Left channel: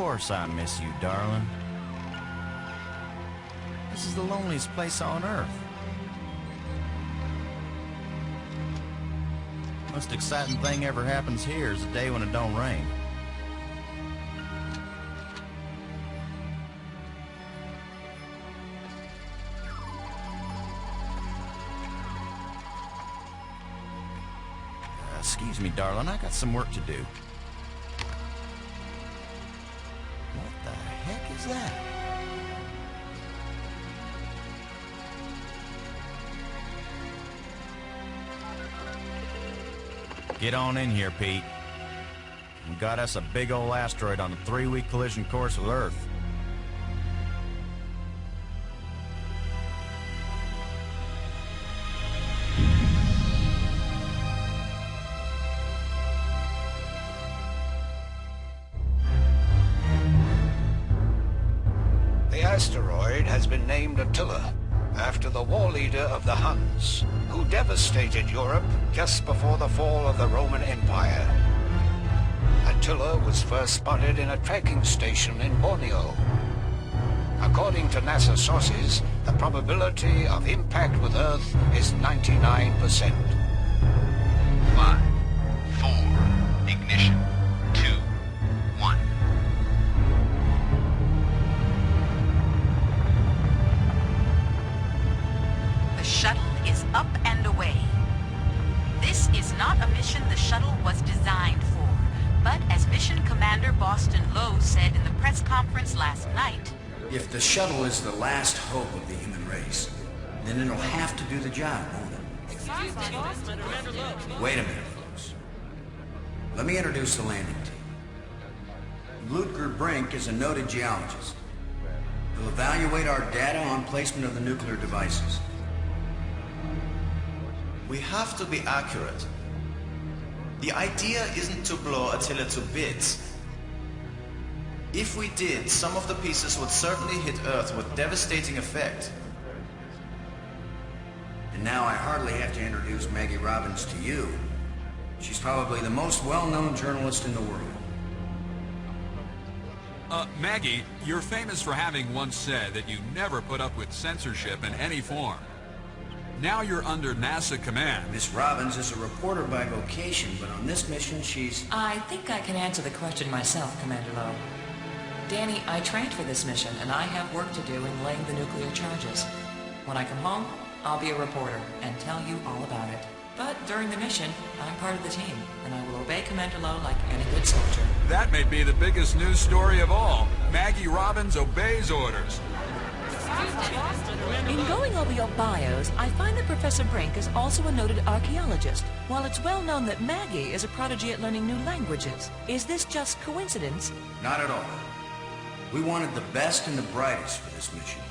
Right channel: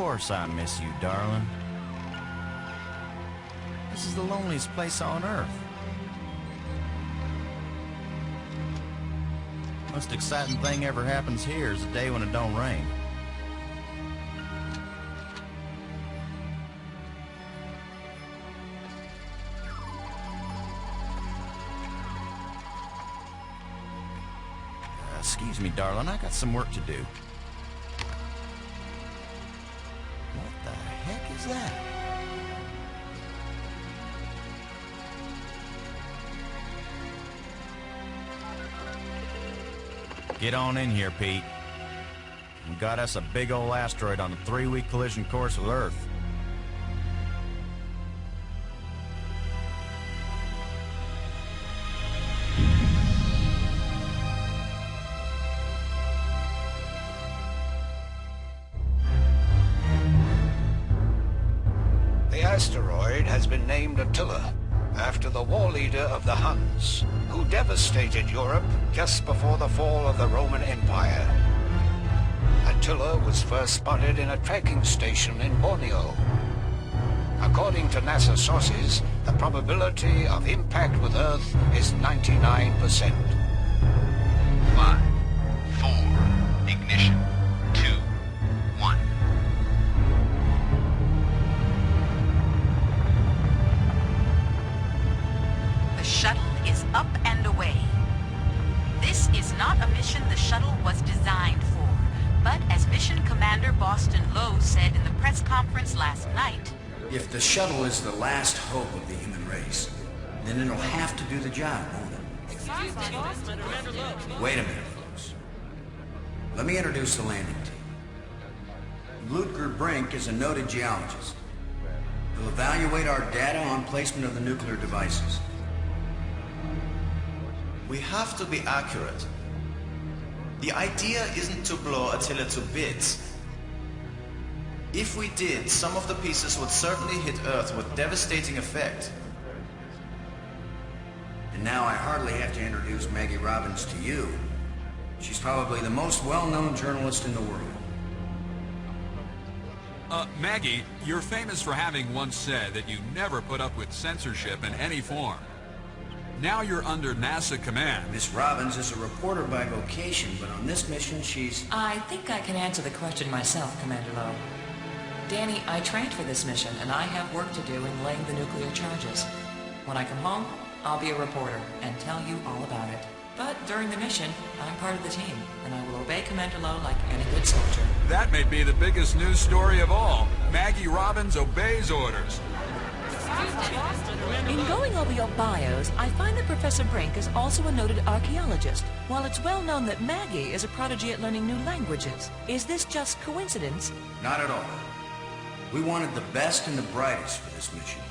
course I miss you, darling. This is the loneliest place on Earth. Most exciting thing ever happens here is the day when it don't rain. Excuse me, darling, I got some work to do. What the heck is that? Get on in here, Pete. We got us a big old asteroid on a 3-week collision course with Earth. The asteroid has been named Attila, after the war leader of the Huns, who devastated Europe just before the fall of the Roman Empire. Attila was first spotted in a tracking station in Borneo. According to NASA sources, the probability of impact with Earth is 99%. 5, 4, ignition, 2, 1. The shuttle is up and away. This is not a mission the shuttle was designed for, but as Mission Commander Boston Lowe said in the press conference last night, if the shuttle is the last hope of the human race, then it'll have to do the job, won't it? Wait a minute, folks. Let me introduce the landing team. Ludger Brink is a noted geologist. He'll evaluate our data on placement of the nuclear devices. We have to be accurate. The idea isn't to blow Attila to bits. If we did, some of the pieces would certainly hit Earth with devastating effect. And now I hardly have to introduce Maggie Robbins to you. She's probably the most well-known journalist in the world. Maggie, you're famous for having once said that you never put up with censorship in any form. Now you're under NASA command. Miss Robbins is a reporter by vocation, but on this mission she's... I think I can answer the question myself, Commander Lowe. Danny, I trained for this mission, and I have work to do in laying the nuclear charges. When I come home, I'll be a reporter and tell you all about it. But during the mission, I'm part of the team, and I will obey Commander Lowe like any good soldier. That may be the biggest news story of all. Maggie Robbins obeys orders. In going over your bios, I find that Professor Brink is also a noted archaeologist, while it's well known that Maggie is a prodigy at learning new languages. Is this just coincidence? Not at all. We wanted the best and the brightest for this mission.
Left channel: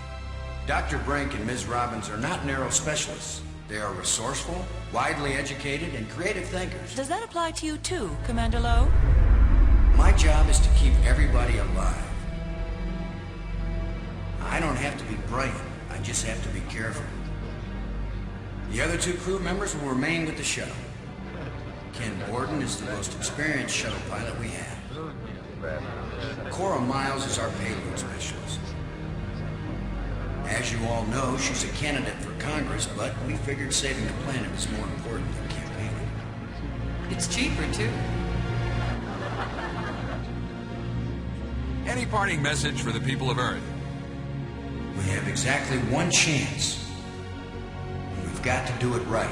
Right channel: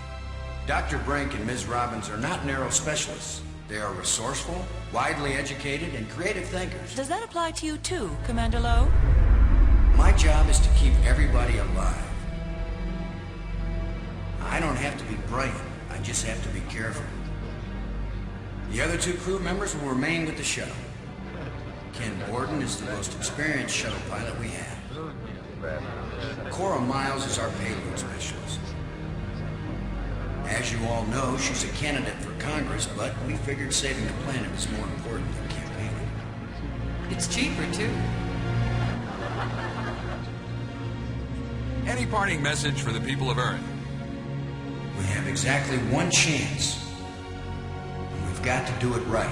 Dr. Brink and Ms. Robbins are not narrow specialists. They are resourceful, widely educated, and creative thinkers. Does that apply to you too, Commander Lowe? My job is to keep everybody alive. I don't have to be bright, I just have to be careful. The other 2 crew members will remain with the shuttle. Ken Borden is the most experienced shuttle pilot we have. Cora Miles is our payload specialist. As you all know, she's a candidate for Congress, but we figured saving the planet is more important than campaigning. It's cheaper, too. Any parting message for the people of Earth? We have exactly 1 chance. And we've got to do it right.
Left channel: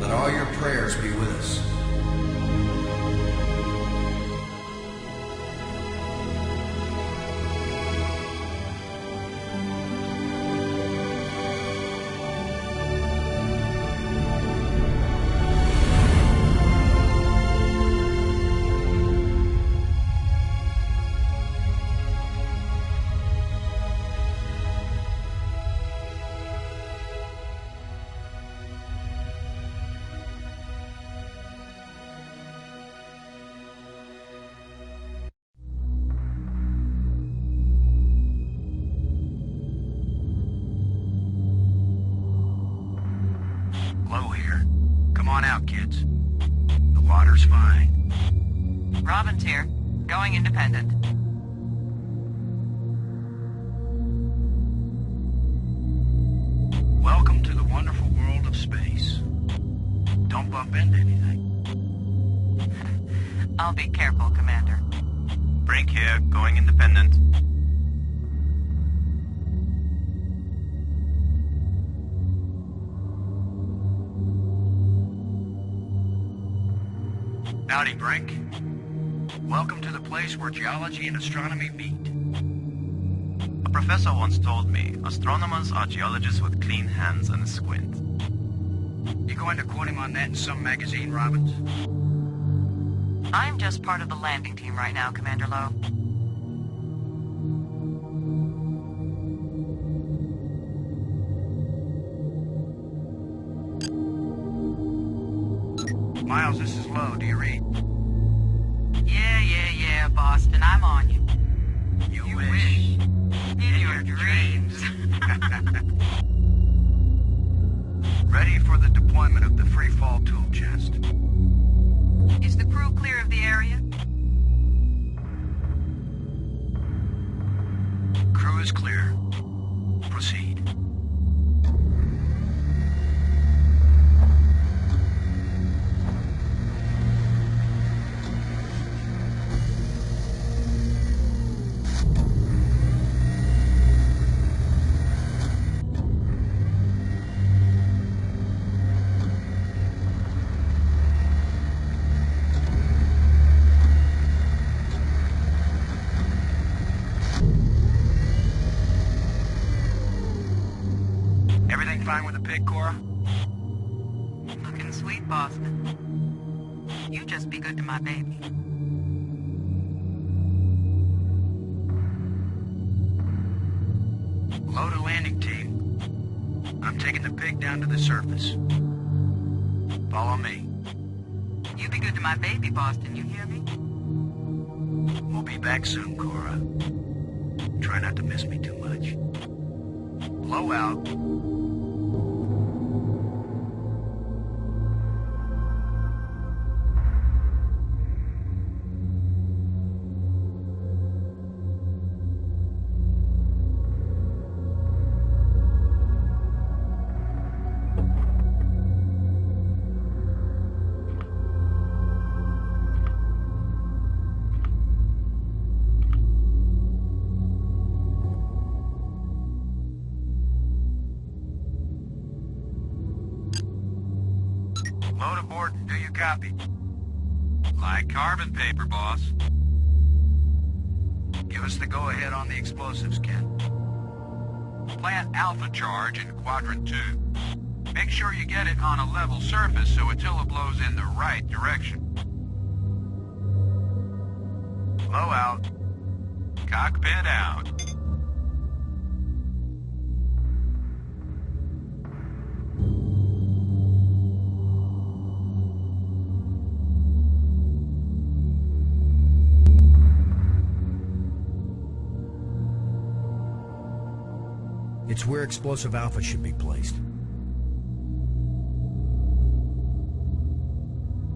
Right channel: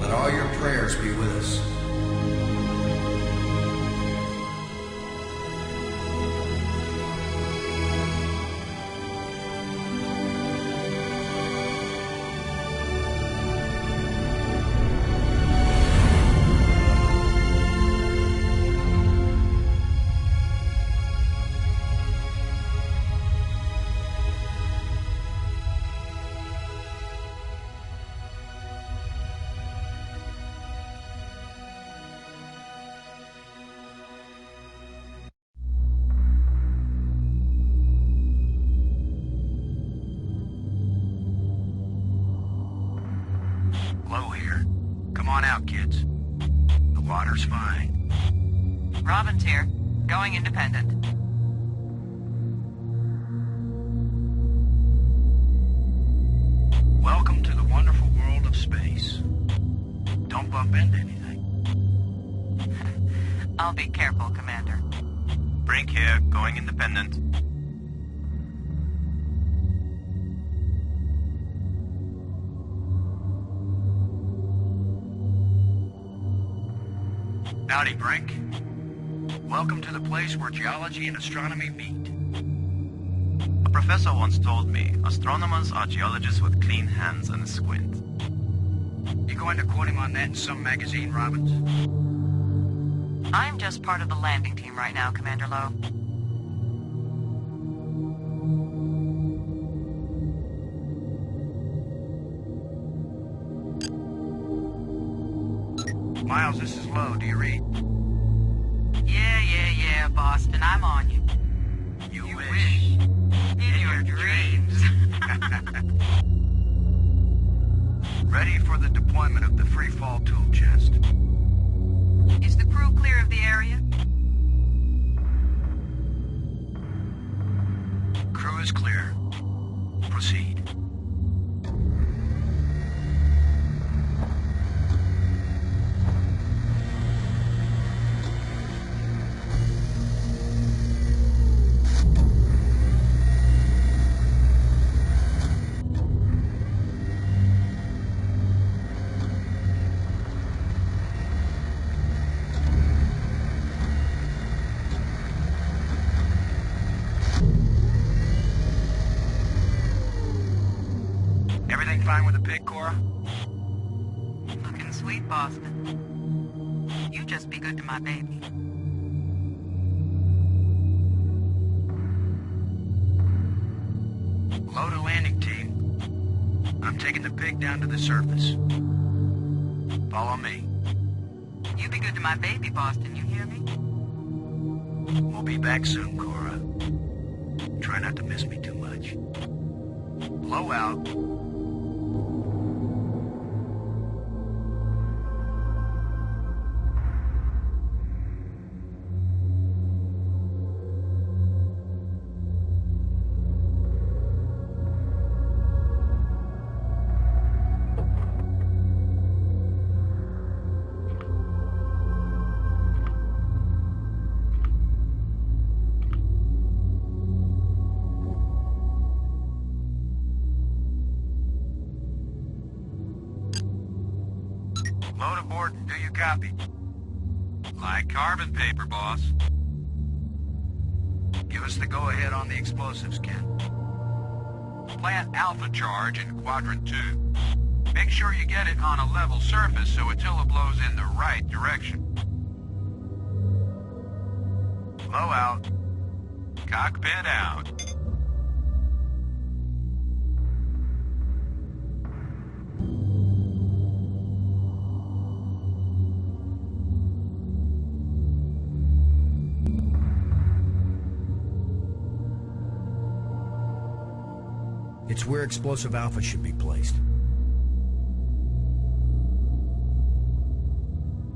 Let all your prayers be with us. Low here. Come on out, kids. The water's fine. Robbins here. Going independent. Welcome to the wonderful world of space. Don't bump into anything. I'll be careful, Commander. Brink here, going independent. Howdy, Brink. Welcome to the place where geology and astronomy meet. A professor once told me, astronomers are geologists with clean hands and a squint. You going to quote him on that in some magazine, Robbins? I'm just part of the landing team right now, Commander Lowe. Miles, this is Lowe. Do you read? Yeah, Boston, I'm on you. You wish. In your dreams. Ready for the deployment of the free fall tool chest. Is the crew clear of the area? Crew is clear. Proceed. Fine with the pig, Cora? Looking sweet, Boston. You just be good to my baby. Load a landing team. I'm taking the pig down to the surface. Follow me. You be good to my baby, Boston, you hear me? We'll be back soon, Cora. Try not to miss me too much. Blow out. Load aboard and do you copy? Like carbon paper, boss. Give us the go-ahead on the explosives, Ken. Plant alpha charge in quadrant 2. Make sure you get it on a level surface so Attila blows in the right direction. Blow out. Cockpit out. It's where explosive alpha should be placed.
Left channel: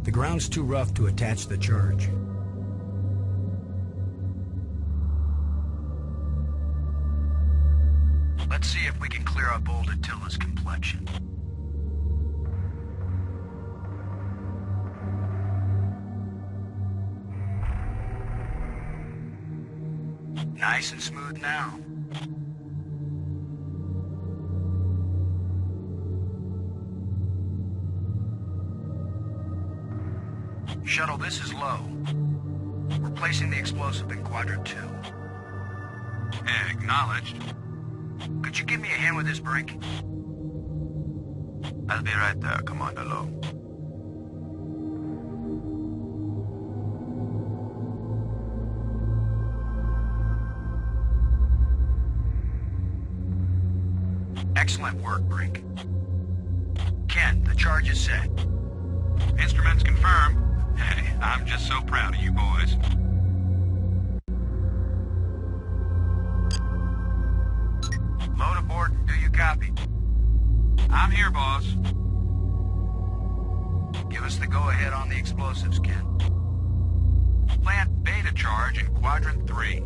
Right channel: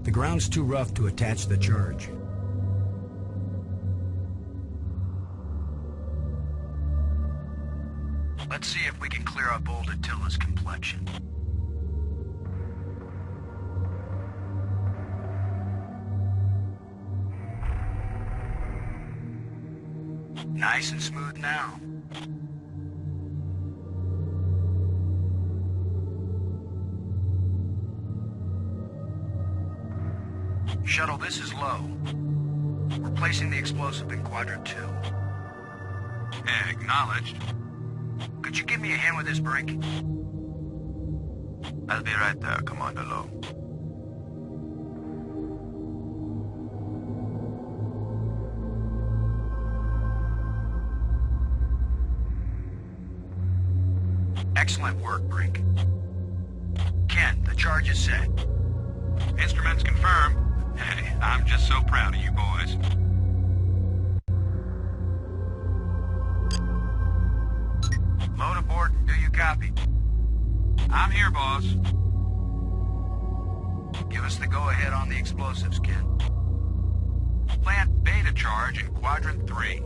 The ground's too rough to attach the charge. Let's see if we can clear up old Attila's complexion. Nice and smooth now. Shuttle, this is Lowe. We're placing the explosive in quadrant 2. Acknowledged. Could you give me a hand with this, Brink? I'll be right there, Commander Lowe. Excellent work, Brink. Ken, the charge is set. Instruments confirmed. Hey, I'm just so proud of you boys. Load aboard and do you copy? I'm here, boss. Give us the go-ahead on the explosives, Ken. Plant beta data charge in Quadrant 3.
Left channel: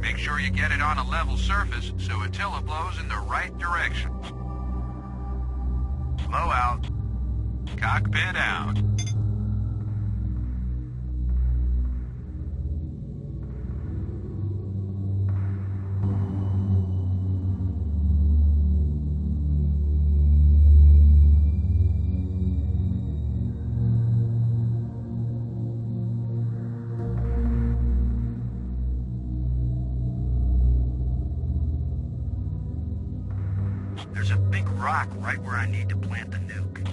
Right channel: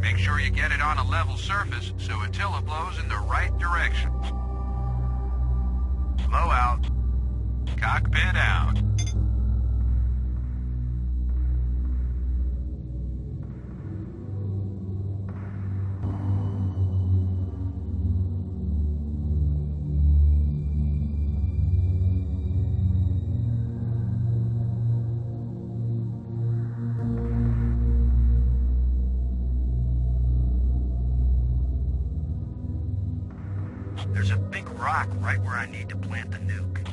Make sure you get it on a level surface so Attila blows in the right direction. Blow out. Cockpit out. There's a big rock right where I need to plant the nuke.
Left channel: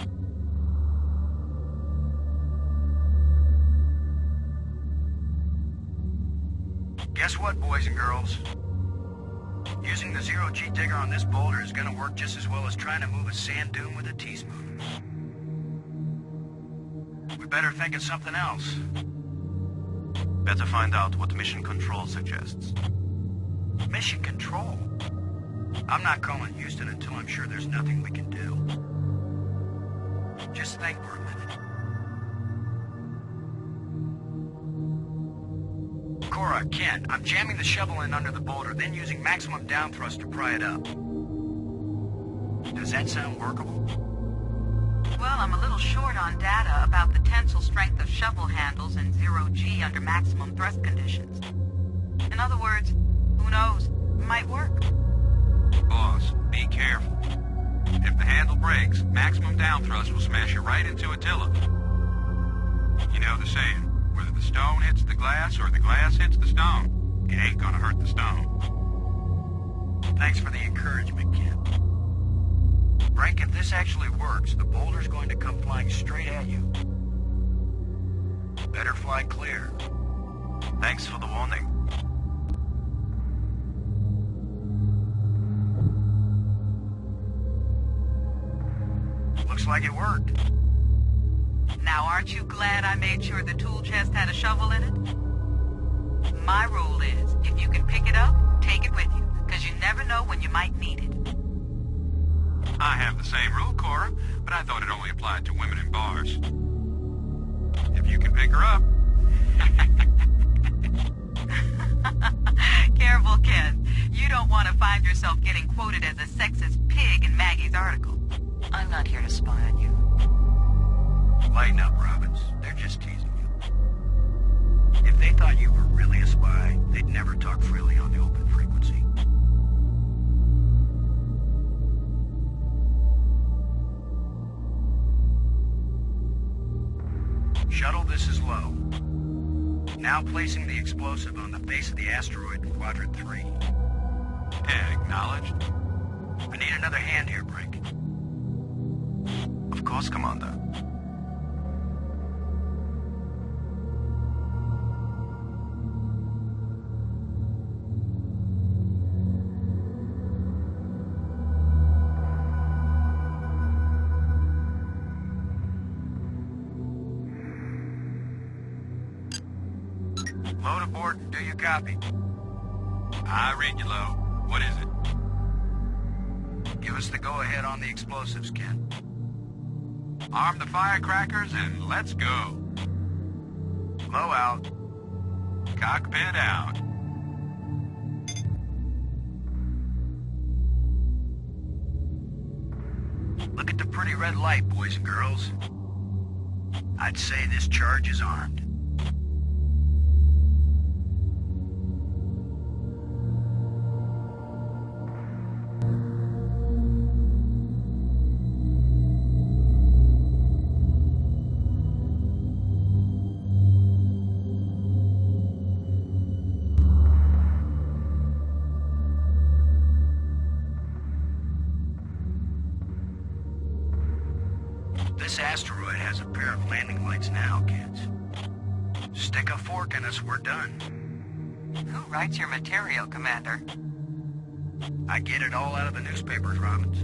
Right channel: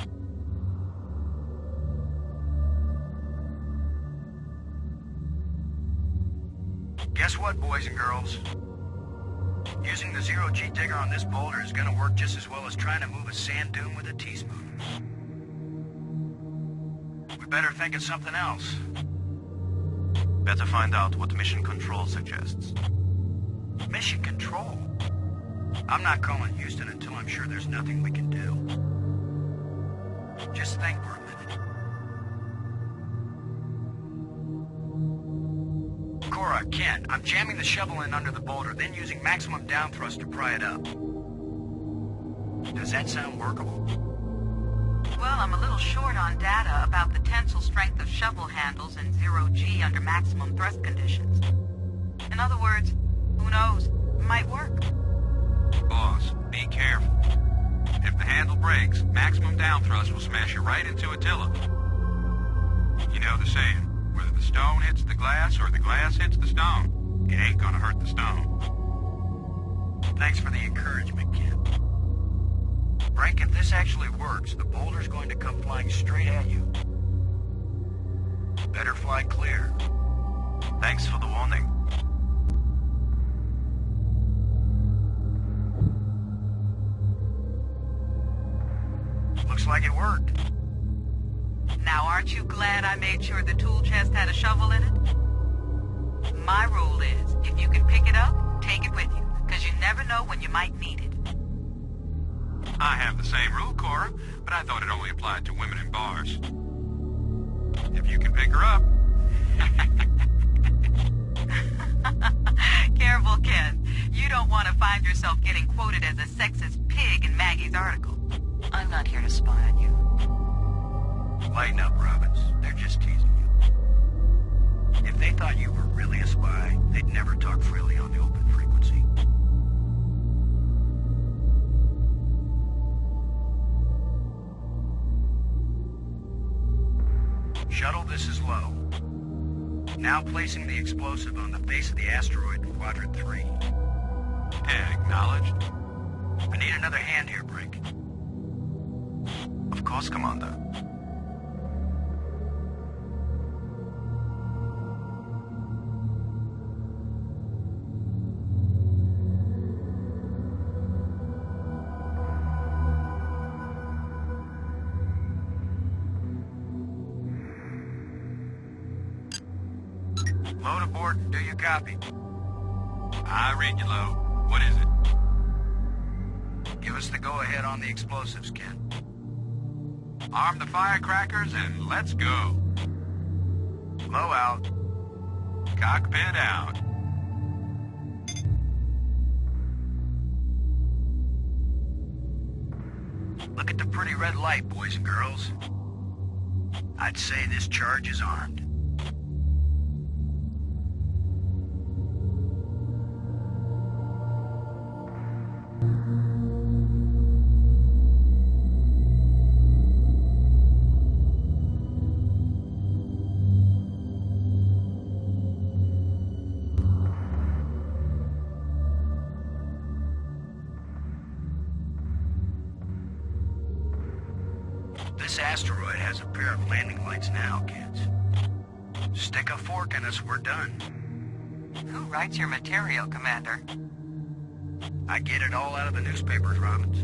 Guess what, boys and girls? Using the zero-G digger on this boulder is gonna work just as well as trying to move a sand dune with a teaspoon. We better think of something else. Better find out what Mission Control suggests. Mission Control? I'm not calling Houston until I'm sure there's nothing we can do. Just think for a minute. Cora, Ken, I'm jamming the shovel in under the boulder, then using maximum down thrust to pry it up. Does that sound workable? Well, I'm a little short on data about the tensile strength of shovel handles and zero-G under maximum thrust conditions. In other words, who knows? It might work. Boss, be careful. If the handle breaks, maximum down thrust will smash you right into Attila. You know the saying, whether the stone hits the glass or the glass hits the stone, it ain't gonna hurt the stone. Thanks for the encouragement, Ken. Brink, if this actually works, the boulder's going to come flying straight at you. Better fly clear. Thanks for the warning. Looks like it worked. Now, aren't you glad I made sure the tool chest had a shovel in it? My rule is, if you can pick it up, take it with you, because you never know when you might need it. I have the same rule, Cora, but I thought it only applied to women in bars. If you can pick her up. Careful, Ken. You don't want to find yourself getting quoted as a sexist pig in Maggie's article. I'm not here to spy on you. Lighten up, Robbins. They're just teasing you. If they thought you were really a spy, they'd never talk freely on the open frequency. Shuttle, this is low. Now placing the explosive on the face of the asteroid in Quadrant 3. Acknowledged. I need another hand here, Brink. Of course, Commander. Load aboard and do you copy? I read you, Lo. What is it? Give us the go-ahead on the explosives, Ken. Arm the firecrackers and let's go. Blow out. Cockpit out. Look at the pretty red light, boys and girls. I'd say this charge is armed. This asteroid has a pair of landing lights now, kids. Stick a fork in us, we're done. Who writes your material, Commander? I get it all out of the newspapers, Robbins.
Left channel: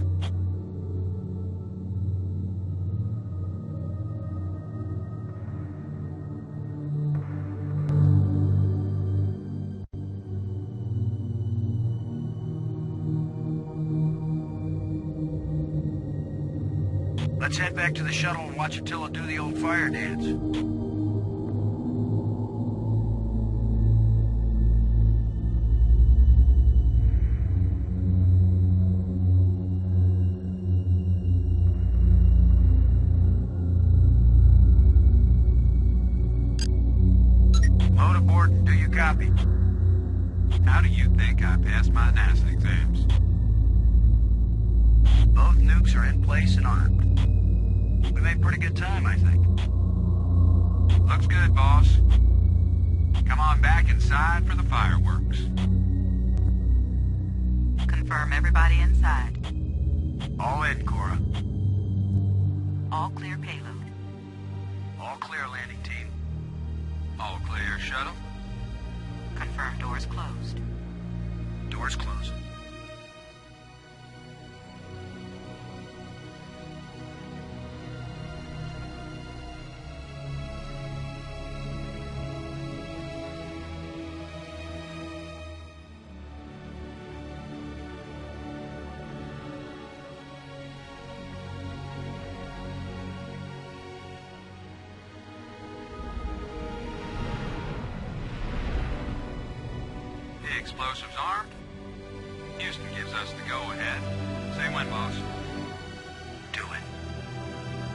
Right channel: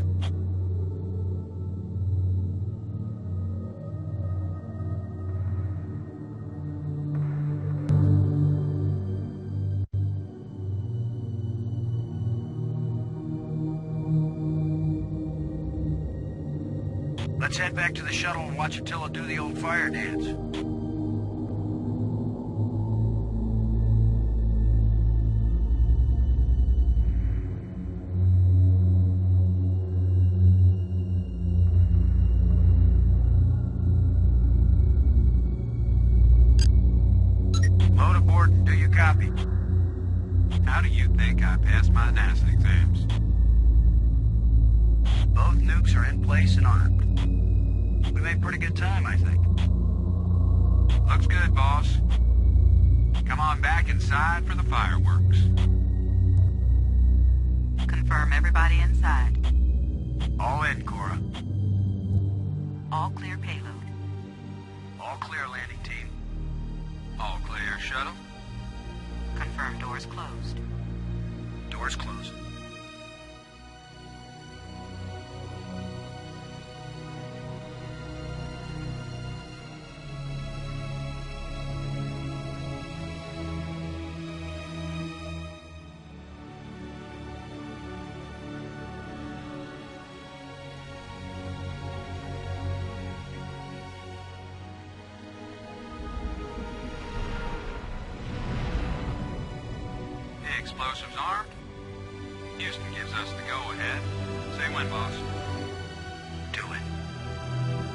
Let's head back to the shuttle and watch Attila do the old fire dance. Copy. How do you think I passed my NASA exams? Both nukes are in place and armed. We made pretty good time, I think. Looks good, boss. Come on back inside for the fireworks. Confirm everybody inside. All in, Cora. All clear payload. All clear, landing team. All clear, shuttle. Confirm doors closed. Doors closed. Explosives armed. Houston gives us the go-ahead. Say when, boss. Do it.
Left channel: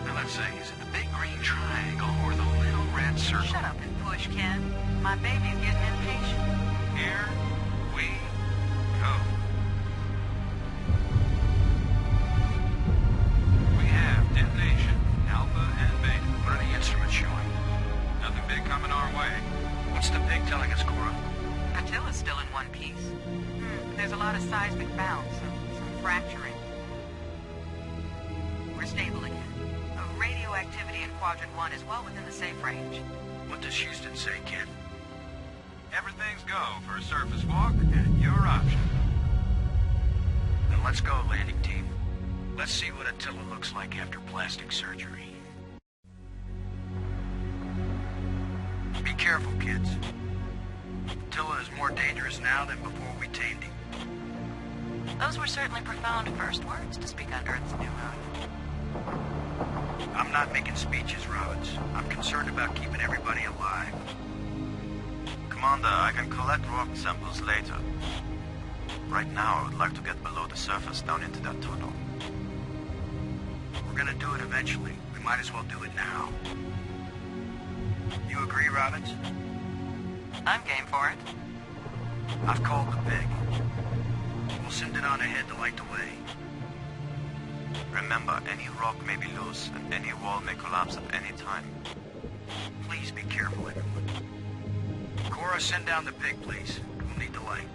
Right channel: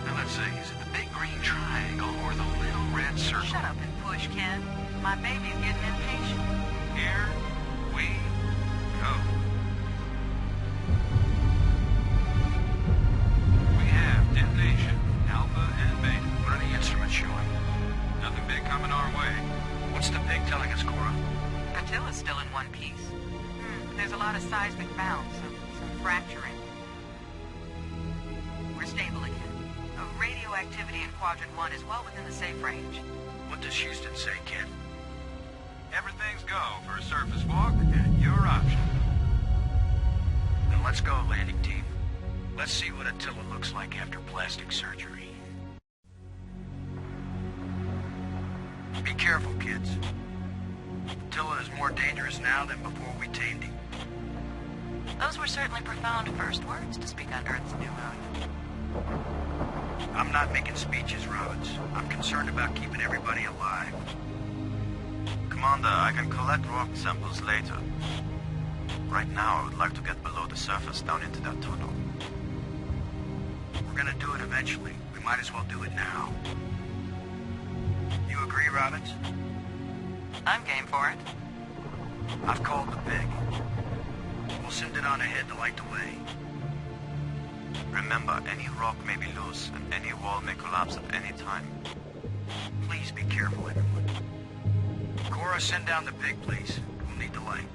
Now let's see, is it the big green triangle or the little red circle? Shut up and push, Ken. My baby's getting impatient. Here we go. We have detonation, Alpha and Beta. What are the instruments showing? Nothing big coming our way. What's the pig telling us, Cora? Attila's still in one piece. There's a lot of seismic bounce, some fracturing. We're stable again. Radioactivity in Quadrant 1 is well within the safe range. What does Houston say, Ken? Everything's go for a surface walk at your option. Then let's go, landing team. Let's see what Attila looks like after plastic surgery. Be careful, kids. Attila is more dangerous now than before we tamed him. Those were certainly profound first words to speak on Earth's new moon. I'm not making speeches, Robbins. I'm concerned about keeping everybody alive. Commander, I can collect rock samples later. Right now, I would like to get below the surface down into that tunnel. We're gonna do it eventually. We might as well do it now. You agree, Robbins? I'm game for it. I've called the pig. We'll send it on ahead to light the way. Remember, any rock may be loose, and any wall may collapse at any time. Please be careful, everyone. Cora, send down the pig, please. We'll need the light.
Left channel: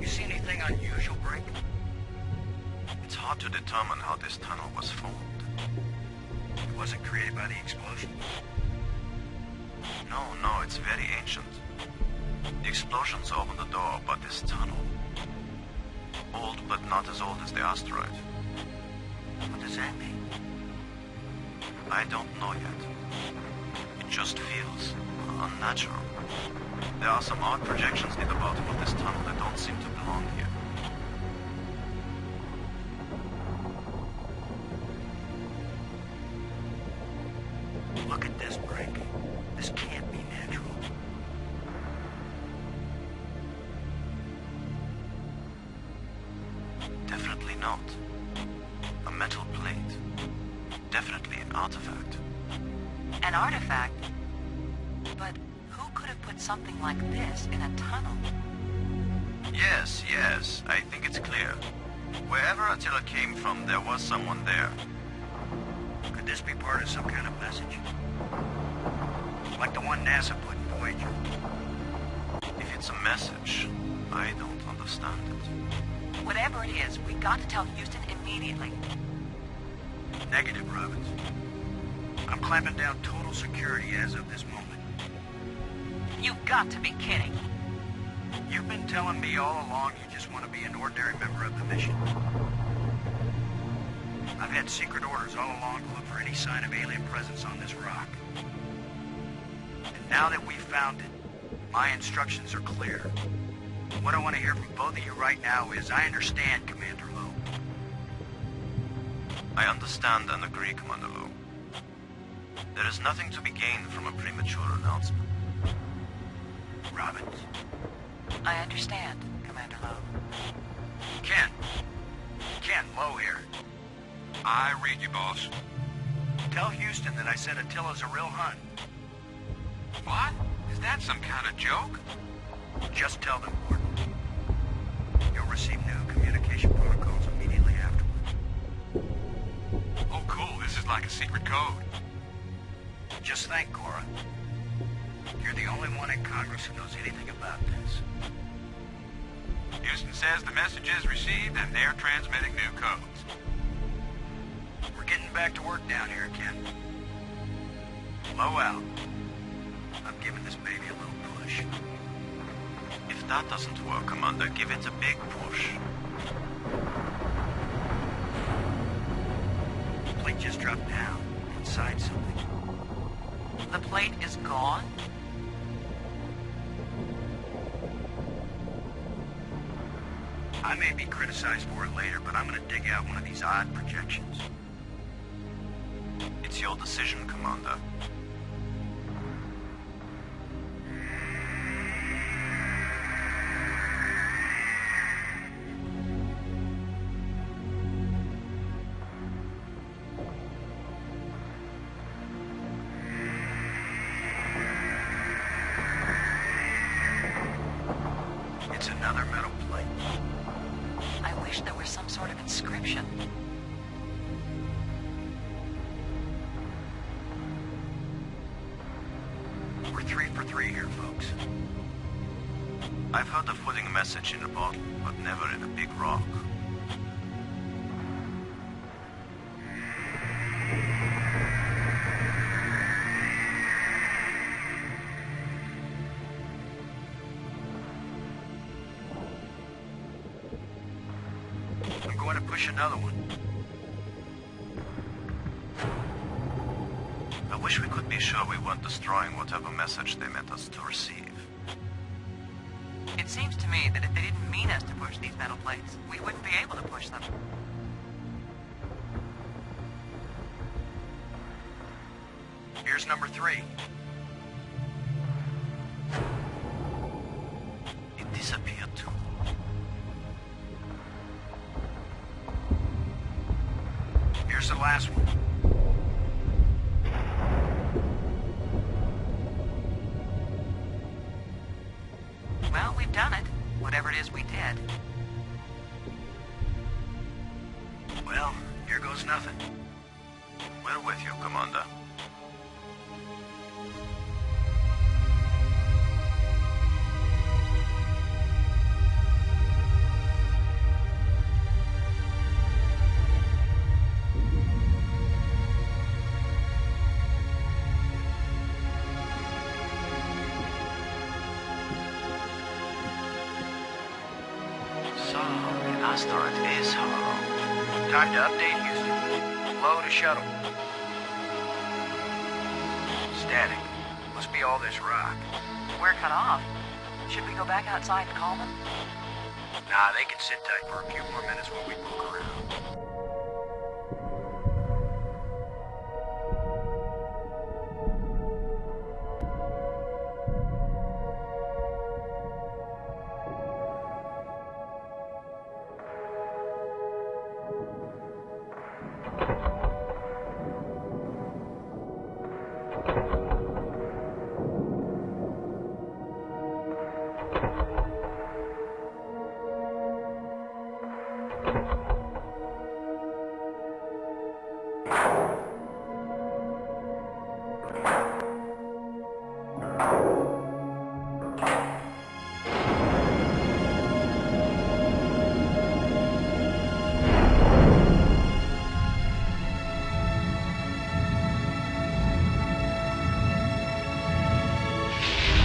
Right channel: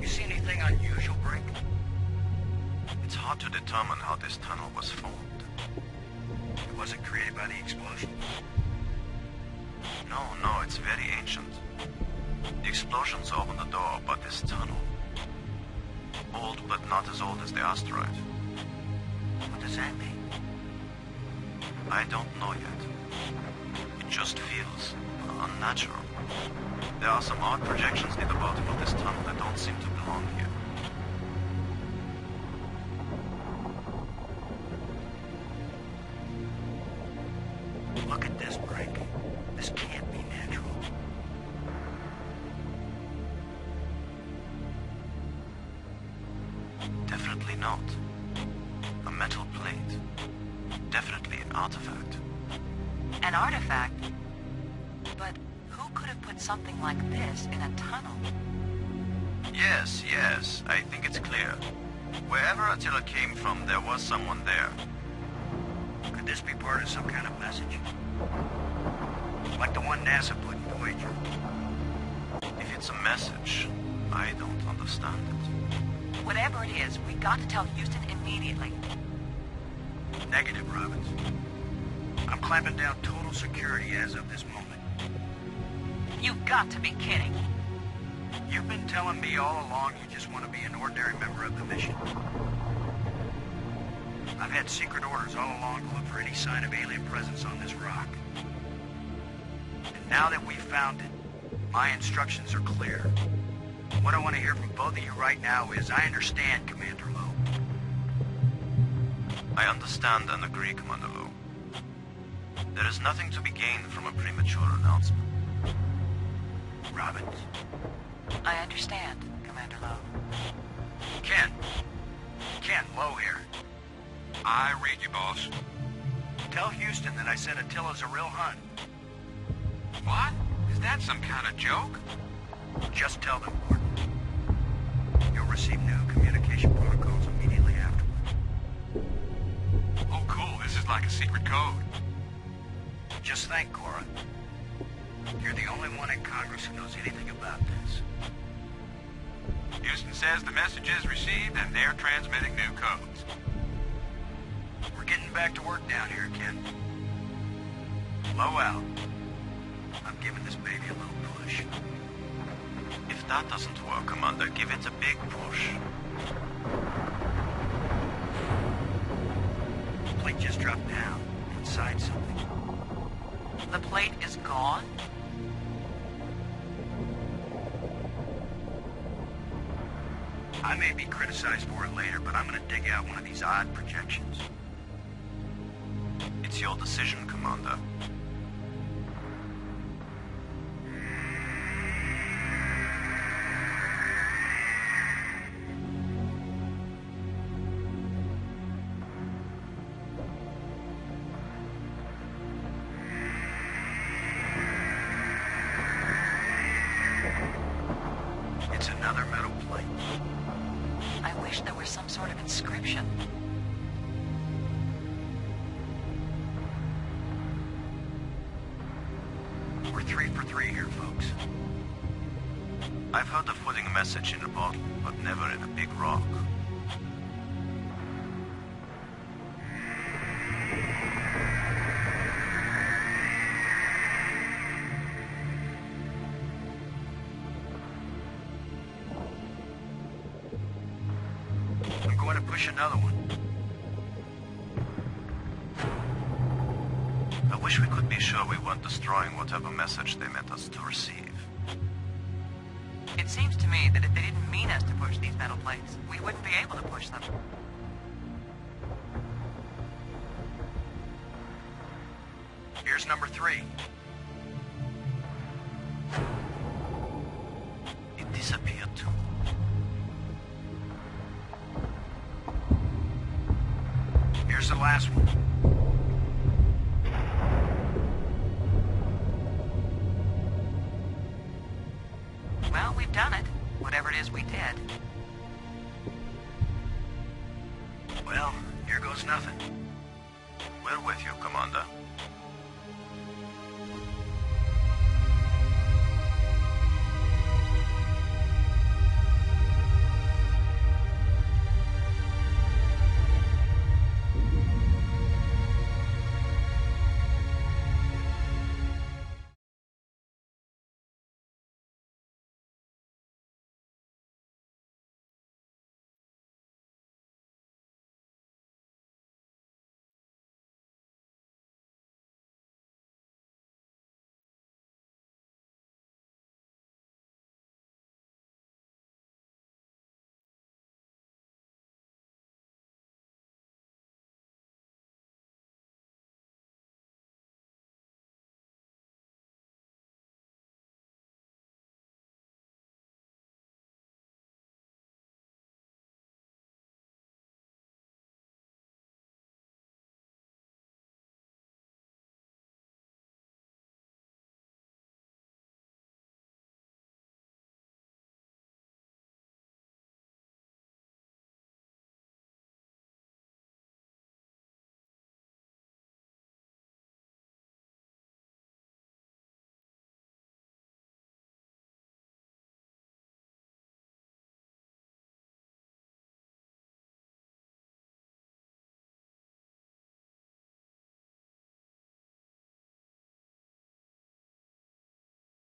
You see anything unusual, Brink? It's hard to determine how this tunnel was formed. It wasn't created by the explosion. No, it's very ancient. The explosions opened the door, but this tunnel... old, but not as old as the asteroid. What does that mean? I don't know yet. It just feels unnatural. There are some odd projections near the bottom of this tunnel that don't seem to belong here. Look at this, Brink. This can't be natural. Definitely not. A metal plate. Definitely an artifact. An artifact? But who could have put something like this in a tunnel? Yes, I think it's clear. Wherever Attila came from, there was someone there. Could this be part of some kind of message? Like the one NASA put in Voyager? If it's a message, I don't understand it. Whatever it is, we got to tell Houston immediately. Negative, Robbins. I'm clamping down total security as of this moment. You've got to be kidding. You've been telling me all along you just want to be an ordinary member of the mission. I've had secret orders all along to look for any sign of alien presence on this rock. And now that we've found it, My instructions are clear. What I want to hear from both of you right now is, I understand, Commander Lowe. I understand and agree, Commander Lowe. There is nothing to be gained from a premature announcement. Robbins? I understand, Commander Lowe. Ken. Ken, Lowe here. I read you, boss. Tell Houston that I said Attila's a real Hun. What? Is that some kind of joke? Just tell them, Gordon. You'll receive new communication protocols immediately afterwards. Oh, cool. This is like a secret code. Just think, Cora. You're the only one in Congress who knows anything about this. Houston says the message is received and they're transmitting new codes. We're getting back to work down here, Ken. Low out. I'm giving this baby a little push. If that doesn't work, Commander, give it a big push. The plate just dropped down inside something. The plate is gone? I may be criticized for it later, but I'm gonna dig out one of these odd projections. It's your decision, Commander. It's another metal plate. I wish there was some sort of inscription. We're 3 for 3 here, folks. I've heard of putting a message in a bottle, but never in a big rock. I'm going to push another one. I wish we could be sure we weren't destroying whatever message they meant us to receive. It seems to me that if they didn't mean us to push these metal plates, we wouldn't be able to push them. Here's number 3. It disappeared too. Here's the last one. Well, we've done it. Whatever it is we did. Well, here goes nothing. We're with you, Commander. So, the asteroid is hollow. Time to update Houston. Low to shuttle. Static. Must be all this rock. We're cut off. Should we go back outside and call them? Nah, they can sit tight for a few more minutes while we poke around.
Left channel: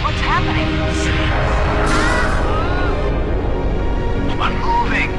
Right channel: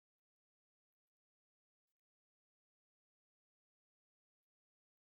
What's happening? Unmoving!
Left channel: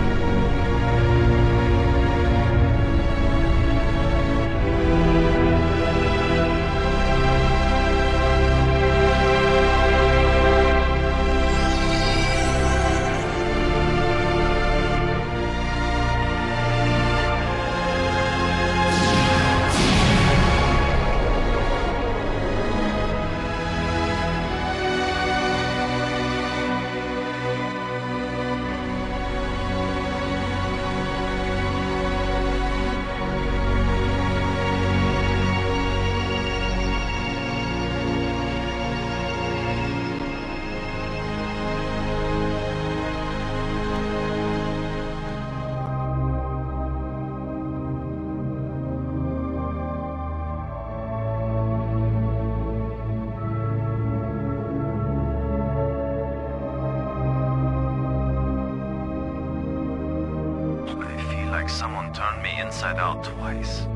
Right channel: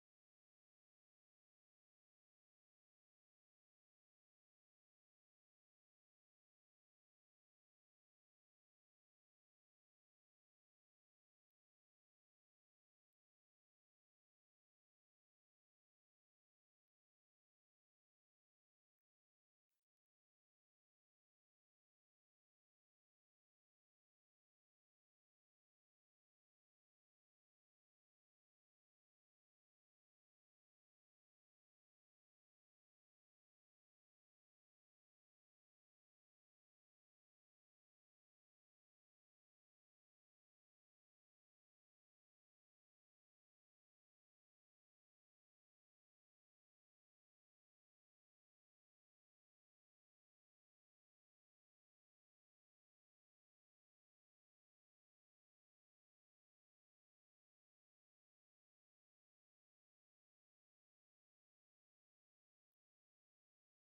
like someone turned me inside out twice.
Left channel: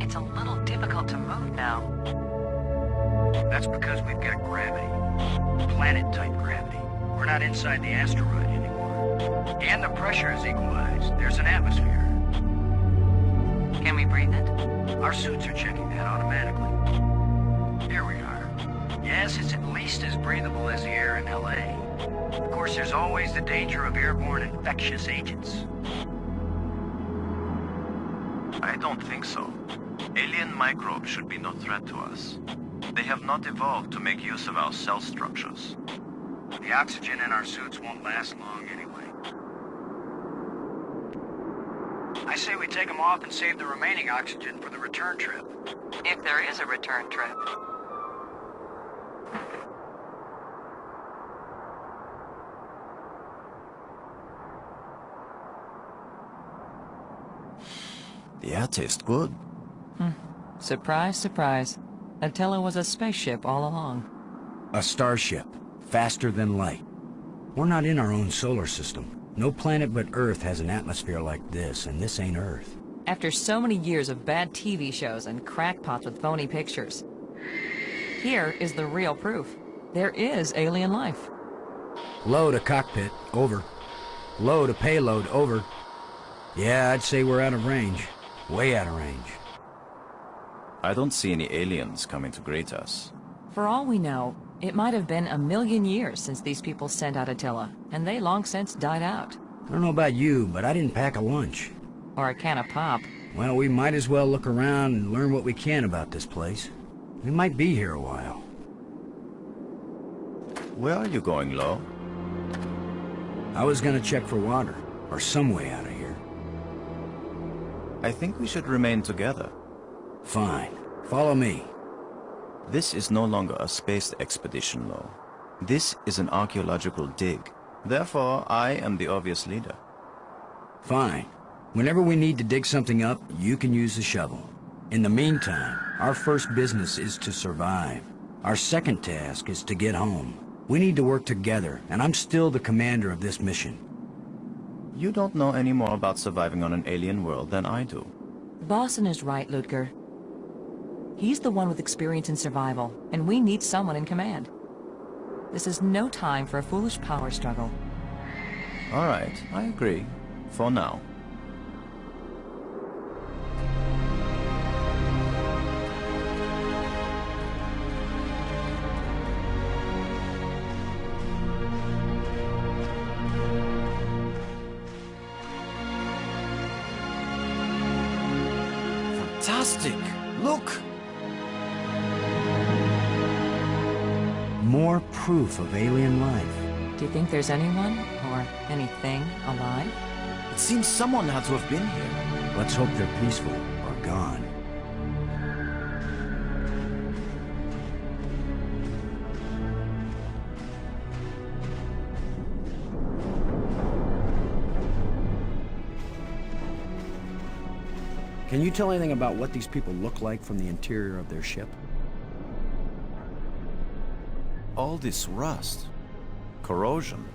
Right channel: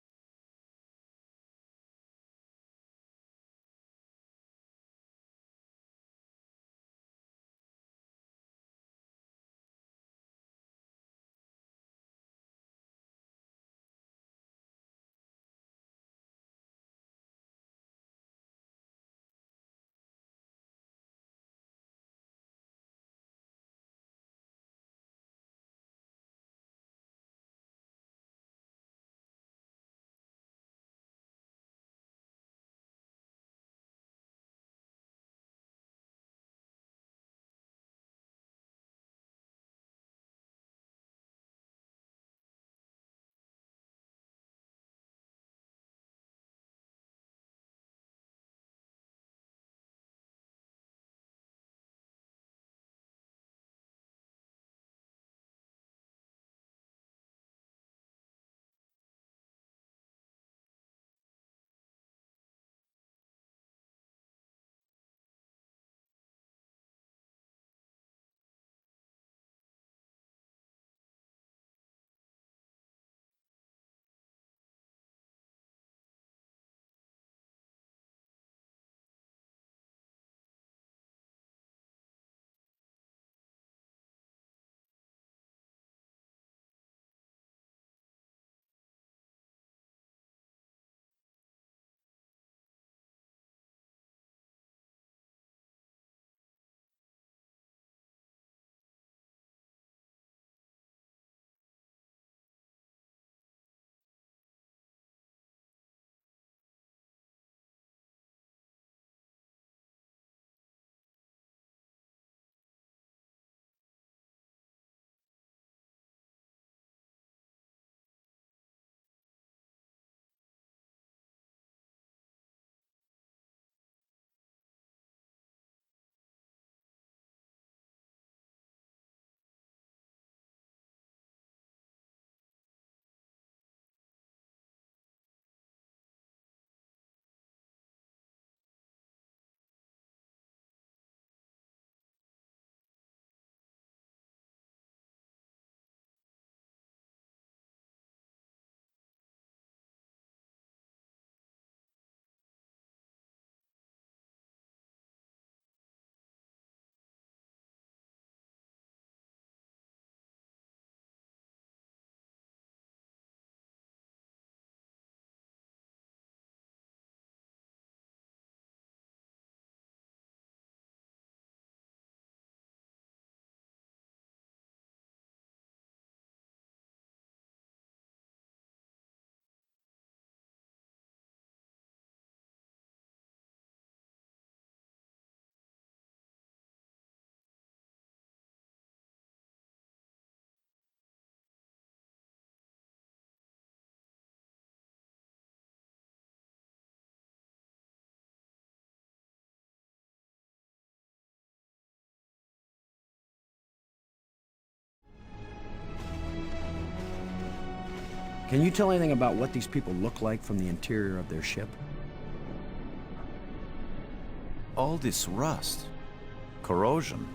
It's a little difficult to move now. That's because we've got gravity. Planet-type gravity. We're not inside the asteroid anymore. And the pressure is equalized. There's an atmosphere. Can we breathe it? Our suits are checking that automatically. Here we are. Yes, it's at least as breathable as the air in LA. Of course, there's always the danger of airborne infectious agents. I don't think so. Alien microbes should be no threat to us. They have not evolved to make use of our cell structures. The oxygen in our suits won't last long anyway. I say we take them off and save the remaining oxygen for the return trip. If there is a return trip. The air tastes good. Surprise, surprise. Attila was a spaceship all along. A starship. Faster than light. We're not in our own solar system. No planet but Earth has an atmosphere like this, and this ain't Earth. After so many years of bad TV shows and crackpots with phony pictures, here is the real proof. There is alien life. Low to cockpit, over. Low to payload, over. Yeah, I'd say we're out of range. Way out of range. I don't see any aliens coming to greet us. For all we know, it might have been 1,000,000 years since these people sent out Attila, and they long since died out. I don't know about you, but I didn't pack a lunch. Or a can of pop. Well, we might as well look around and learn what we can about this place. We might be here a while. Where are you going, Lo? I was gonna check for water, or some way out of here. I think we should remain together. Fine. Follow me. This is no longer a space expedition, Lo. This is an archaeological dig. Therefore, I am the obvious leader. Fine. Whenever we need to dig something up, you can use the shovel. In the meantime, our first business is to survive. Our second task is to get home. We need to work together, and I'm still the commander of this mission. You don't know any more about surviving on an alien world than I do. Boston is right, Ludger. He's the one with experience in survival, and we need someone in command. This is no time for a foolish power struggle. All right, I agree. For now. Fantastic! Look! More proof of alien life. Do you think there's anyone, or anything, alive? It seems someone had to have been here. Let's hope they're peaceful, or gone. Can you tell anything about what these people look like from the interior of their ship? All this rust. Corrosion.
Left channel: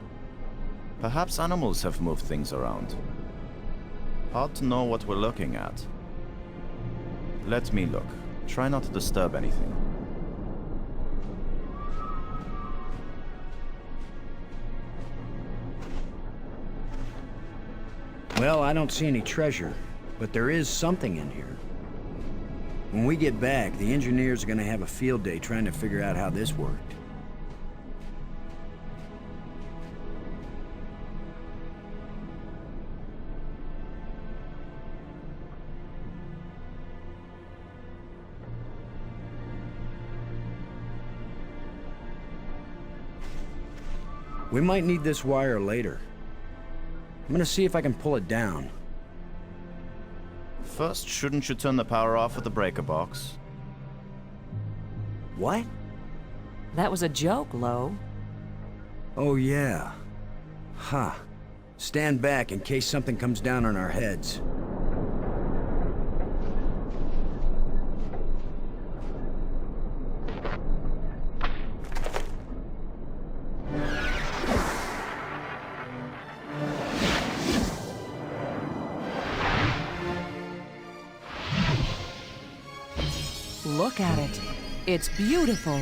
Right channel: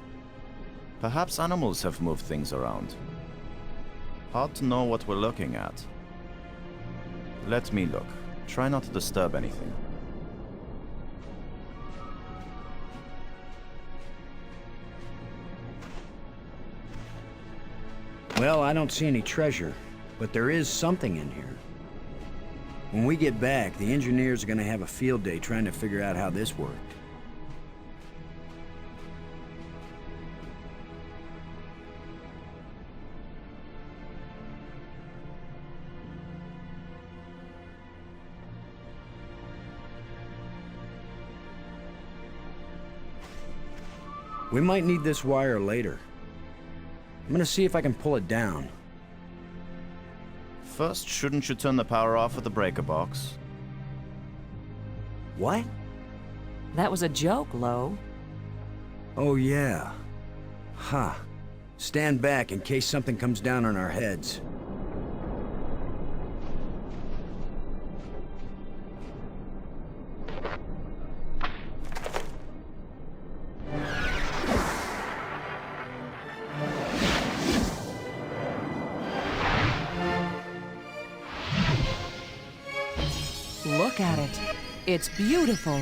Perhaps animals have moved things around. Hard to know what we're looking at. Let me look. Try not to disturb anything. Well, I don't see any treasure, but there is something in here. When we get back, the engineers are gonna have a field day trying to figure out how this worked. We might need this wire later. I'm gonna see if I can pull it down. First, shouldn't you turn the power off at the breaker box? What? That was a joke, Lo. Oh yeah. Ha. Huh. Stand back in case something comes down on our heads. look at it. It's beautiful.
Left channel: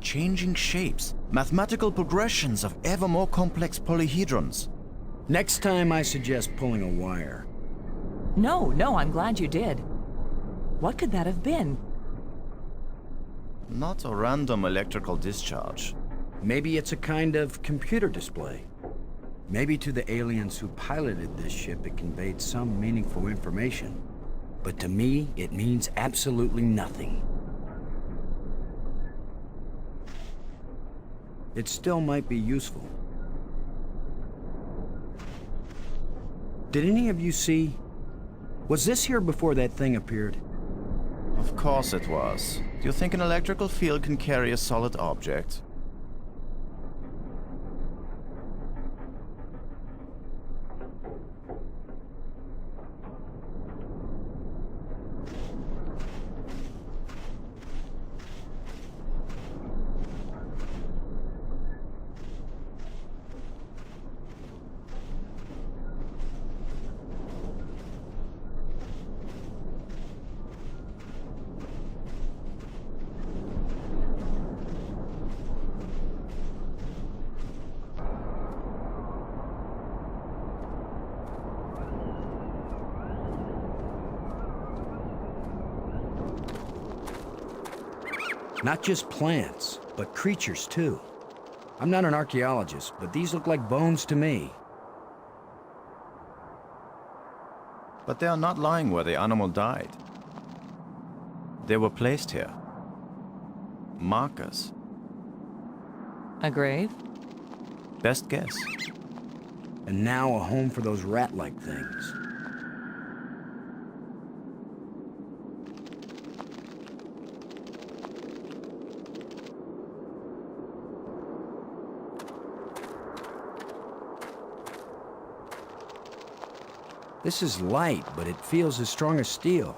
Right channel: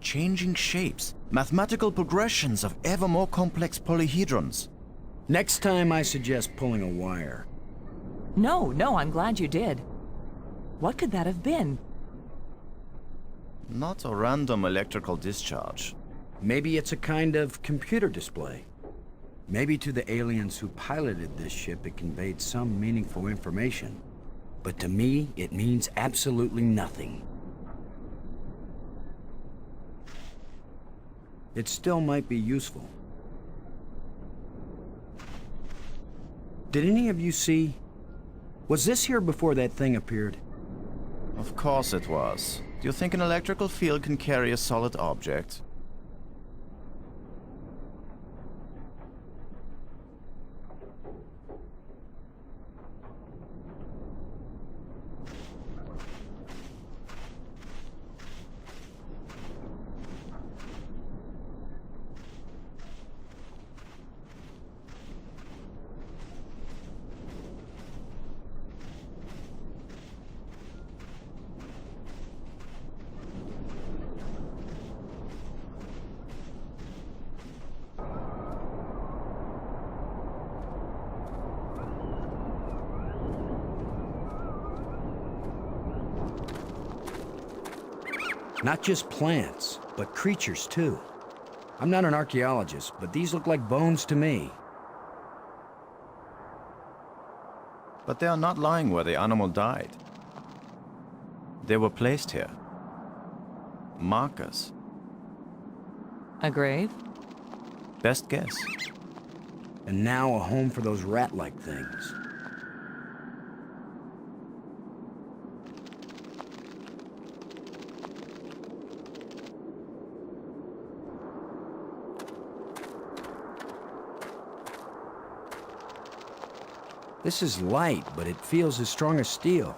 Changing shapes, mathematical progressions of ever more complex polyhedrons. Next time I suggest pulling a wire. No, I'm glad you did. What could that have been? Not a random electrical discharge. Maybe it's a kind of computer display. Maybe to the aliens who piloted this ship it conveyed some meaningful information. But to me, it means absolutely nothing. It still might be useful. Did any of you see? Was this here before that thing appeared? Of course it was. Do you think an electrical field can carry a solid object? Not just plants, but creatures too. I'm not an archaeologist, but these look like bones to me. But they are not lying where the animal died. They were placed here. Markers. A grave? Best guess. And now a home for those rat-like things. This is light, but it feels as strong as steel.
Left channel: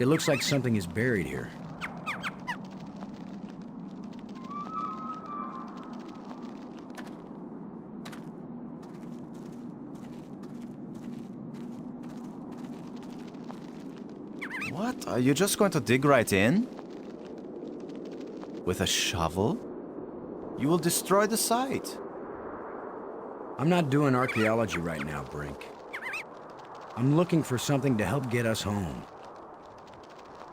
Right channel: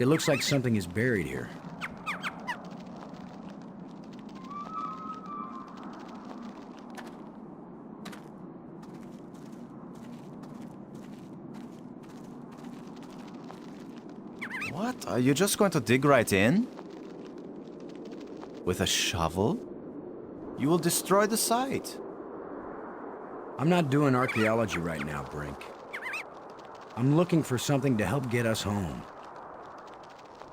It looks like something is buried here. What? Are you just going to dig right in? With a shovel? You will destroy the site. I'm not doing archaeology right now, Brink. I'm looking for something to help get us home.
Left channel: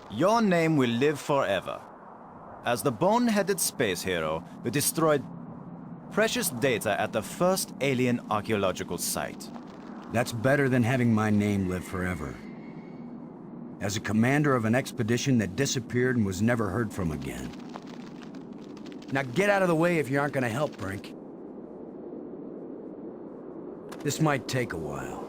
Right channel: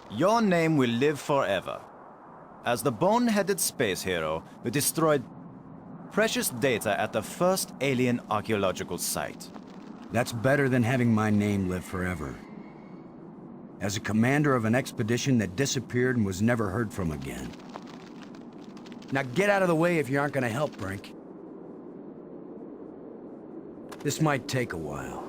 Your name will live forever. As the bone-headed space hero who destroyed precious data at the first alien archaeological site. That's better than having my name live forever. As a commander of an expedition that disappeared and was never heard from again. Now get out of the way if you aren't gonna help, Brink. This might take a while.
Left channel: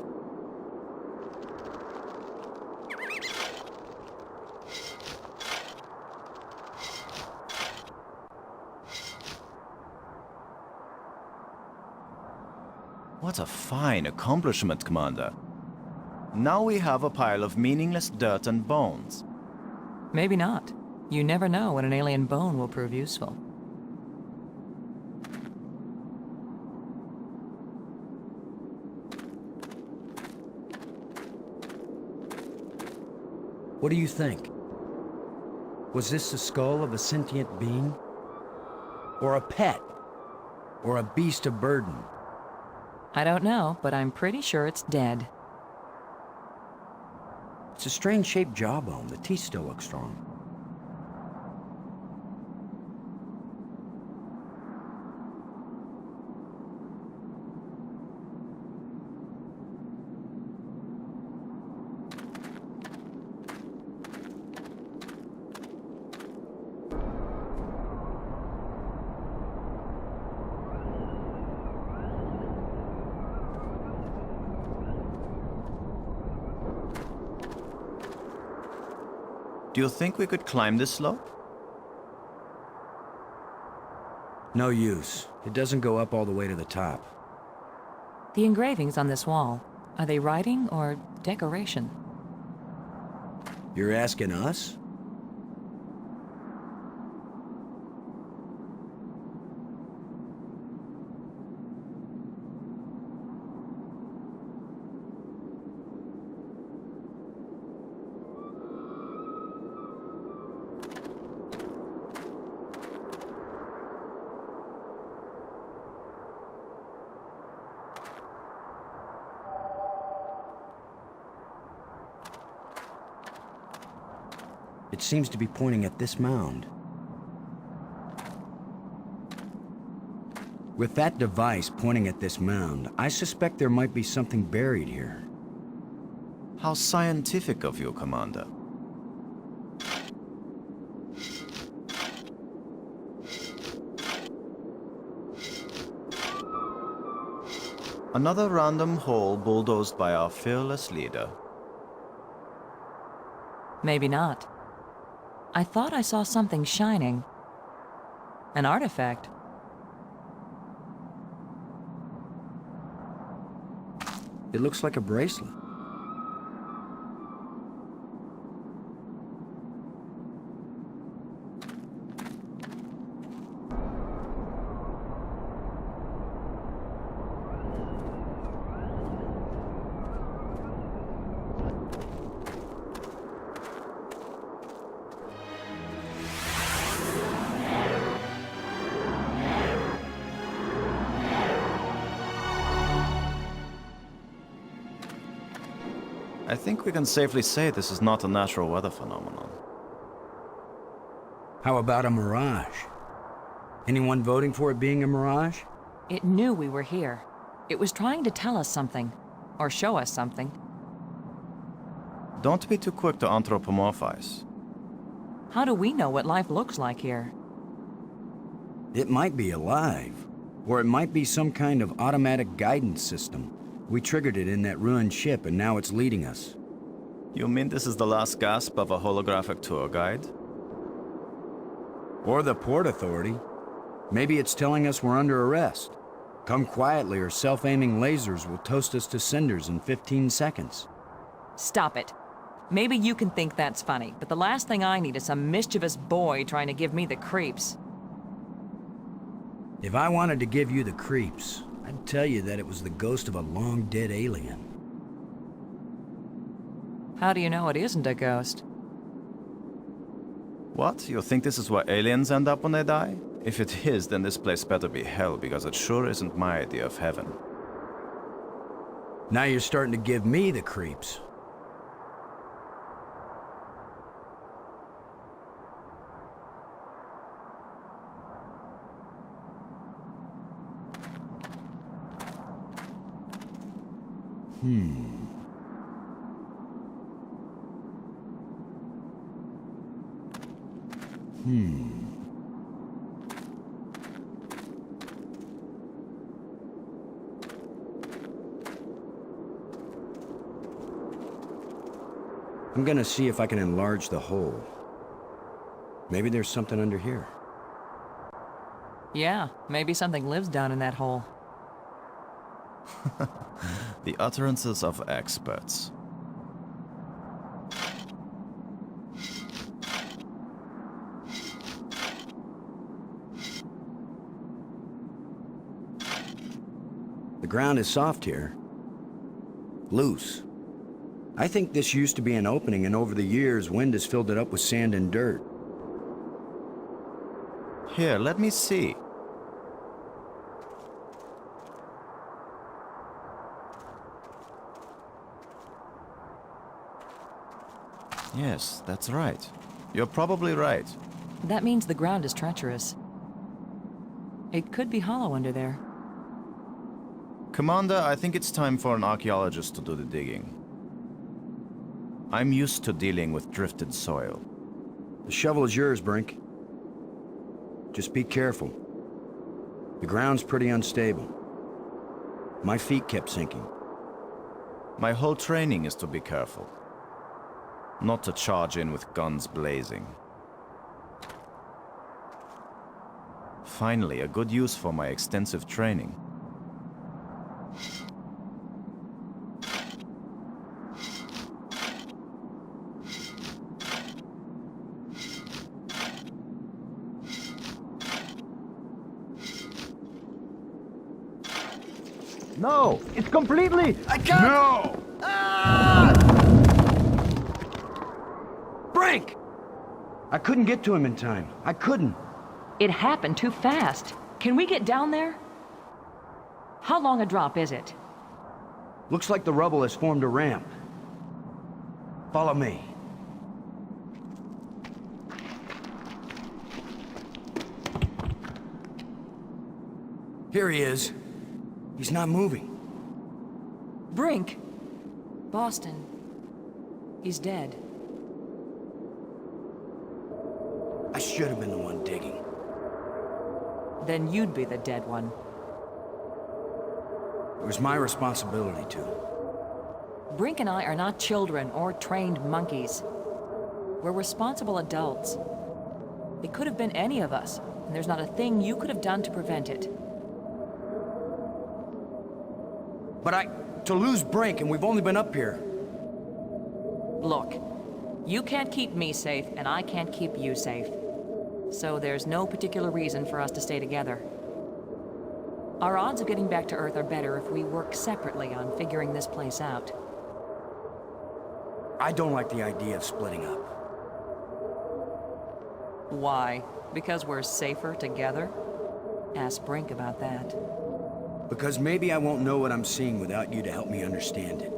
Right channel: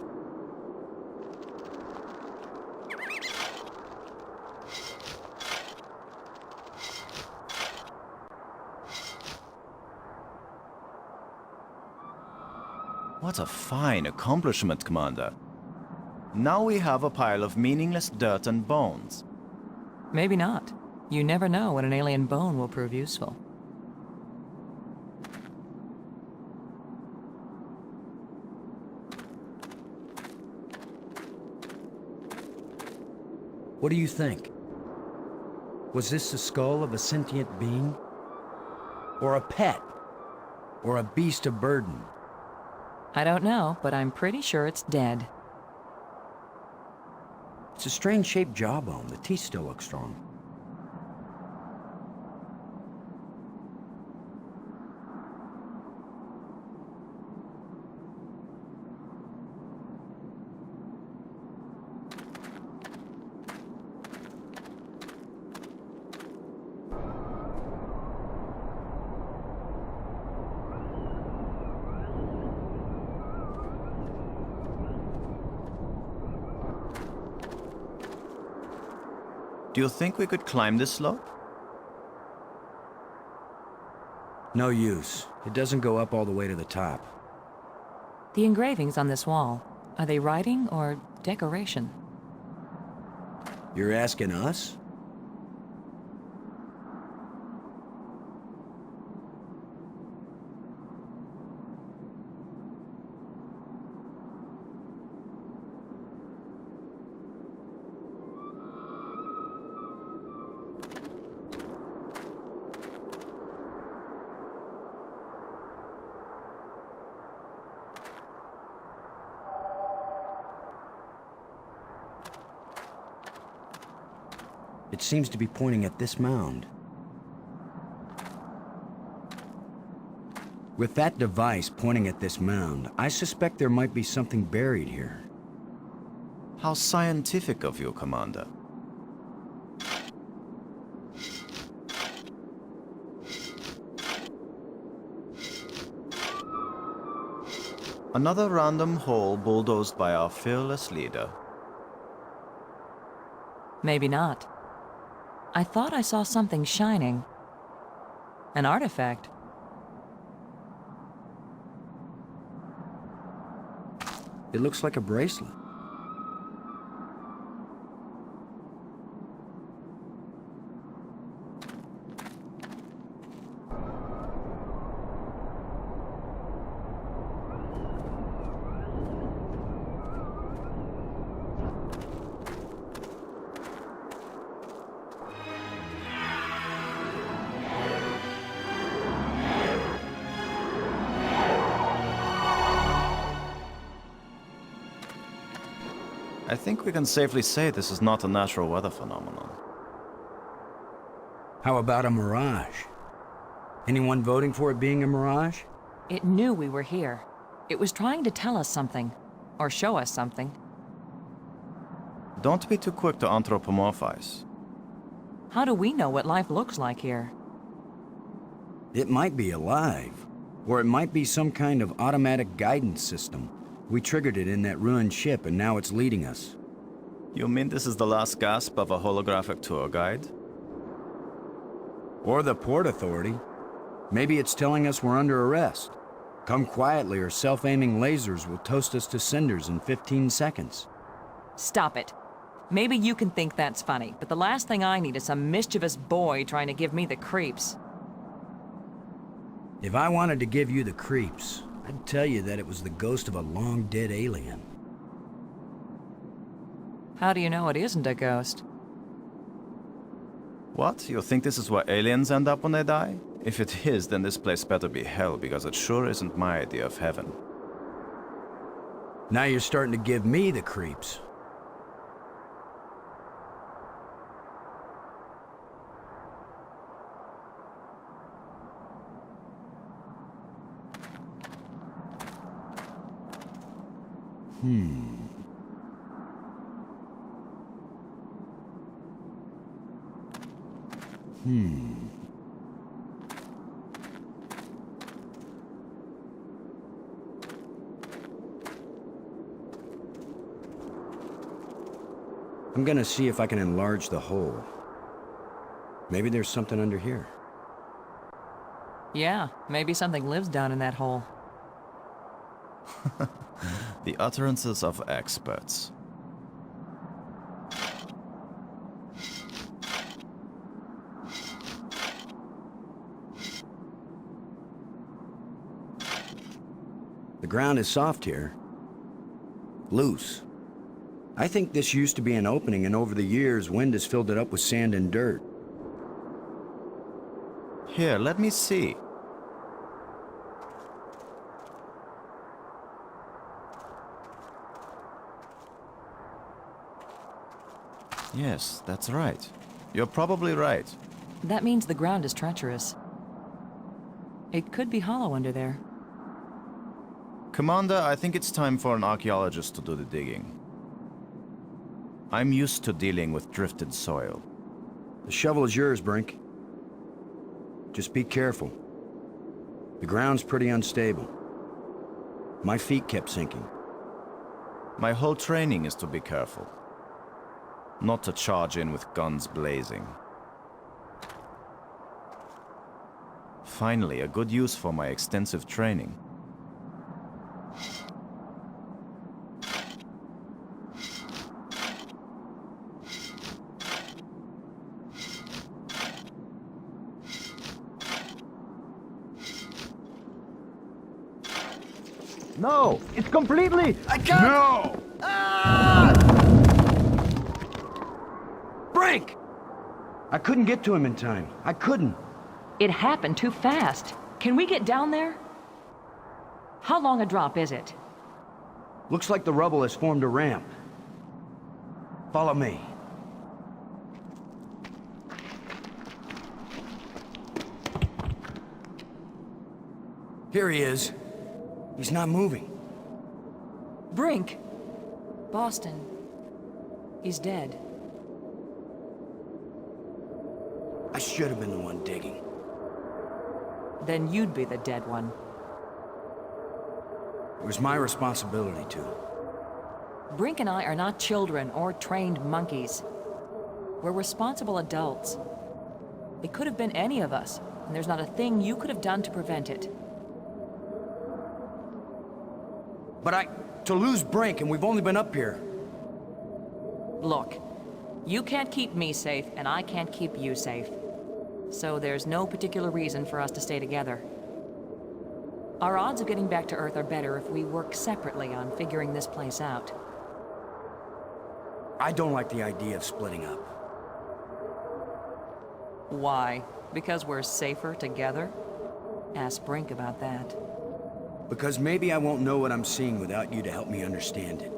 What a fine accomplishment, Commander. Now we have a pile of meaningless dirt and bones. Maybe not. You never know when an alien bone will prove useful. What do you think? Was this the skull of a sentient being? Or a pet? Or a beast of burden? I don't know, but I'm pretty sure it's dead. It's a strange-shaped jawbone. The teeth still look strong. Do you think we could climb this slope? No use. It doesn't go up all the way to the top. The engravings on this wall, are they writing or decoration? You're asking us? It seems to be pointing at this mound. With that device pointing at this mound, I suspect there might be something buried here. How scientific of you, Commander. Another random hole bulldozed by our fearless leader. Maybe not. I thought I saw something shining. An artifact. It looks like a bracelet. I think we can safely say this is not a natural weather phenomenon. How about a mirage? Anyone voting for it being a mirage? It knew we were here. It was trying to tell us something. Or show us something. Don't be too quick to anthropomorphize. How do we know what life looks like here? It might be alive. Or it might be some kind of automatic guidance system. We triggered it in that ruined ship, and now it's leading us. You mean this is the last gasp of a holographic tour guide? Or the Port Authority. Maybe it's telling us we're under arrest. Come quietly, or self-aiming lasers will toast us to cinders in 15 seconds. Stop it. Maybe you can think that's funny, but the last thing I need is some mischievous boy trying to give me the creeps. If I wanted to give you the creeps, I'd tell you that it was the ghost of a long-dead alien. How do you know it isn't a ghost? What? You think this is where aliens end up when they die? If it is, then this place better be hell, because it sure isn't my idea of heaven. Now you're starting to give me the creeps. I'm gonna see if I can enlarge the hole. Maybe there's something under here. Yeah, maybe something lives down in that hole. The utterances of experts. The ground is soft here. Loose. I think this used to be an opening, and over the years, wind has filled it up with sand and dirt. Here, let me see. Yes, that's right. You're probably right. That means the ground is treacherous. It could be hollow under there. Commander, I think it's time for an archaeologist to do the digging. I'm used to dealing with drifted soil. The shovel is yours, Brink. Just be careful. The ground's pretty unstable. My feet kept sinking. My whole training is to be careful. Not to charge in with guns blazing. Finally, a good use for my extensive training. No! It's completely... I can't... No! Brink! I couldn't get to him in time. I couldn't. It happened too fast. Can we get down there? How long a drop is it? Looks like the rubble has formed a ramp. Follow me. Here he is. He's not moving. Brink! Boston. He's dead. I should have been the one digging. Then you'd be the dead one. It was my responsibility to. Brink and I are not children or trained monkeys. We're responsible adults. It could have been any of us, and there's not a thing you could have done to prevent it. But to lose Brink, and we've only been up here. Look, you can't keep me safe, and I can't keep you safe. So there's no particular reason for us to stay together. Our odds of getting back to Earth are better if we work separately on figuring this place out. I don't like the idea of splitting up. Why? Because we're safer together? Ask Brink about that. Because maybe I won't know what I'm seeing without you to help me understand it.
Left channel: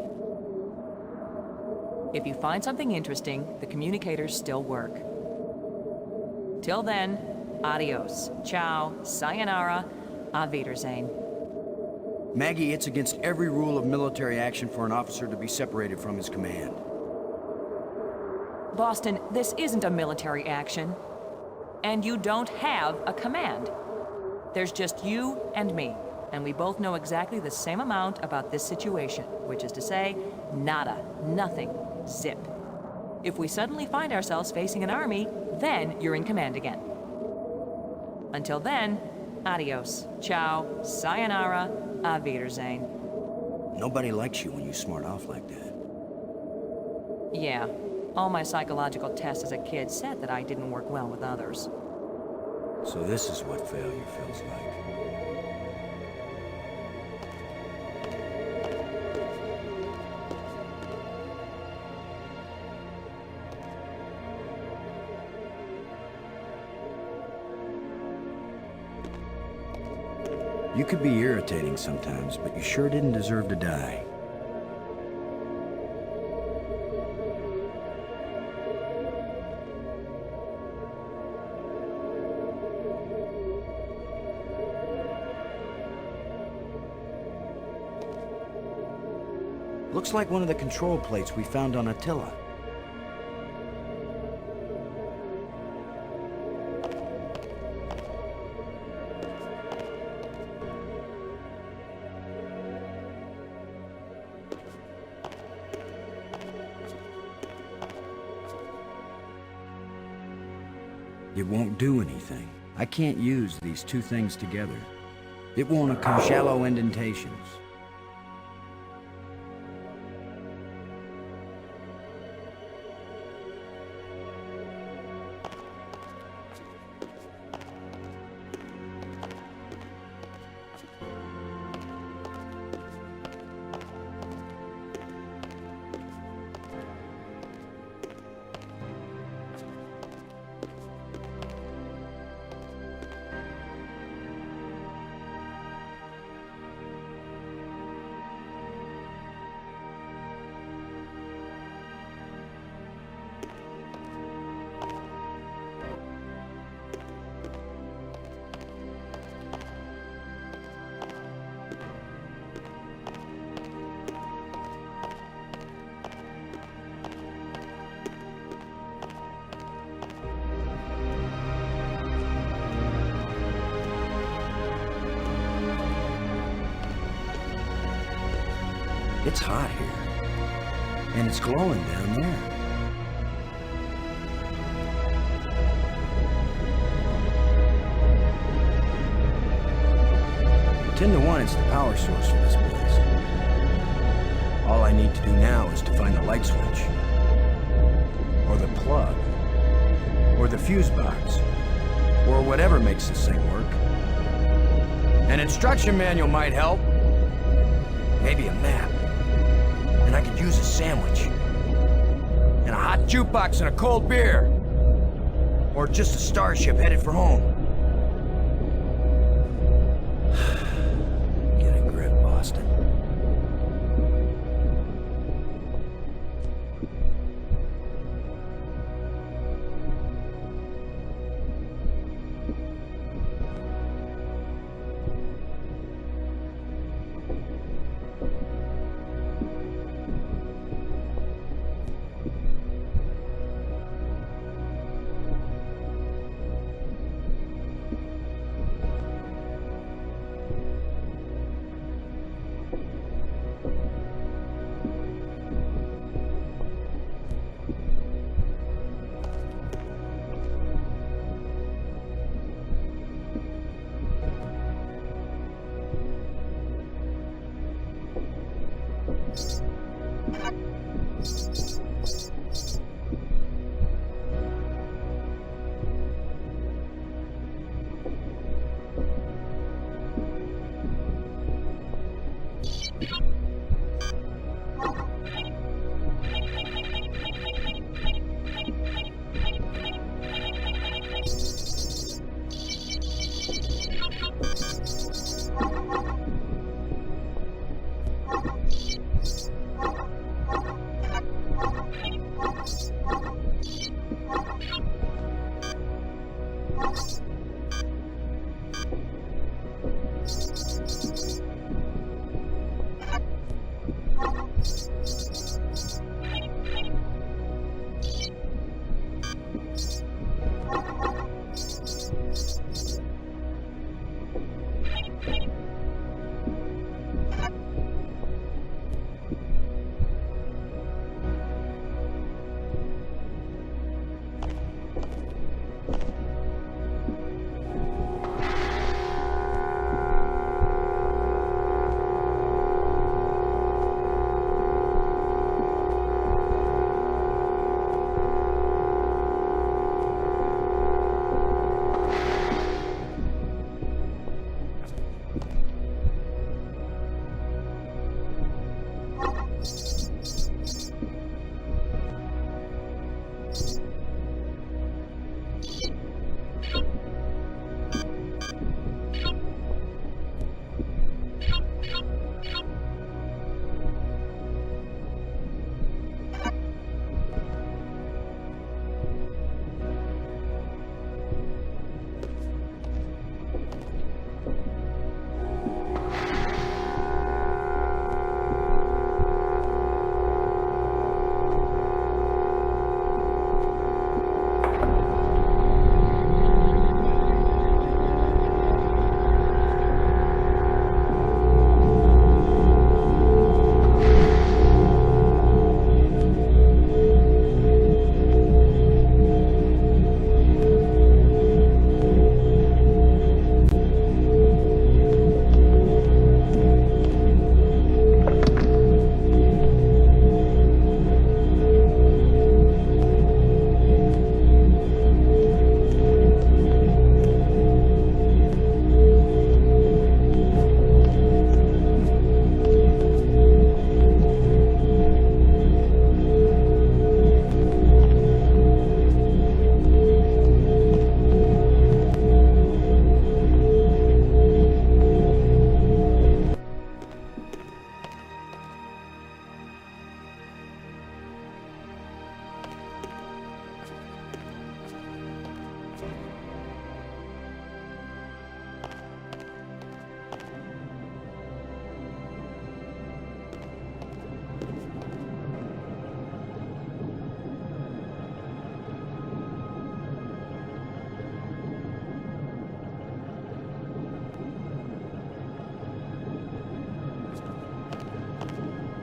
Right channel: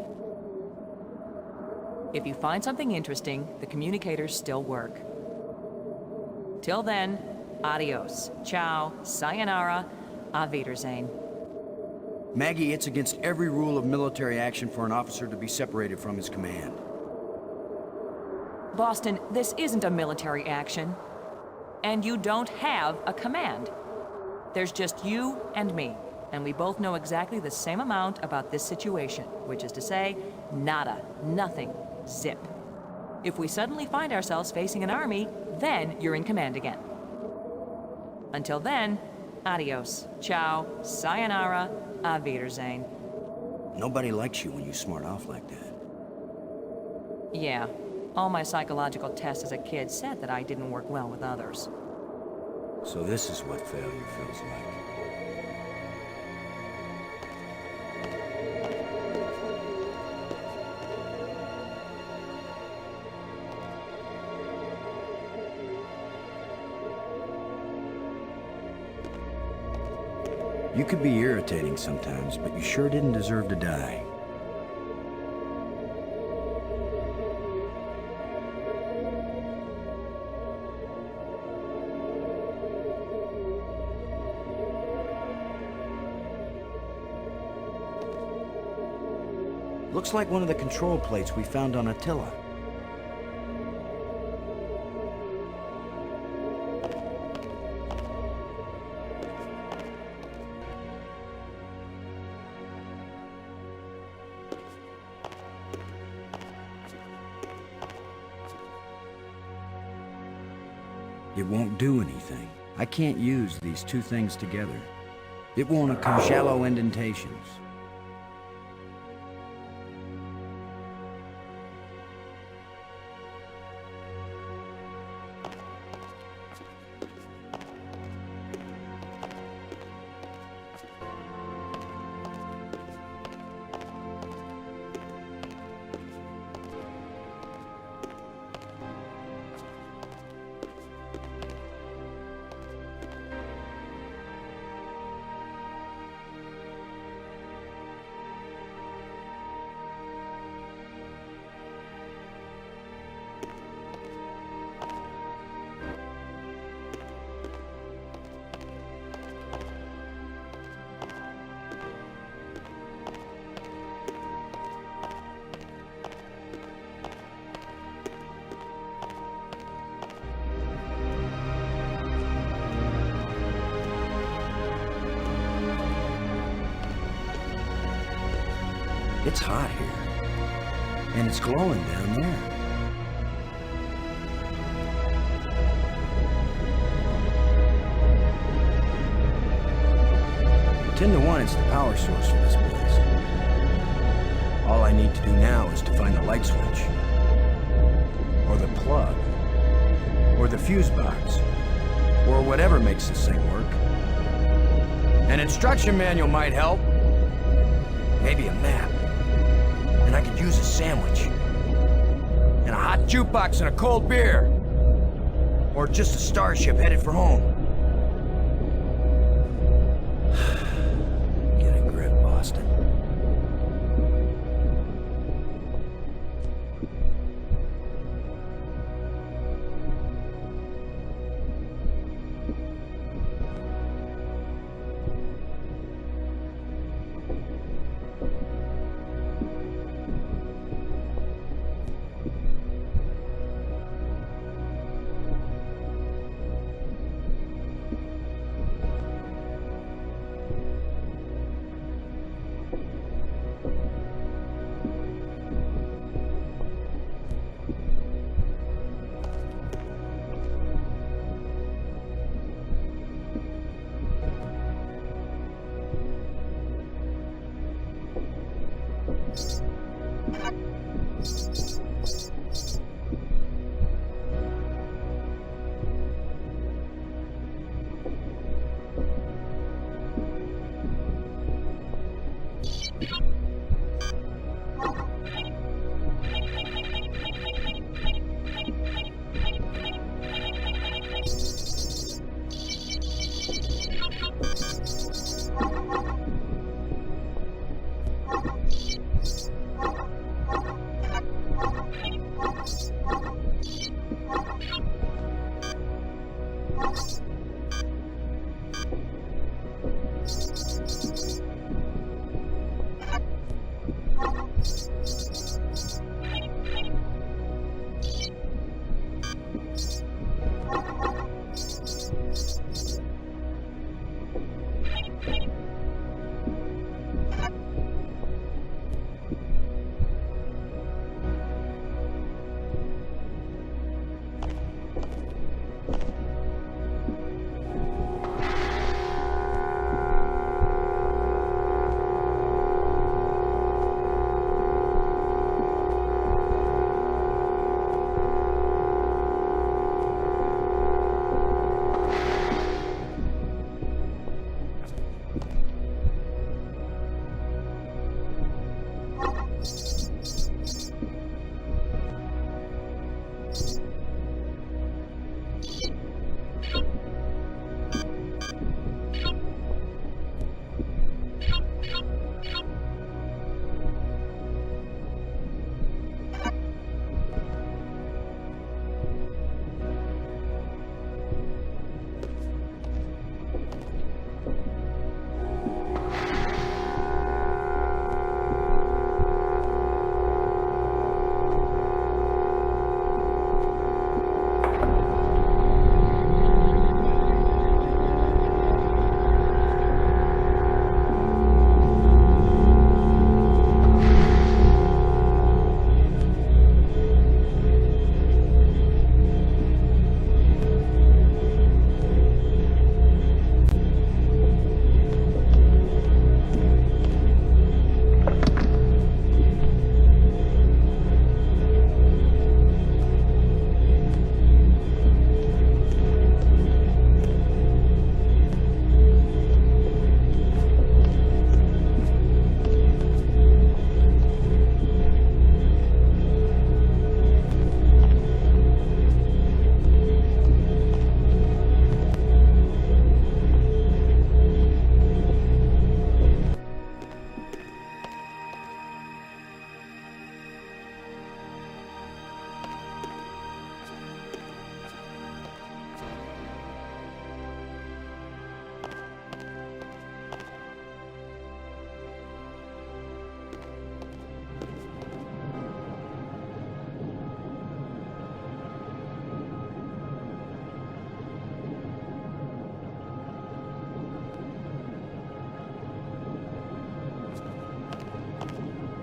If you find something interesting, the communicators still work. Till then, adios, ciao, sayonara, auf Wiedersehen. Maggie, it's against every rule of military action for an officer to be separated from his command. Boston, this isn't a military action. And you don't have a command. There's just you and me, and we both know exactly the same amount about this situation, which is to say, nada, nothing, zip. If we suddenly find ourselves facing an army, then you're in command again. Until then, adios, ciao, sayonara, auf Wiedersehen. Nobody likes you when you smart off like that. Yeah. All my psychological tests as a kid said that I didn't work well with others. So this is what failure feels like. You could be irritating sometimes, but you sure didn't deserve to die. Looks like one of the control plates we found on Attila. It won't do anything. I can't use these two things together. It won't occur. Shallow indentations. It's hot here, and it's glowing down there. 10 to 1, it's the power source for this place. All I need to do now is to find the light switch, or the plug, or the fuse box, or whatever makes this thing work. An instruction manual might help. Maybe a map. And I could use a sandwich. And a hot jukebox and a cold beer. Or just a starship headed for home. Get a grip, Boston.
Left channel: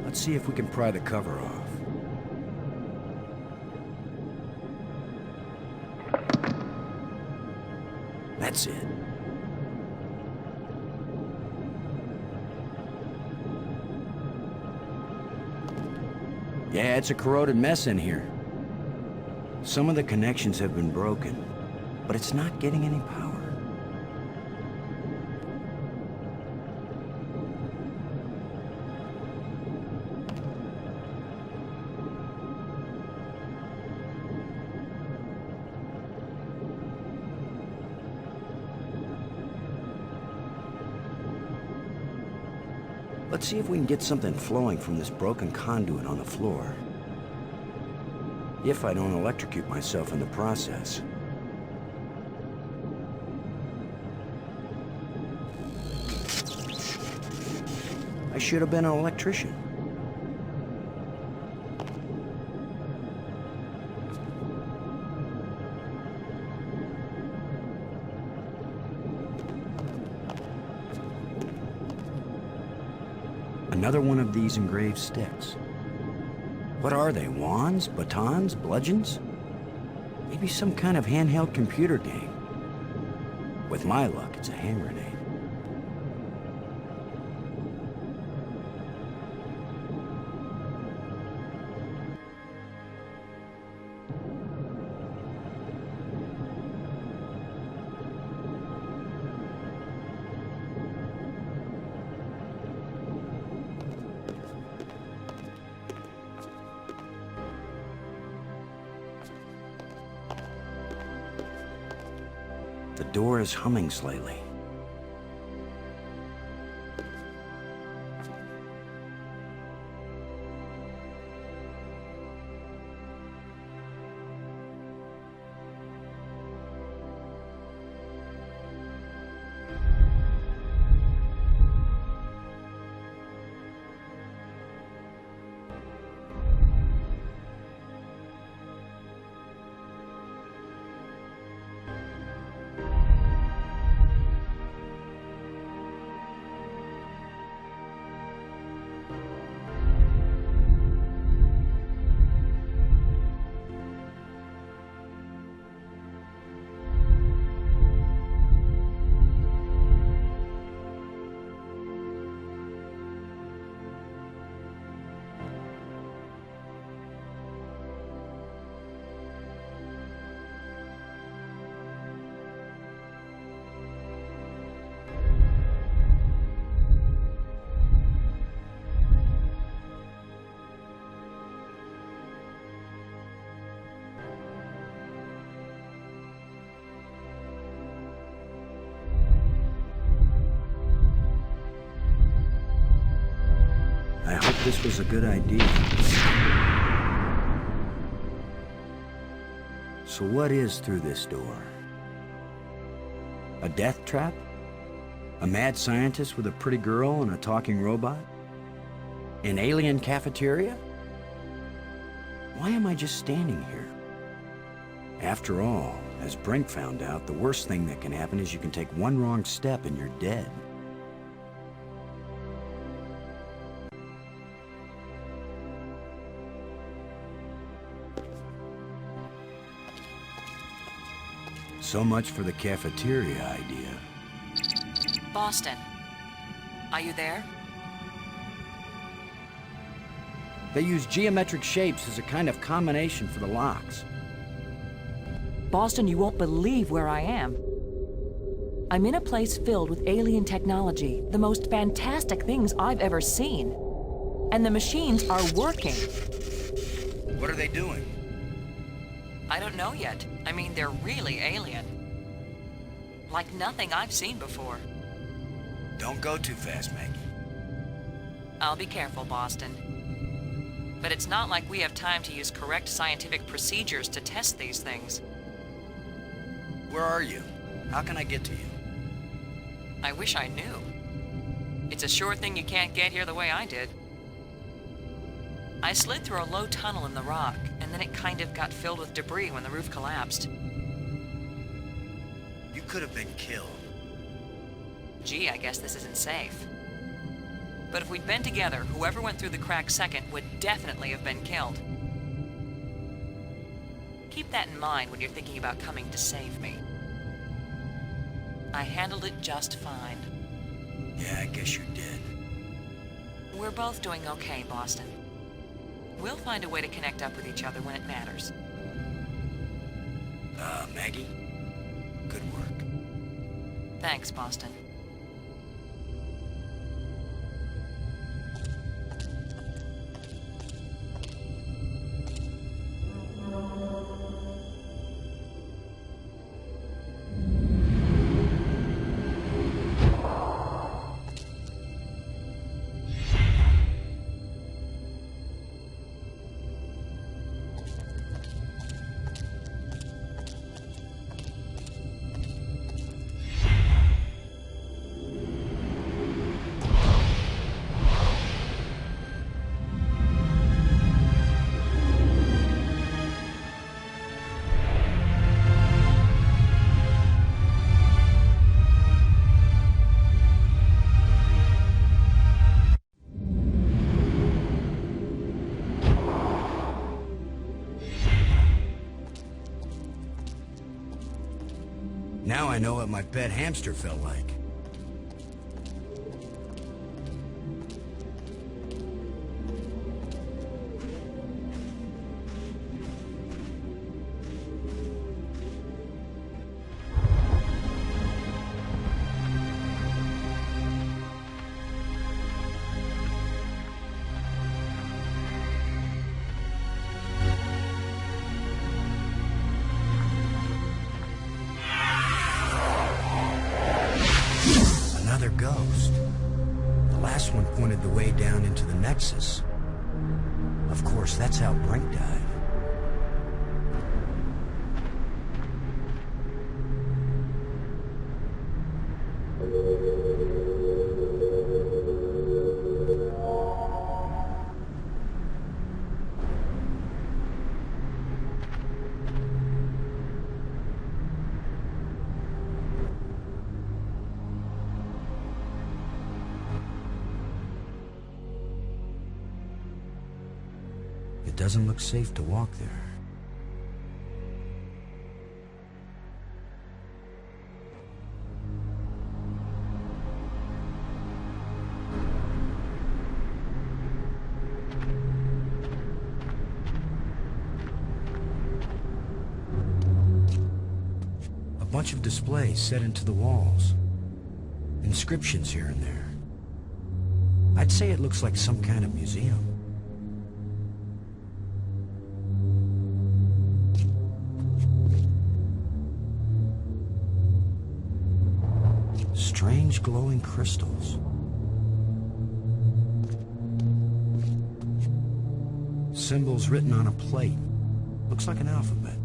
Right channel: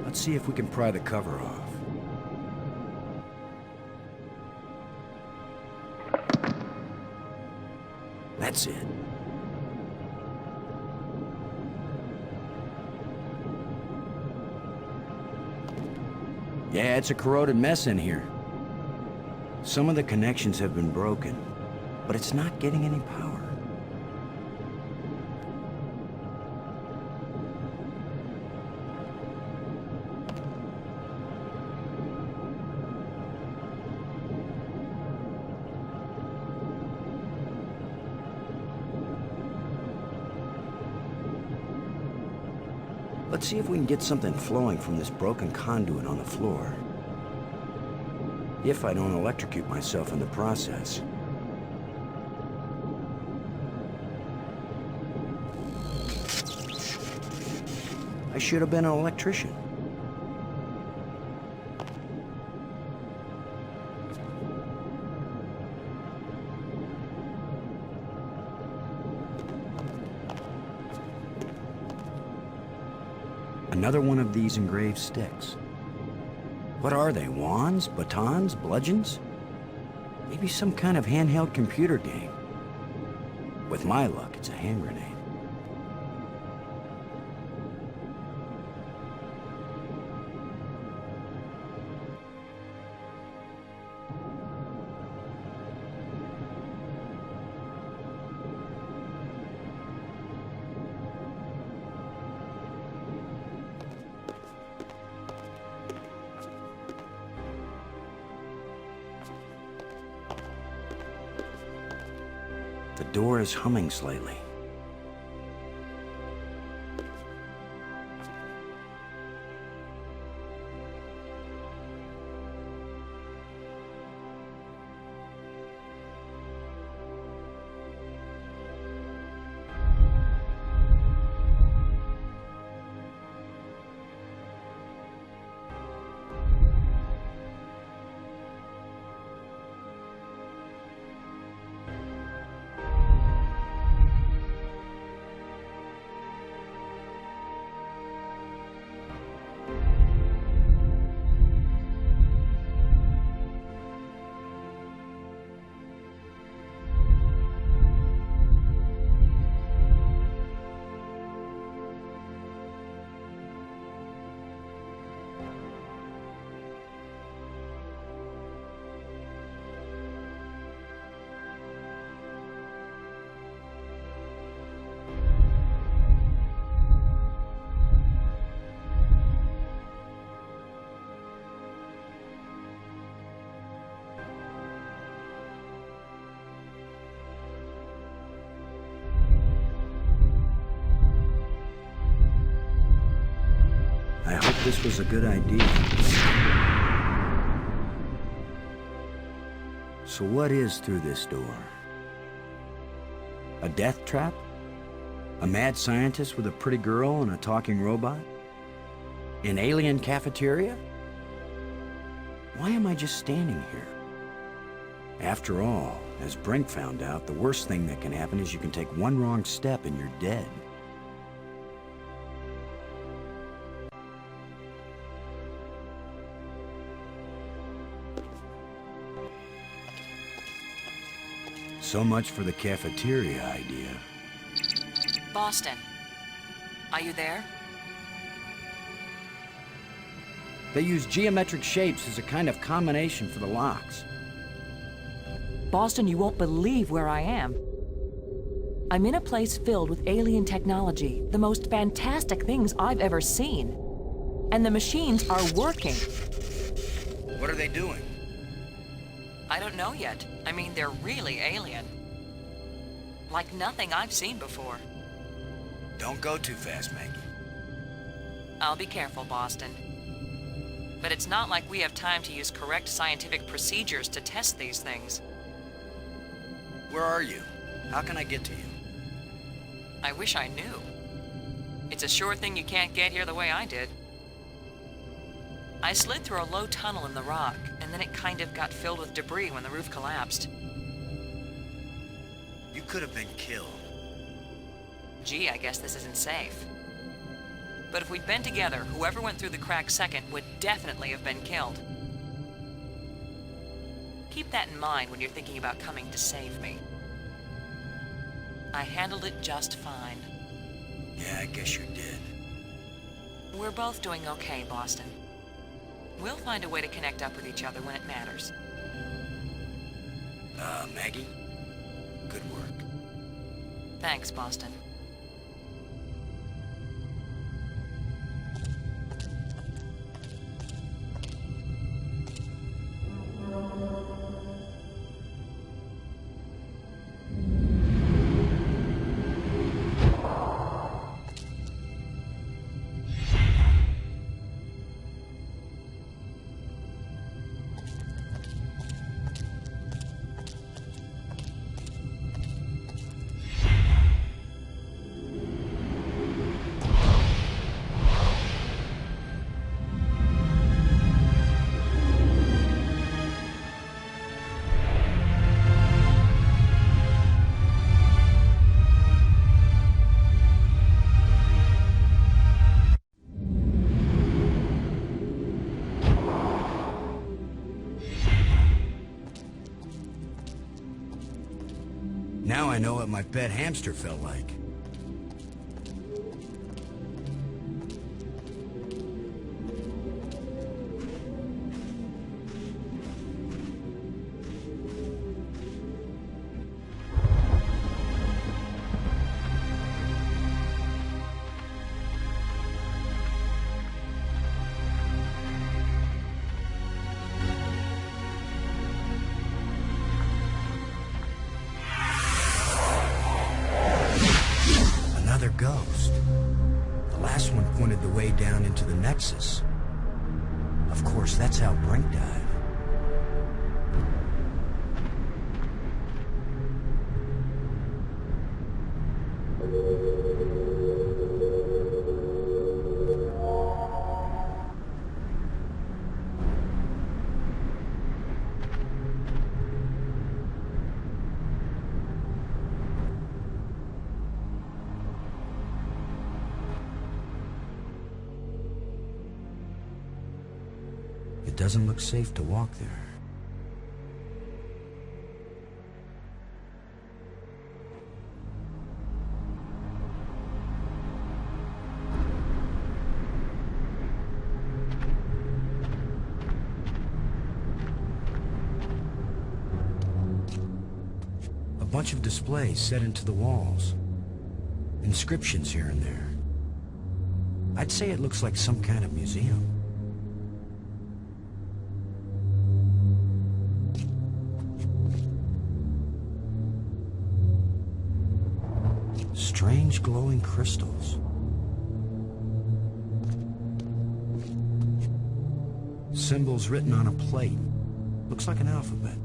Let's see if we can pry the cover off. That's it. Yeah, it's a corroded mess in here. Some of the connections have been broken, but it's not getting any power. Let's see if we can get something flowing from this broken conduit on the floor. If I don't electrocute myself in the process. I should have been an electrician. Another one of these engraved sticks. What are they, wands, batons, bludgeons? Maybe some kind of handheld computer game. With my luck, it's a hand grenade. The door is humming slightly. I hope this was a good idea. So what is through this door? A death trap? A mad scientist with a pretty girl and a talking robot? An alien cafeteria? Why am I just standing here? After all, as Brink found out, the worst thing that can happen is you can take one wrong step and you're dead. So much for the cafeteria idea. Boston, are you there? They use geometric shapes as a kind of combination for the locks. Boston, you won't believe where I am. I'm in a place filled with alien technology, the most fantastic things I've ever seen. And the machines are working. What are they doing? I don't know yet. I mean, they're really alien. Like nothing I've seen before. Don't go too fast, Maggie. I'll be careful, Boston. But it's not like we have time to use correct scientific procedures to test these things. Where are you? How can I get to you? I wish I knew. It's a sure thing you can't get here the way I did. I slid through a low tunnel in the rock, and then it kind of got filled with debris when the roof collapsed. You could have been killed. Gee, I guess this isn't safe. But if we'd been together, whoever went through the crack second would definitely have been killed. Keep that in mind when you're thinking about coming to save me. I handled it just fine. Yeah, I guess you did. We're both doing okay, Boston. We'll find a way to connect up with each other when it matters. Maggie? Good work. Thanks, Boston. Now I know what my pet hamster felt like. Another ghost. The last one pointed the way down into the Nexus. Of course, that's how Brink died. It doesn't look safe to walk there. A bunch of displays set into the walls. Inscriptions here and there. I'd say it looks like some kind of museum. Strange glowing crystals. Symbols written on a plate. Looks like an alphabet.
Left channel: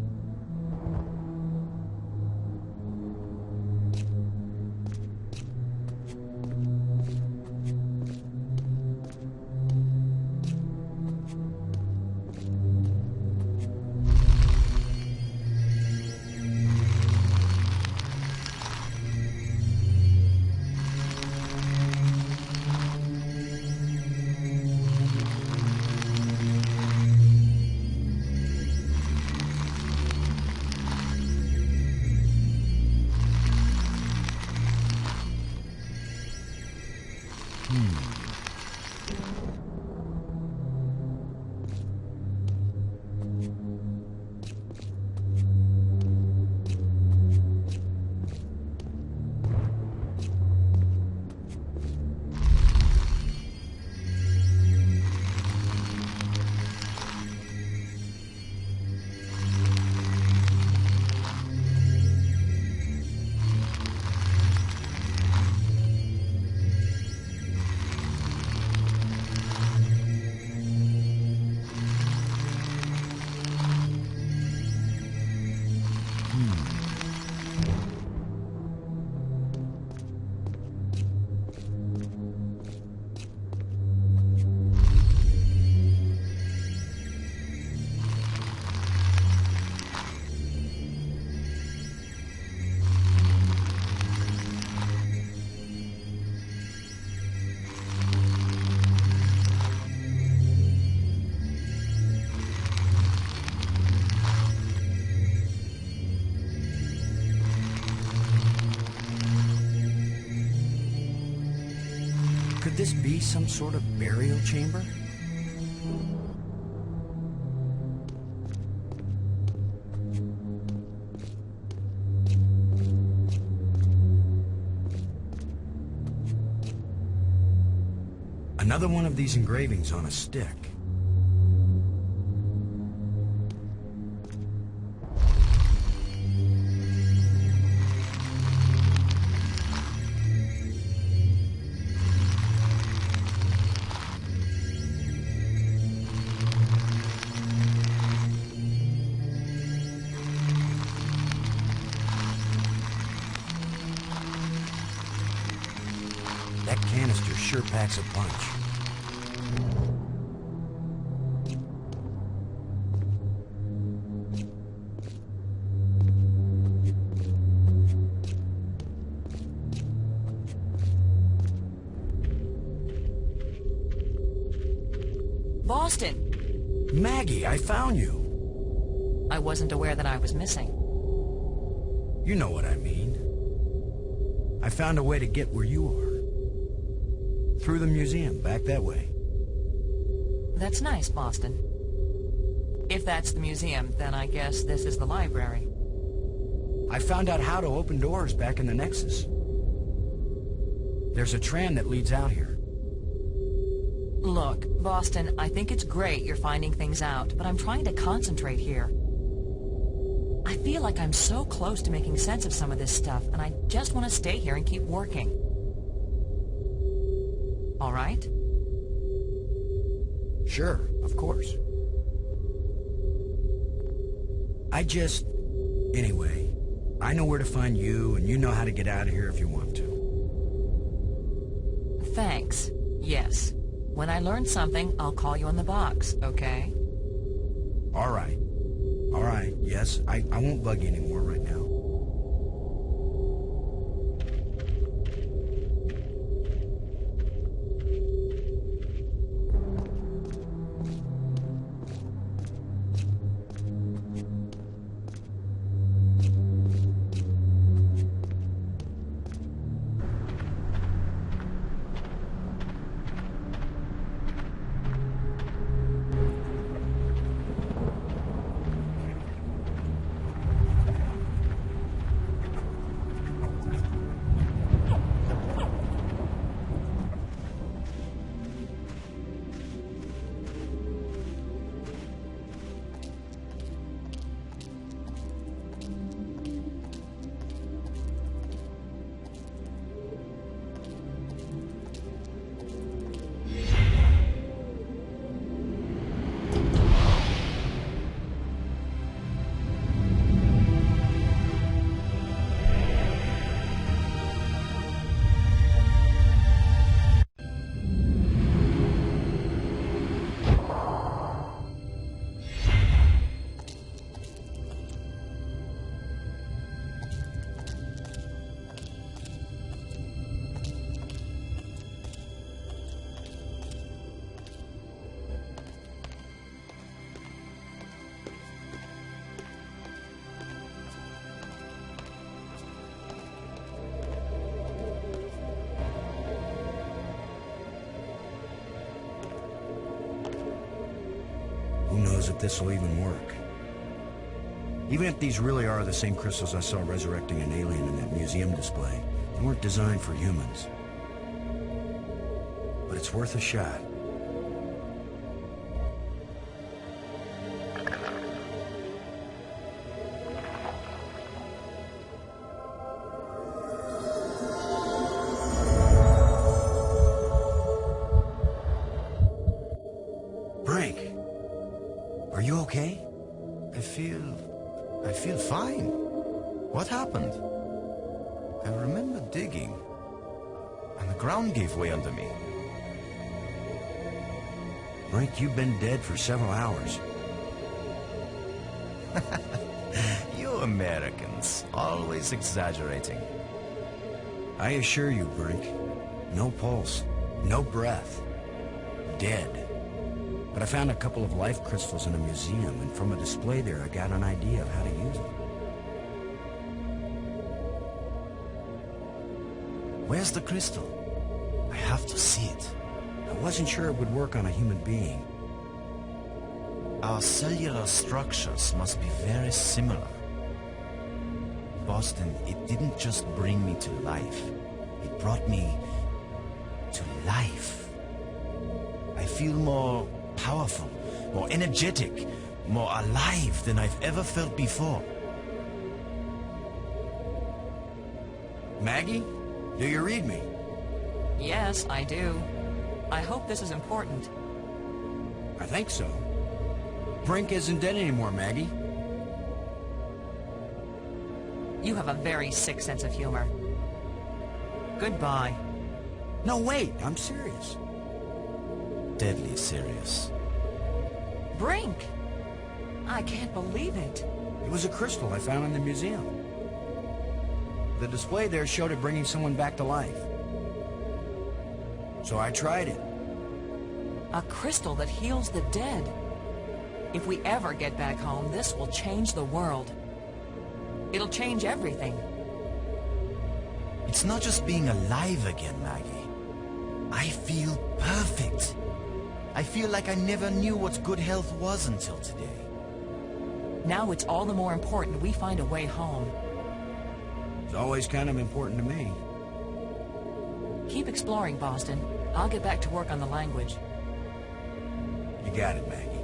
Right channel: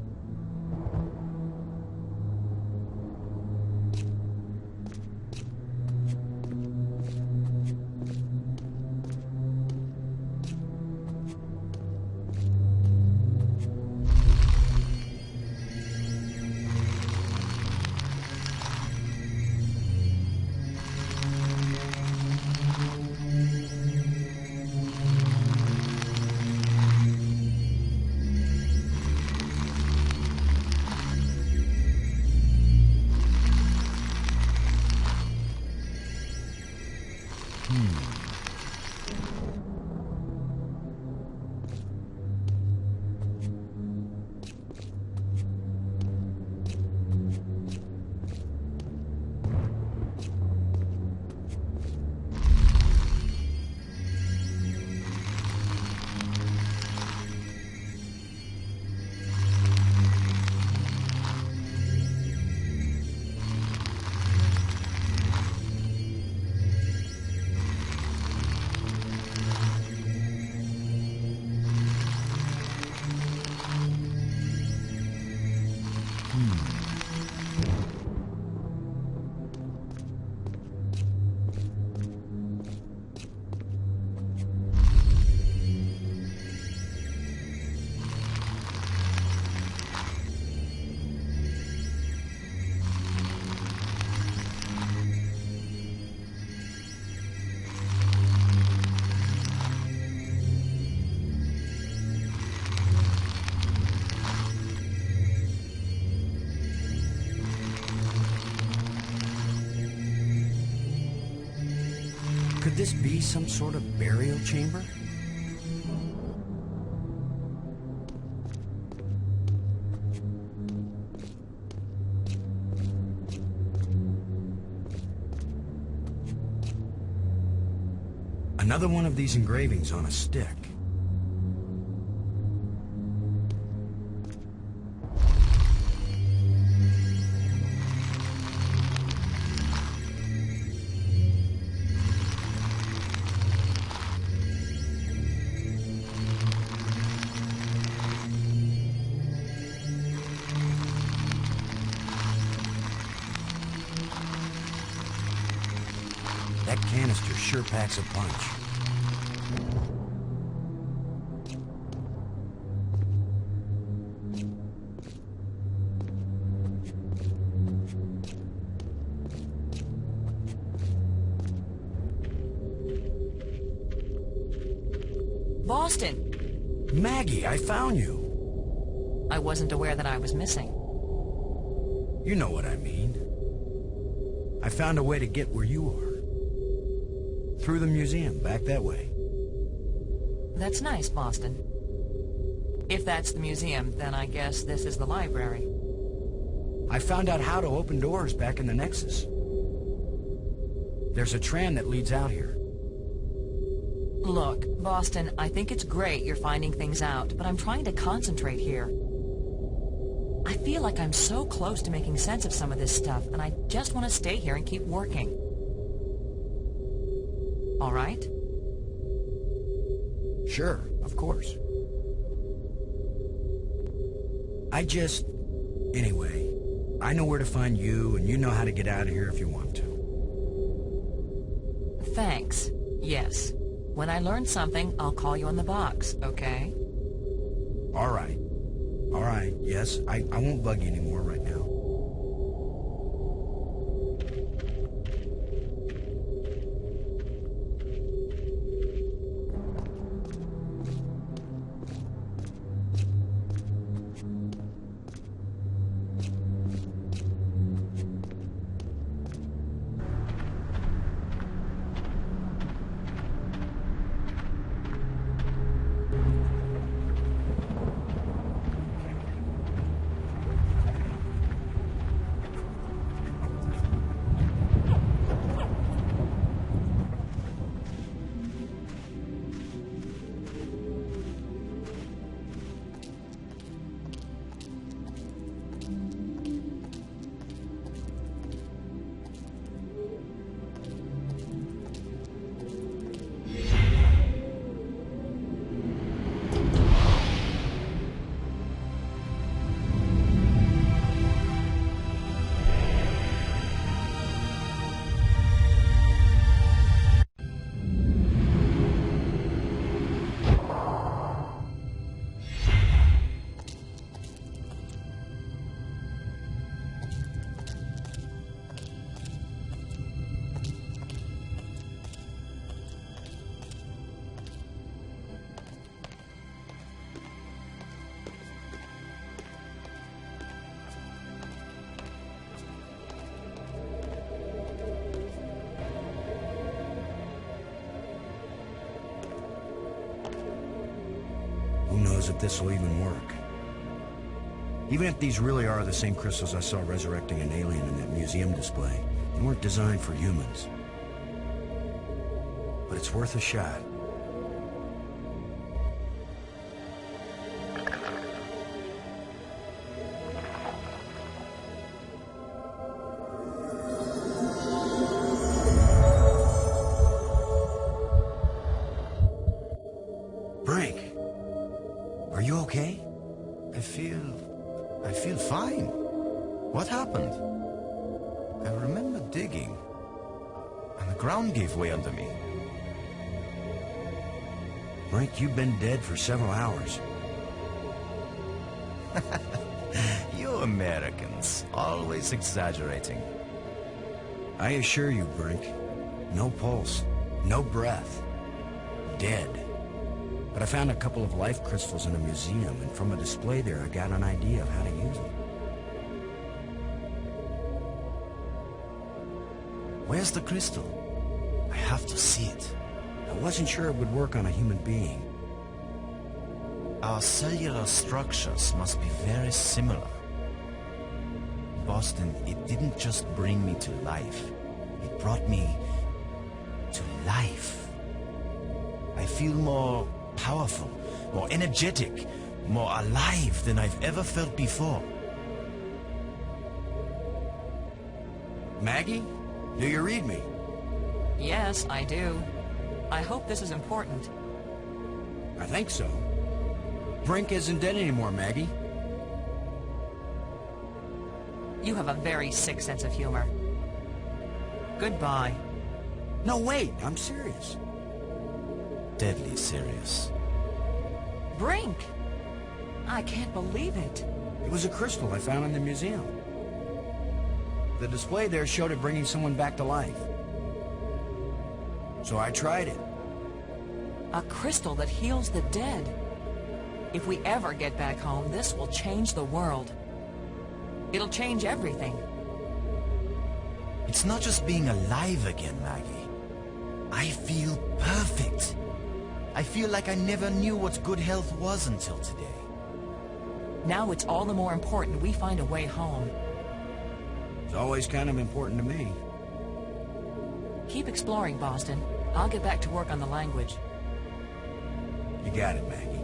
Could this be some sort of burial chamber? Another one of these engravings on a stick. That canister sure packs a punch. Boston! Maggie, I found you. I wasn't aware that I was missing. You know what I mean. I found a way to get where you are. Through the museum, back that way. That's nice, Boston. If that's the museum, then I guess this is the library. I found out how to open doors back in the Nexus. There's a tram that leads out here. Look, Boston, I think it's great you're finding things out, but I'm trying to concentrate here. I feel like I'm so close to making sense of some of this stuff, and I just want to stay here and keep working. all right? Sure, of course. Anyway, I know where to find you, and you know how to get out of here if you want to. Thanks. Yes. When I learn something, I'll call you on the box, okay? All right. All right, yes, I won't bug you anymore right now. Who knows if this will even work? Even if these really are the same crystals I saw resurrecting an alien in that museum display, they weren't designed for humans. But it's worth a shot. Brink, are you okay? I feel fine. What happened? I remember digging, and the ground gave way under me. Brink, you've been dead for several hours. You Americans, always exaggerating. I assure you, Brink, no pulse, no breath, dead. But I found a couple of life crystals in a museum, and from a display there, I got an idea of how to use them. Where's the crystal? I have to see it. I wasn't sure it would work on a human being. Our cellular structures must be very similar. Boston, it didn't just bring me to life. It brought me to life. I feel more powerful, more energetic, more alive than I've ever felt before. Maggie, do you read me? Yes, I do. I hope this is important. I think so. Brink isn't dead anymore, Maggie. You have a very sick sense of humor. Goodbye. No, wait, I'm serious. Deadly serious. Brink! I can't believe it. It was a crystal I found in the museum. The display there showed it bringing someone back to life. So I tried it. A crystal that heals the dead. If we ever get back home, this will change the world. It'll change everything. It's not just being alive again, Maggie. I feel perfect. I feel like I never knew what good health was until today. Now it's all the more important we find a way home. It's always kind of important to me. Keep exploring, Boston. I'll get back to work on the language. You got it, Maggie.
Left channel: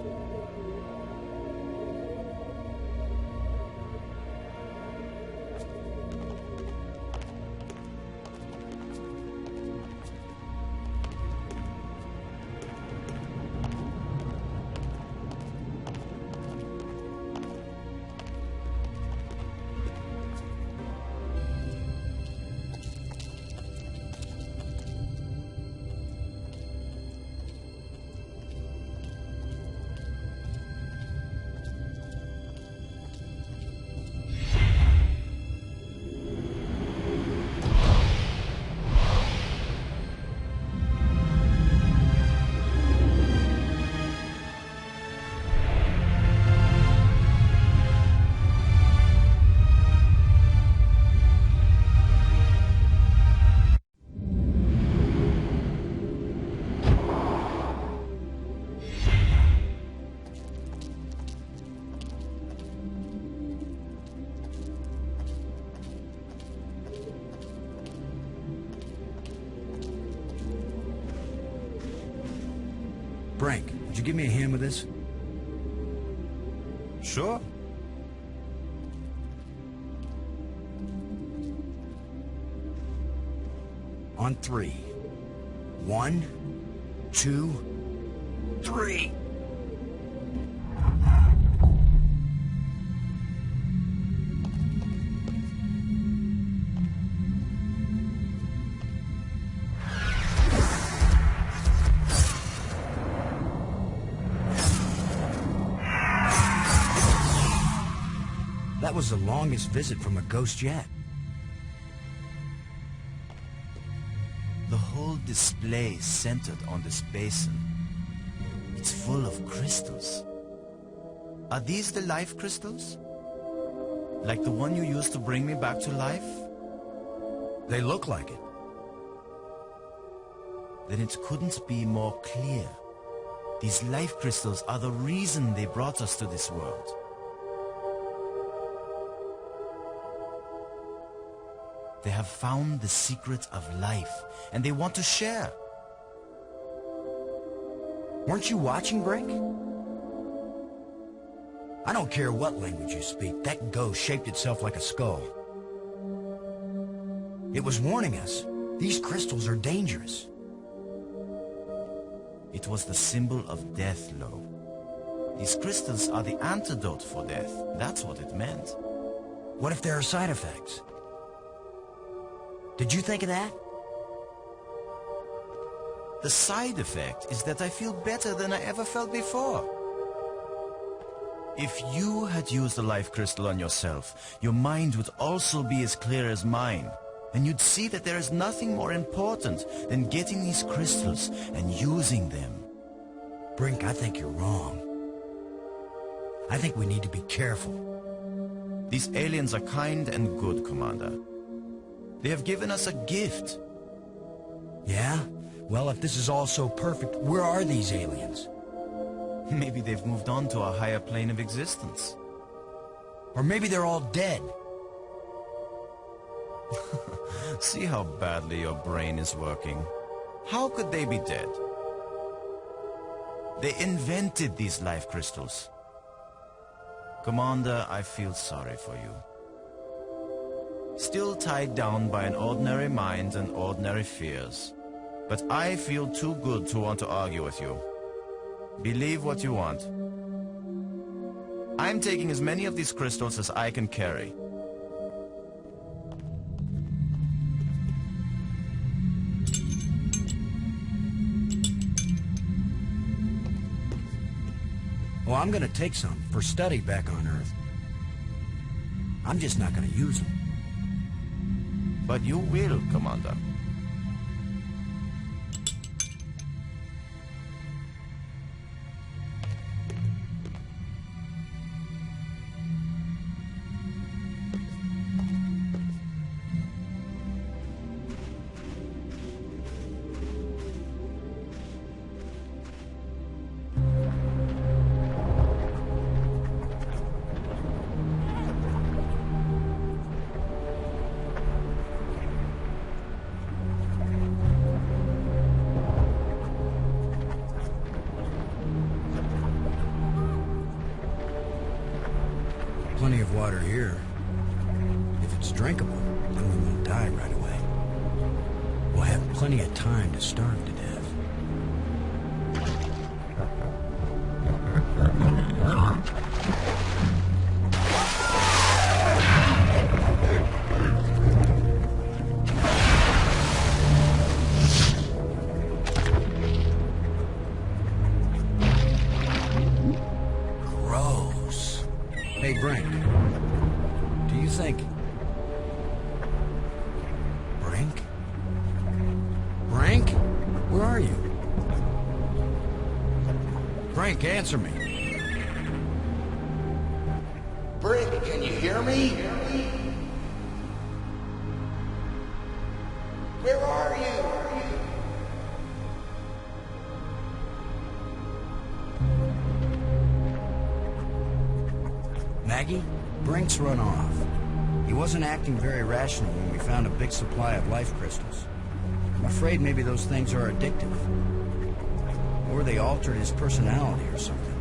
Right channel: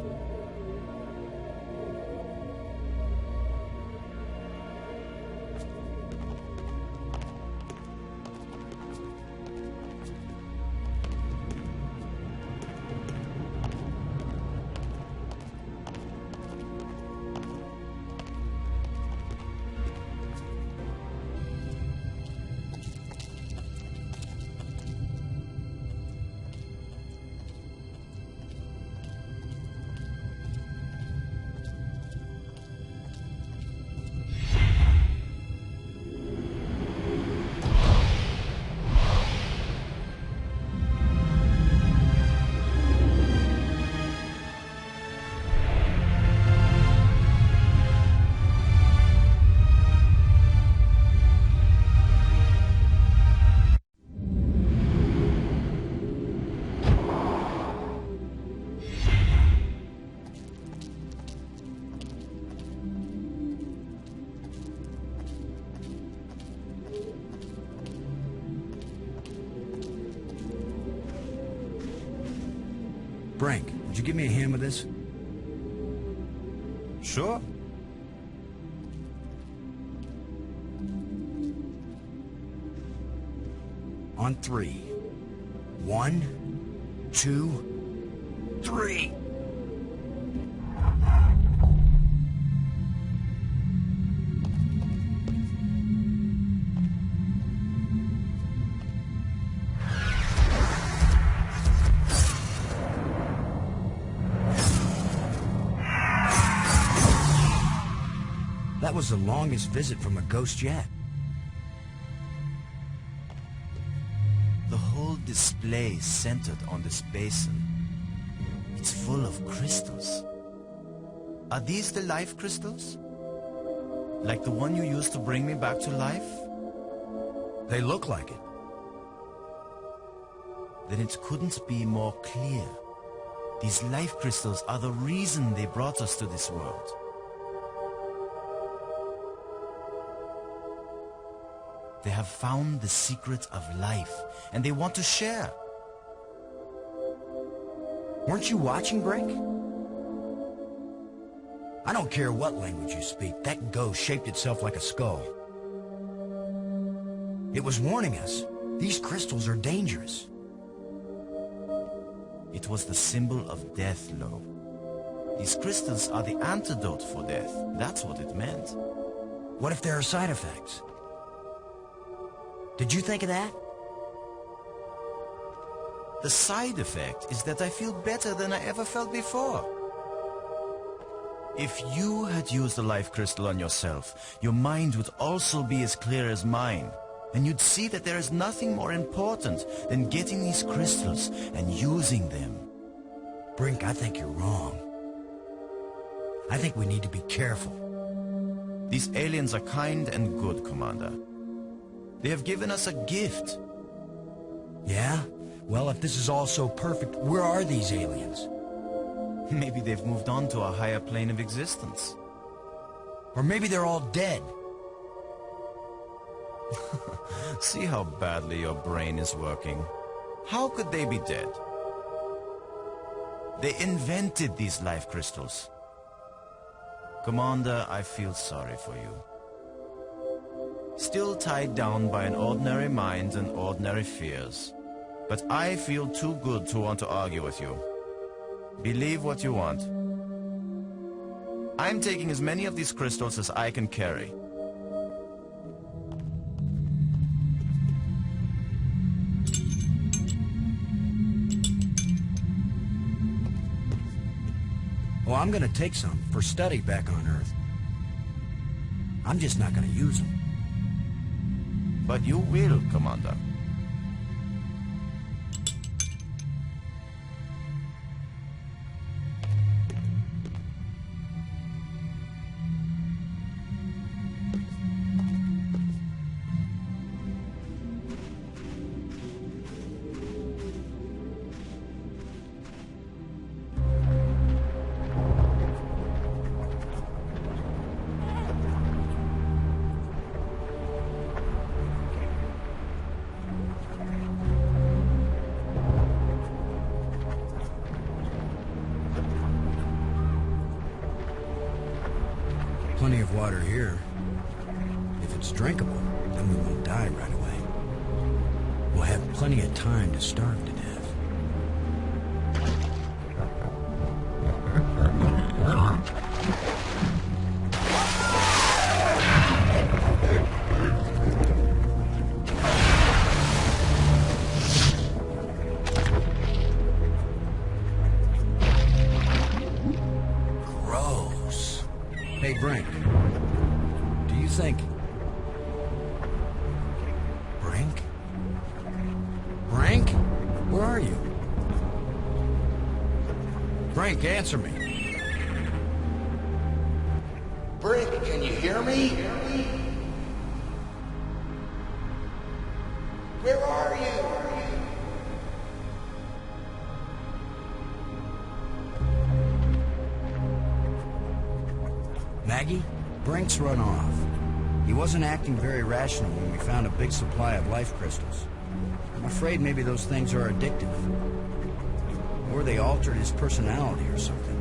Brink, would you give me a hand with this? Sure. On 3. 1, 2, 3. That was the longest visit from a ghost yet. The whole display is centered on this basin. It's full of crystals. Are these the life crystals? Like the one you used to bring me back to life? They look like it. Then it couldn't be more clear. These life crystals are the reason they brought us to this world. They have found the secret of life, and they want to share. Weren't you watching, Brink? I don't care what language you speak, that ghost shaped itself like a skull. It was warning us. These crystals are dangerous. It was the symbol of death, Lo. These crystals are the antidote for death. That's what it meant. What if there are side effects? Did you think of that? The side effect is that I feel better than I ever felt before. If you had used the life crystal on yourself, your mind would also be as clear as mine. And you'd see that there is nothing more important than getting these crystals and using them. Brink, I think you're wrong. I think we need to be careful. These aliens are kind and good, Commander. They have given us a gift. Yeah? Well, if this is all so perfect, where are these aliens? Maybe they've moved on to a higher plane of existence. Or maybe they're all dead. See how badly your brain is working. How could they be dead? They invented these life crystals. Commander, I feel sorry for you. Still tied down by an ordinary mind and ordinary fears. But I feel too good to want to argue with you. Believe what you want. I'm taking as many of these crystals as I can carry. Well, I'm gonna take some for study back on Earth. I'm just not gonna use them. But you will, Commander. Plenty of water here. If it's drinkable, then we won't die right away. We'll have plenty of time to starve to death. Hey, Brink. Do you think... Brink? Brink? Where are you? Brink, answer me. Brink, can you hear me? Where are you? Maggie, Brink's run off. He wasn't acting very rational when we found a big supply of life crystals. I'm afraid maybe those things are addictive. Or they altered his personality or something.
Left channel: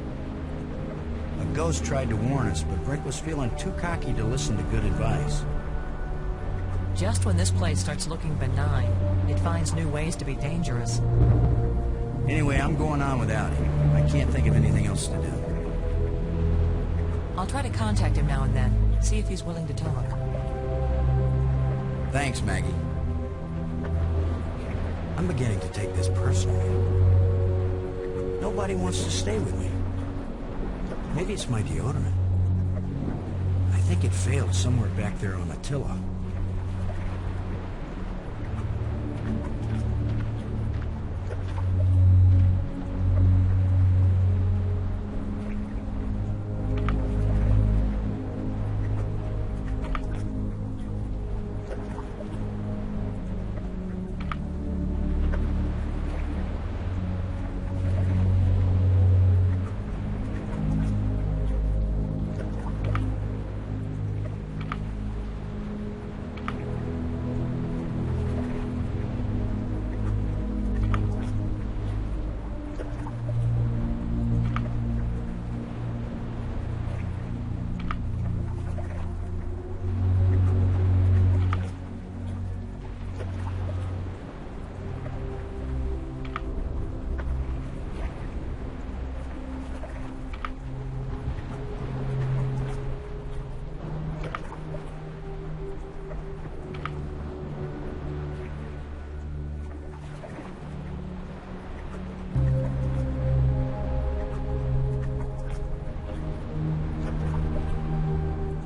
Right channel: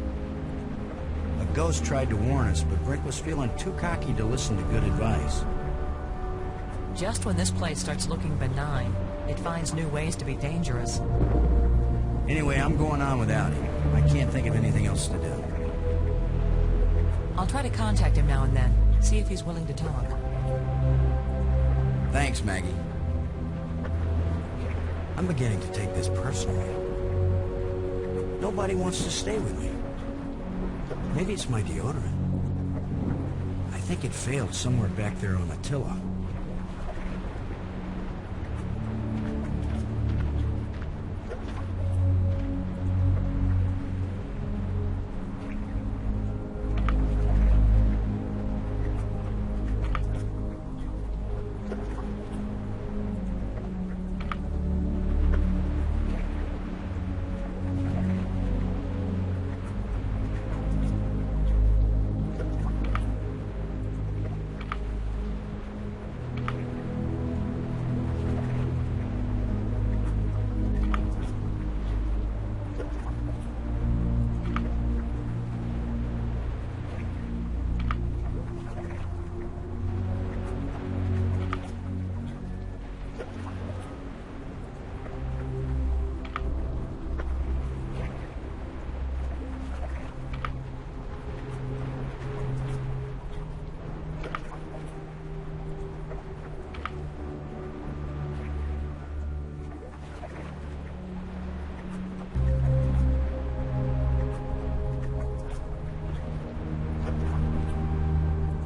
A ghost tried to warn us, but Brink was feeling too cocky to listen to good advice. Just when this place starts looking benign, it finds new ways to be dangerous. Anyway, I'm going on without him. I can't think of anything else to do. I'll try to contact him now and then, see if he's willing to talk. Thanks, Maggie. I'm beginning to take this personally. Nobody wants to stay with me. Maybe it's my deodorant. I think it failed somewhere back there on Attila.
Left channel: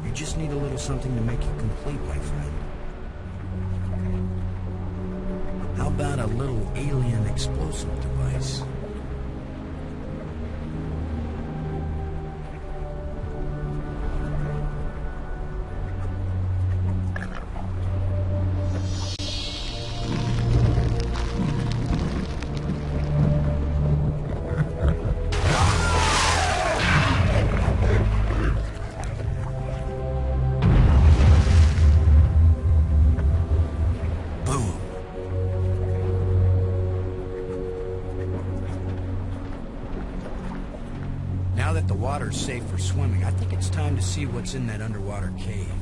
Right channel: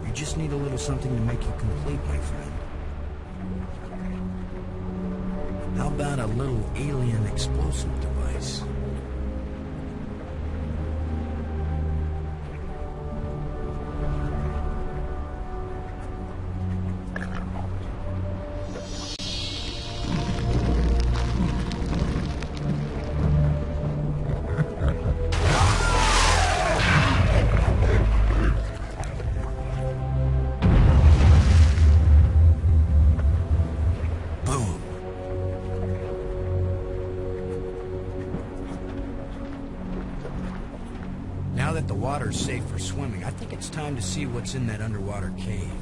You just need a little something to make you complete, my friend. How about a little alien explosive device? Now that the water's safe for swimming, I think it's time to see what's in that underwater cave.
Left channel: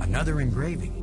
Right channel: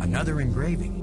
Another engraving.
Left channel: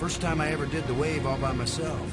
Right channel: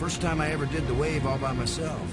First time I ever did the wave all by myself.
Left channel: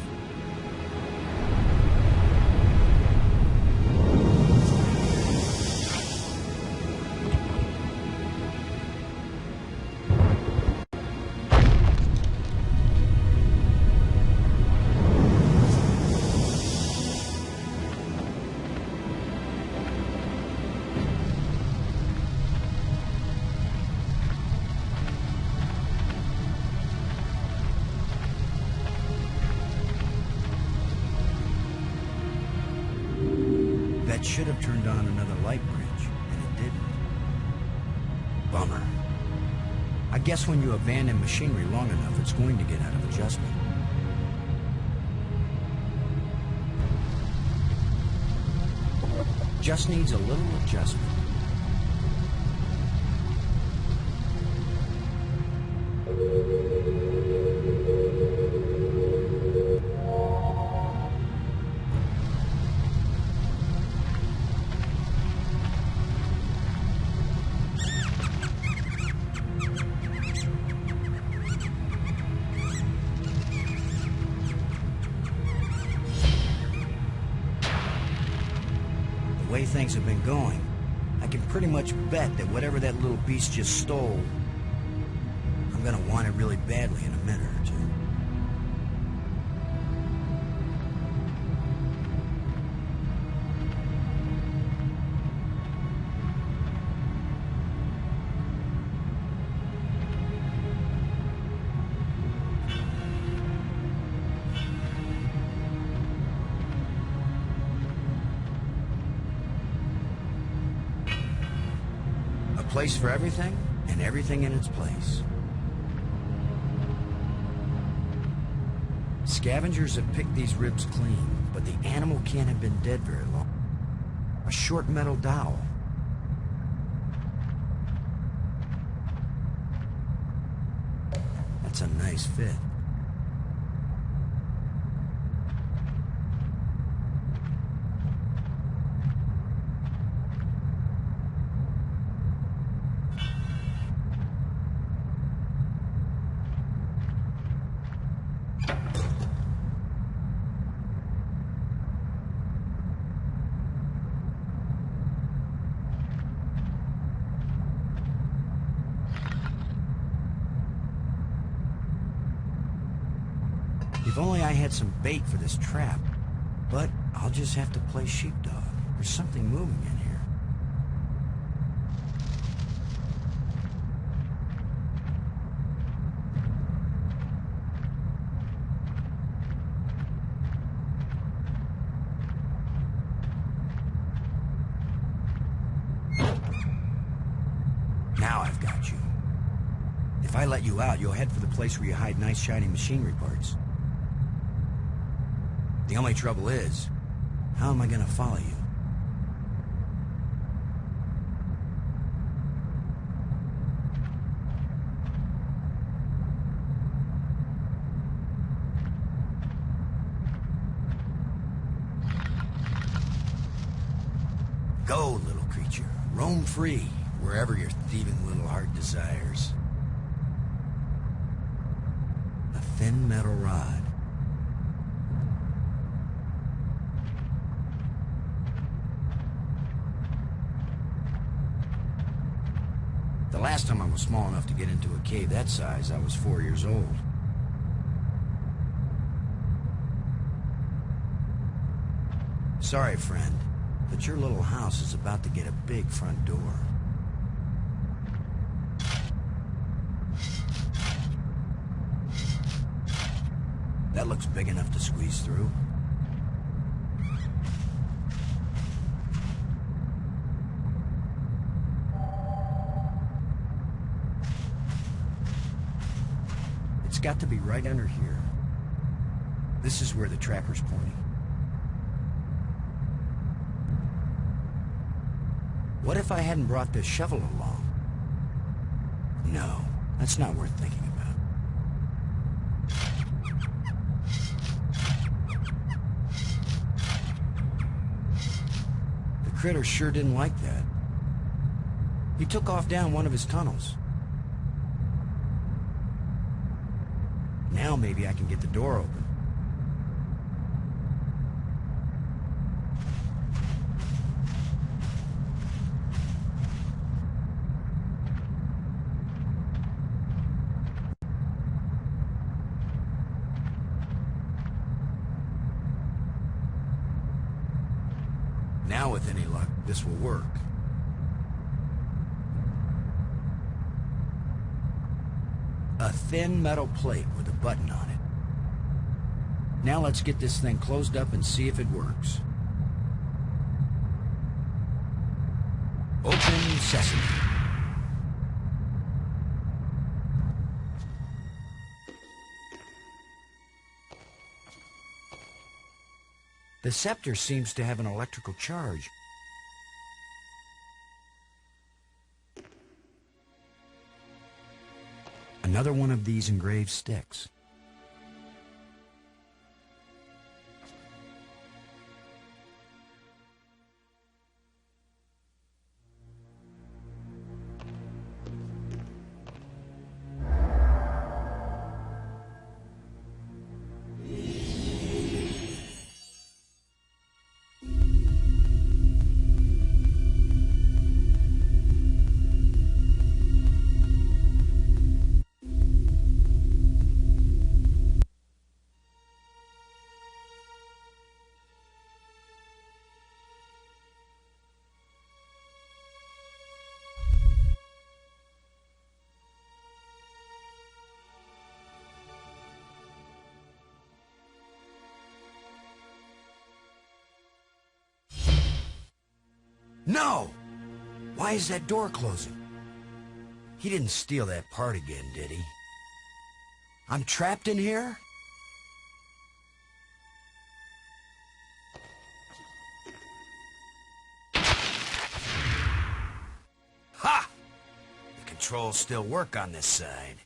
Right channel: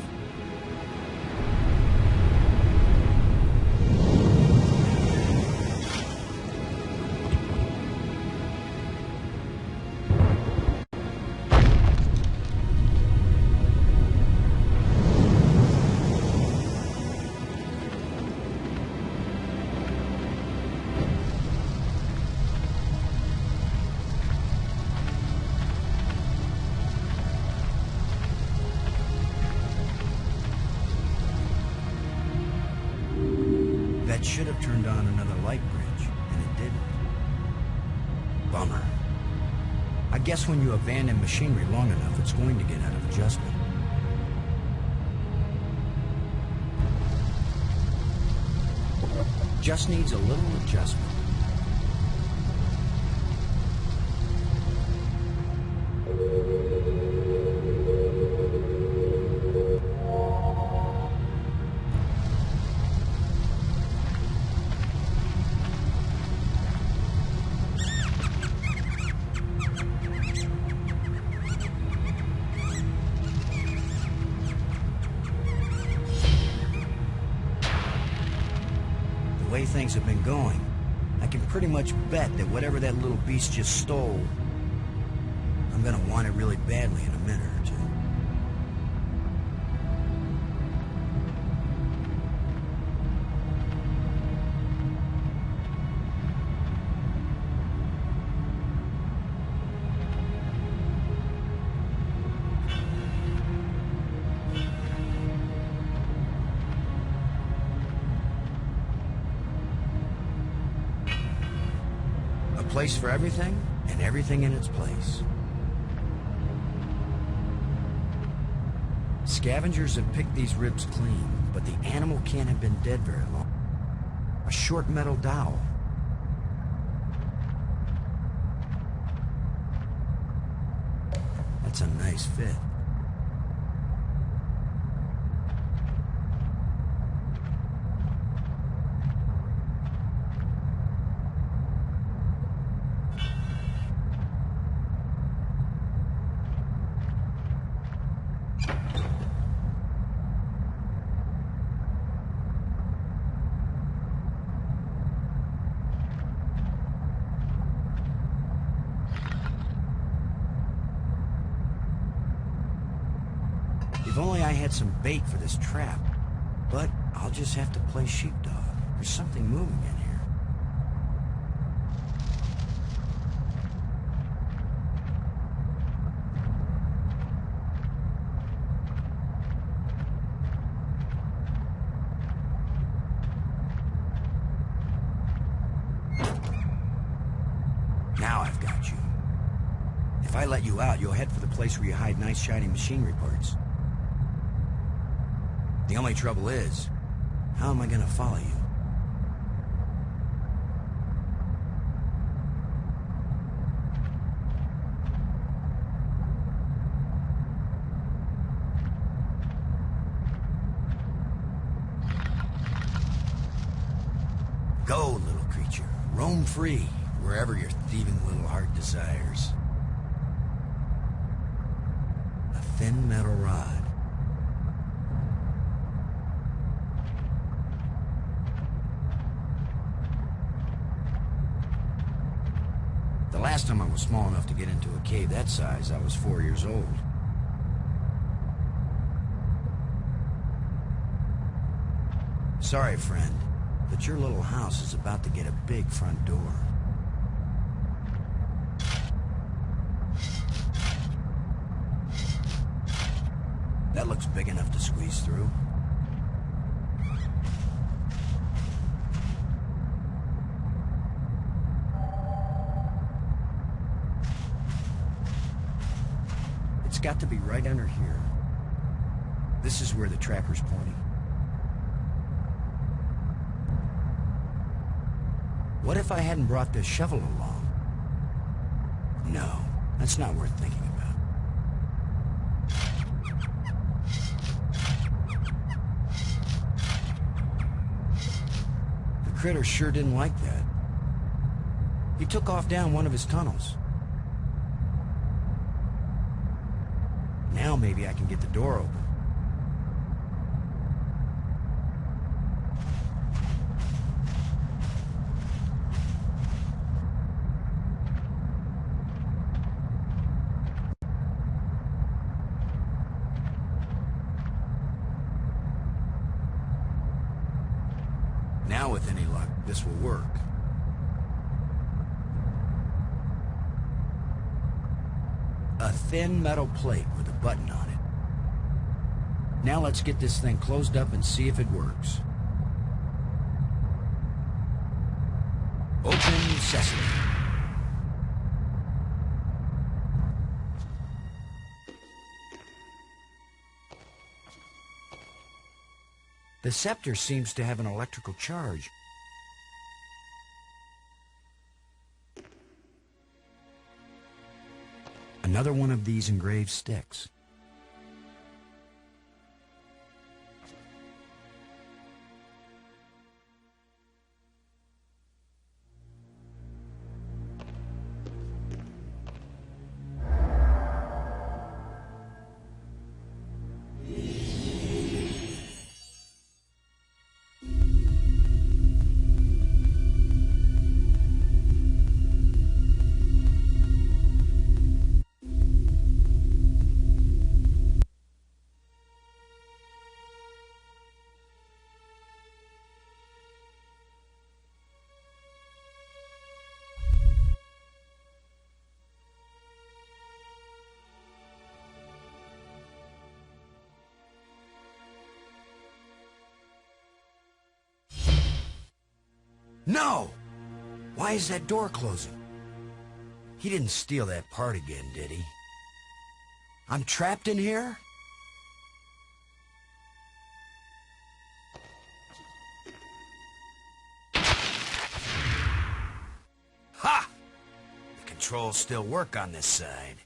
That should have turned on another light bridge, and it didn't. Bummer. I guess when you abandon machinery long enough, it's going to get out of adjustment. Just needs a little adjustment. The way things have been going, I can pretty much bet that whatever that little beast just stole, I'm gonna want it really badly in a minute or two. A place for everything, and everything in its place. Scavengers have picked these ribs clean, but the animal can't have been dead very long. A short metal dowel. That's a nice fit. If only I had some bait for this trap. But I'll just have to play sheepdog. There's something moving in here. Now I've got you. If I let you out, you'll head for the place where you hide nice shiny machinery parts. The only trouble is, how am I gonna follow you? Go, little creature. Roam free, wherever your thieving little heart desires. A thin metal rod. The last time I was small enough to get into a cave that size, I was 4 years old. Sorry, friend, but your little house is about to get a big front door. That looks big enough to squeeze through. It's got to be right under here. This is where the trapper's pointing. What if I hadn't brought this shovel along? No, that's not worth thinking about. The critter sure didn't like that. He took off down one of his tunnels. Now maybe I can get the door open. Now, with any luck, this will work. A thin metal plate with a button on it. Now let's get this thing closed up and see if it works. Open sesame. The scepter seems to have an electrical charge. Another one of these engraved sticks. No! Why is that door closing? He didn't steal that part again, did he? I'm trapped in here? Ha! The controls still work on this side.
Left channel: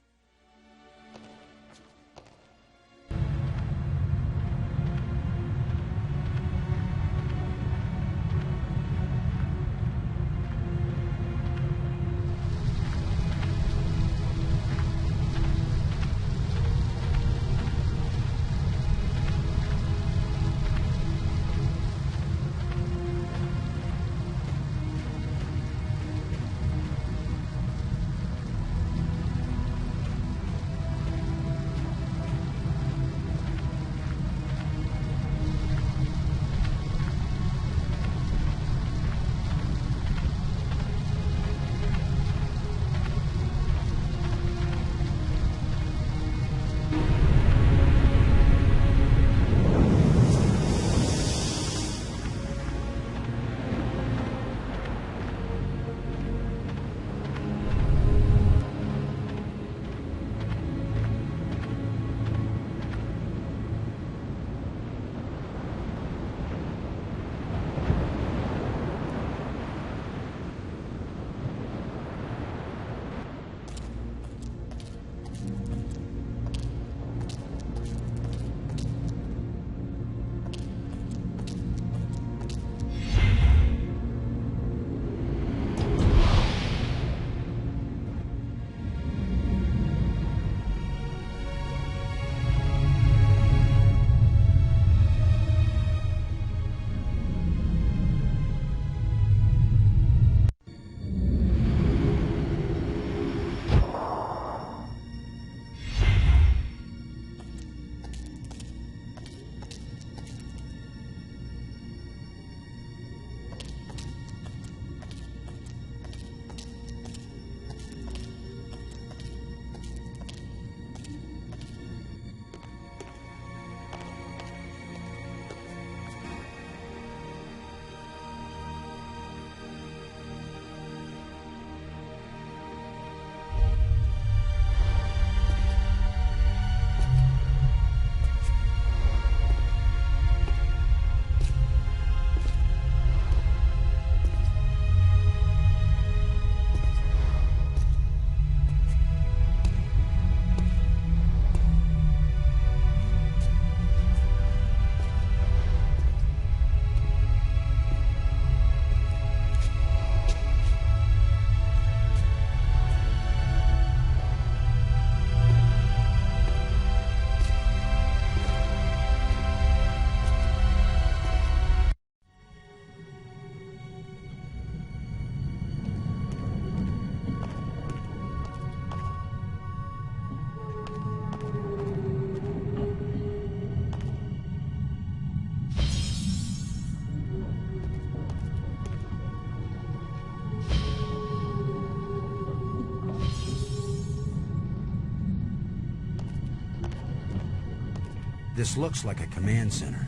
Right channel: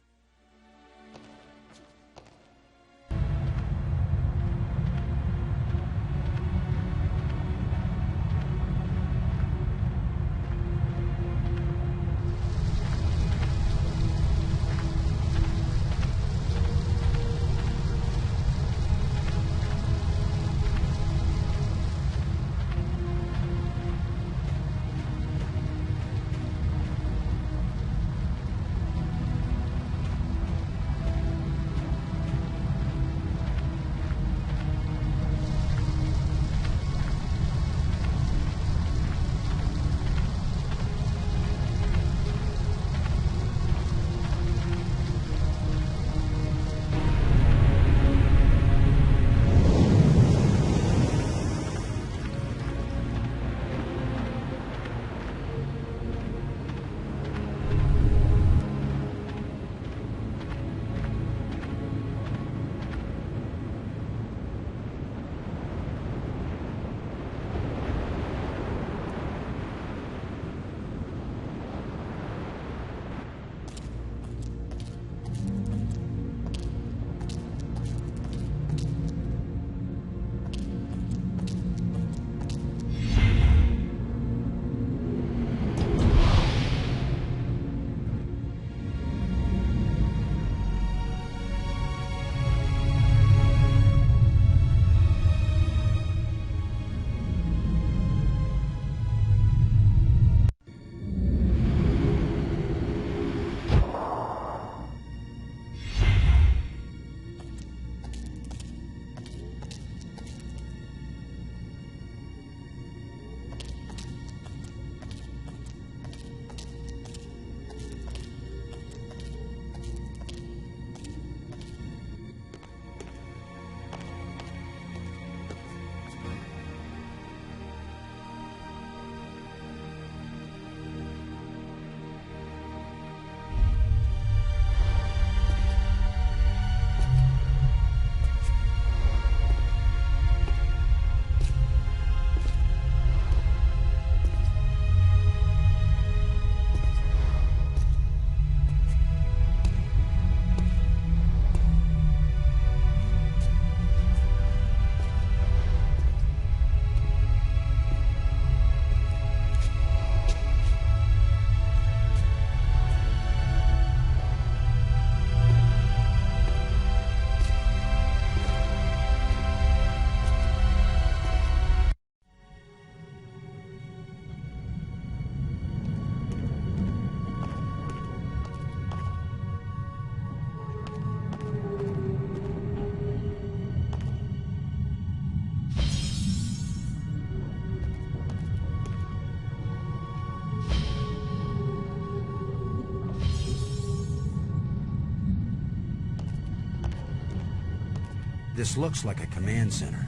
This looks like a command center.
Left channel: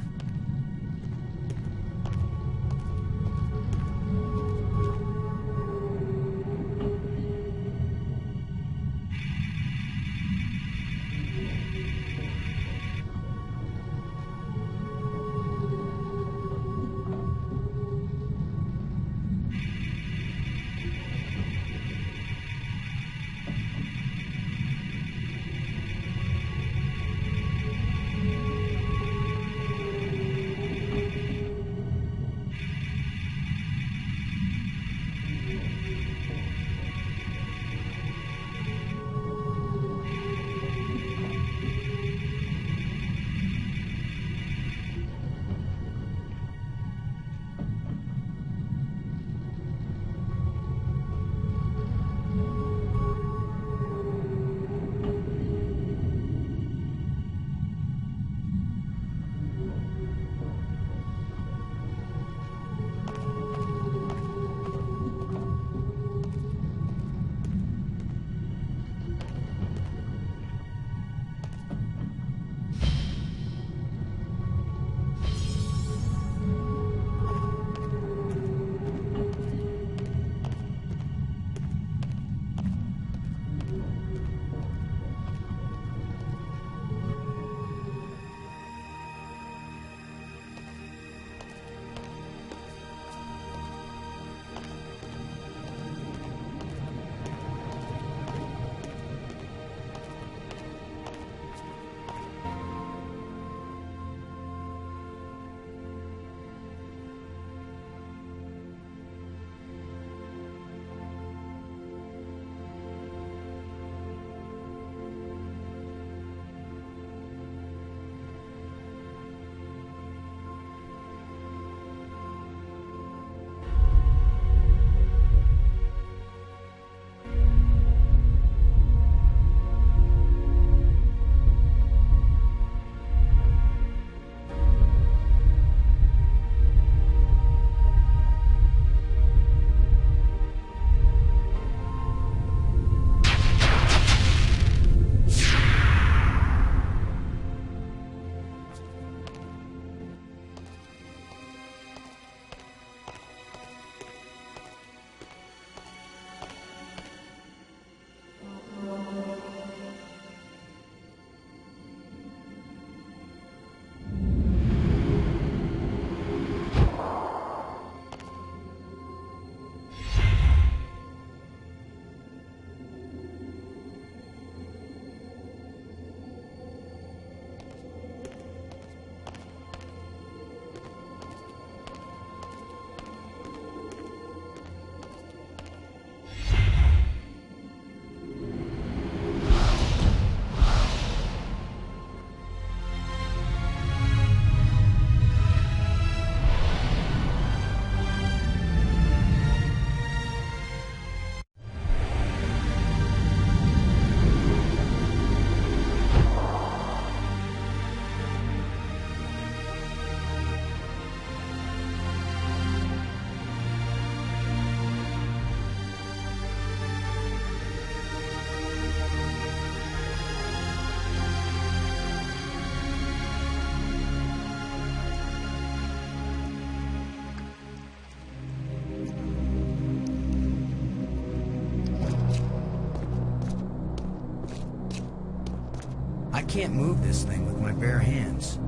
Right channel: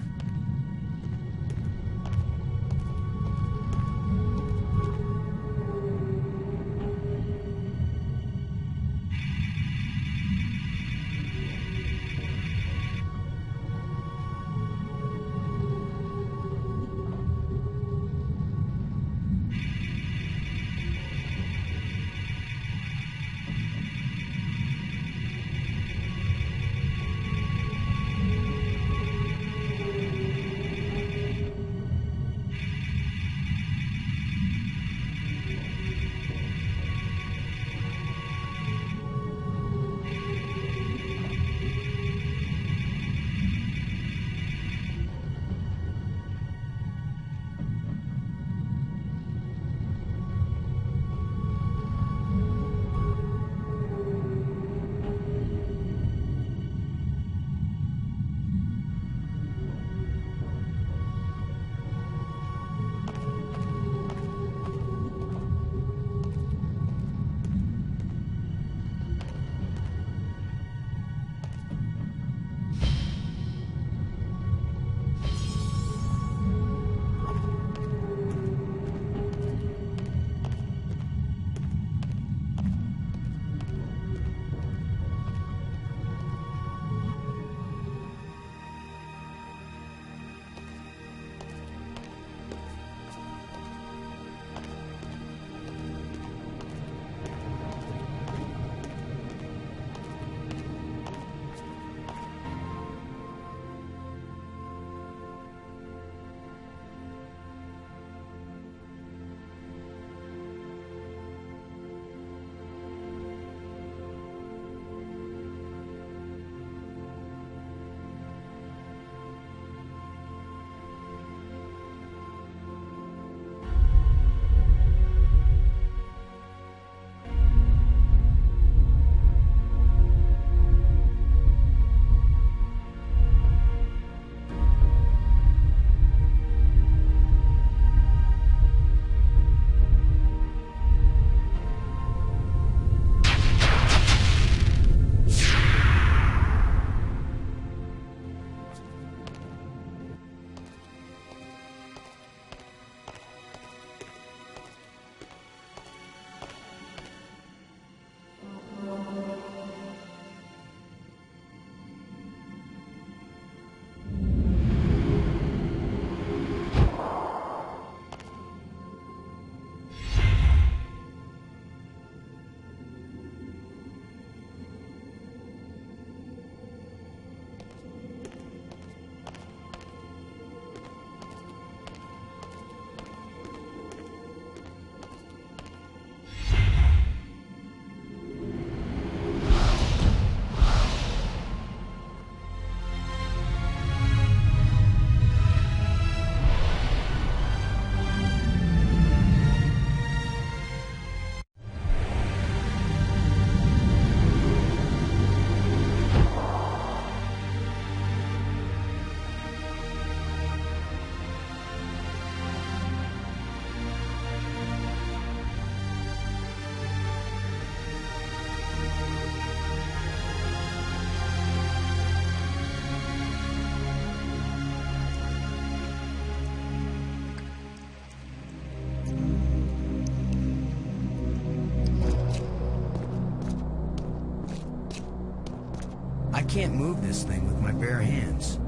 I can't move this thing with my bare hands.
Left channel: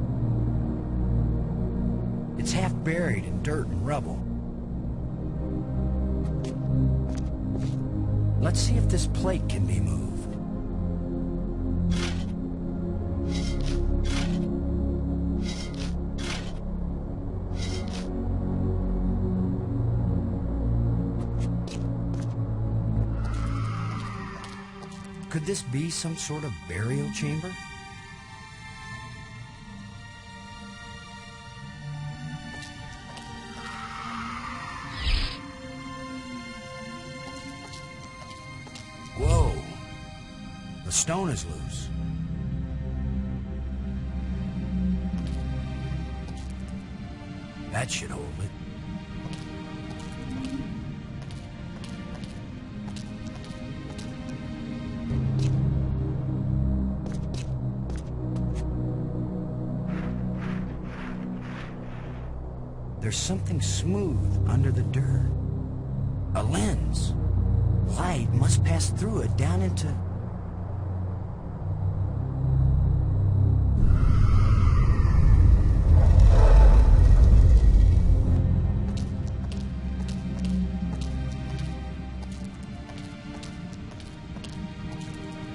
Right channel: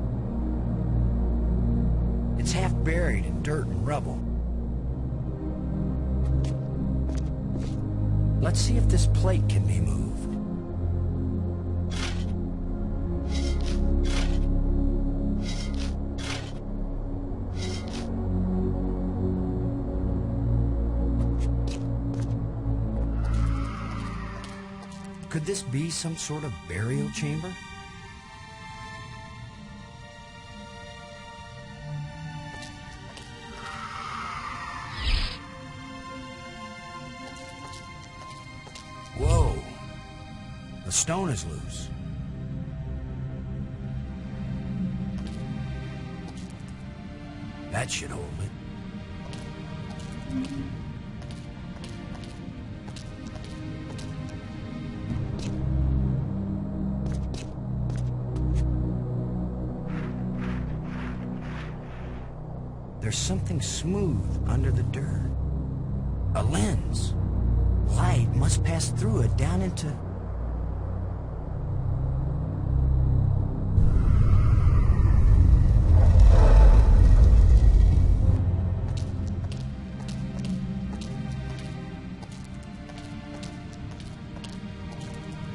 It's half buried in dirt and rubble. Let's see if this plate can be moved. Could this be some sort of burial chamber? Whoa! The stone is loose. That should hold it. There's something smooth under the dirt. A lens. Light must pass through it down into...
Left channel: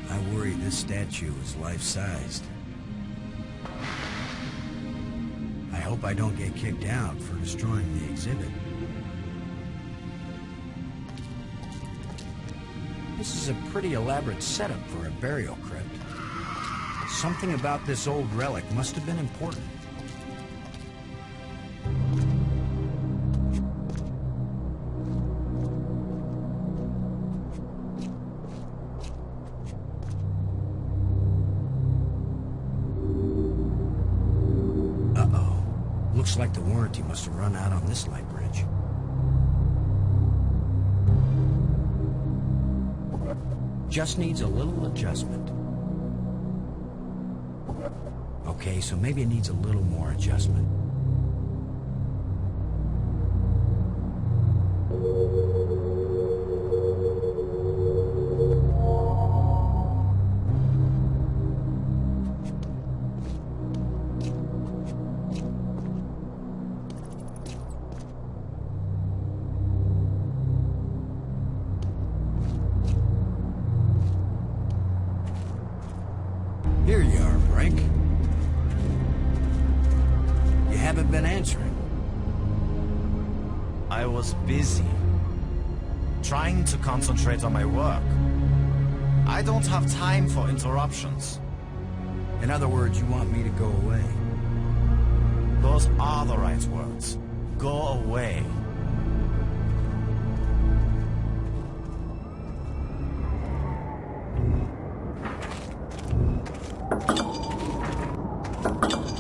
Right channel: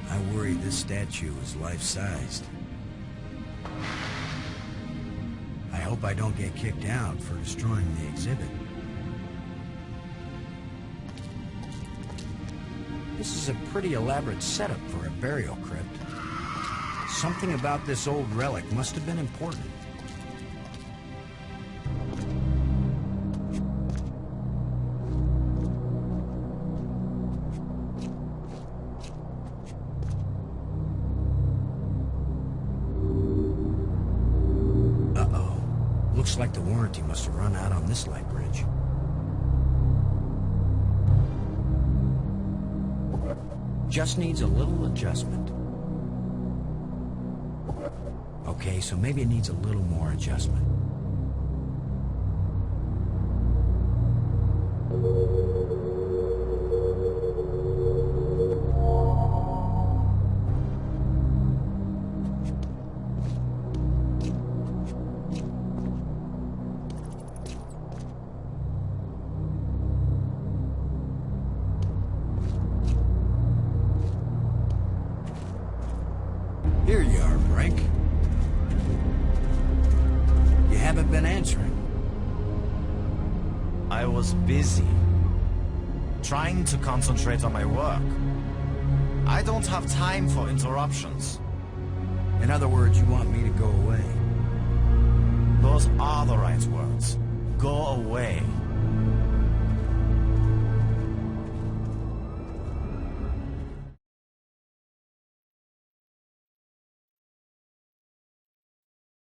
I worry this statue is life-sized. I hope I don't get kicked out for destroying the exhibit. This is a pretty elaborate setup for a burial crypt. Something about this old relic must have been important. Uh-oh. Looks like the warranty must have run out on this light bridge. Just needs a little adjustment. Okay, so maybe it needs a little more adjustment. Here you are, Brink. You haven't been answering. I was busy. Trying to concentrate on my work. I don't have time for interruptions. In other words, you want me to go away? Those are the right words. Go away.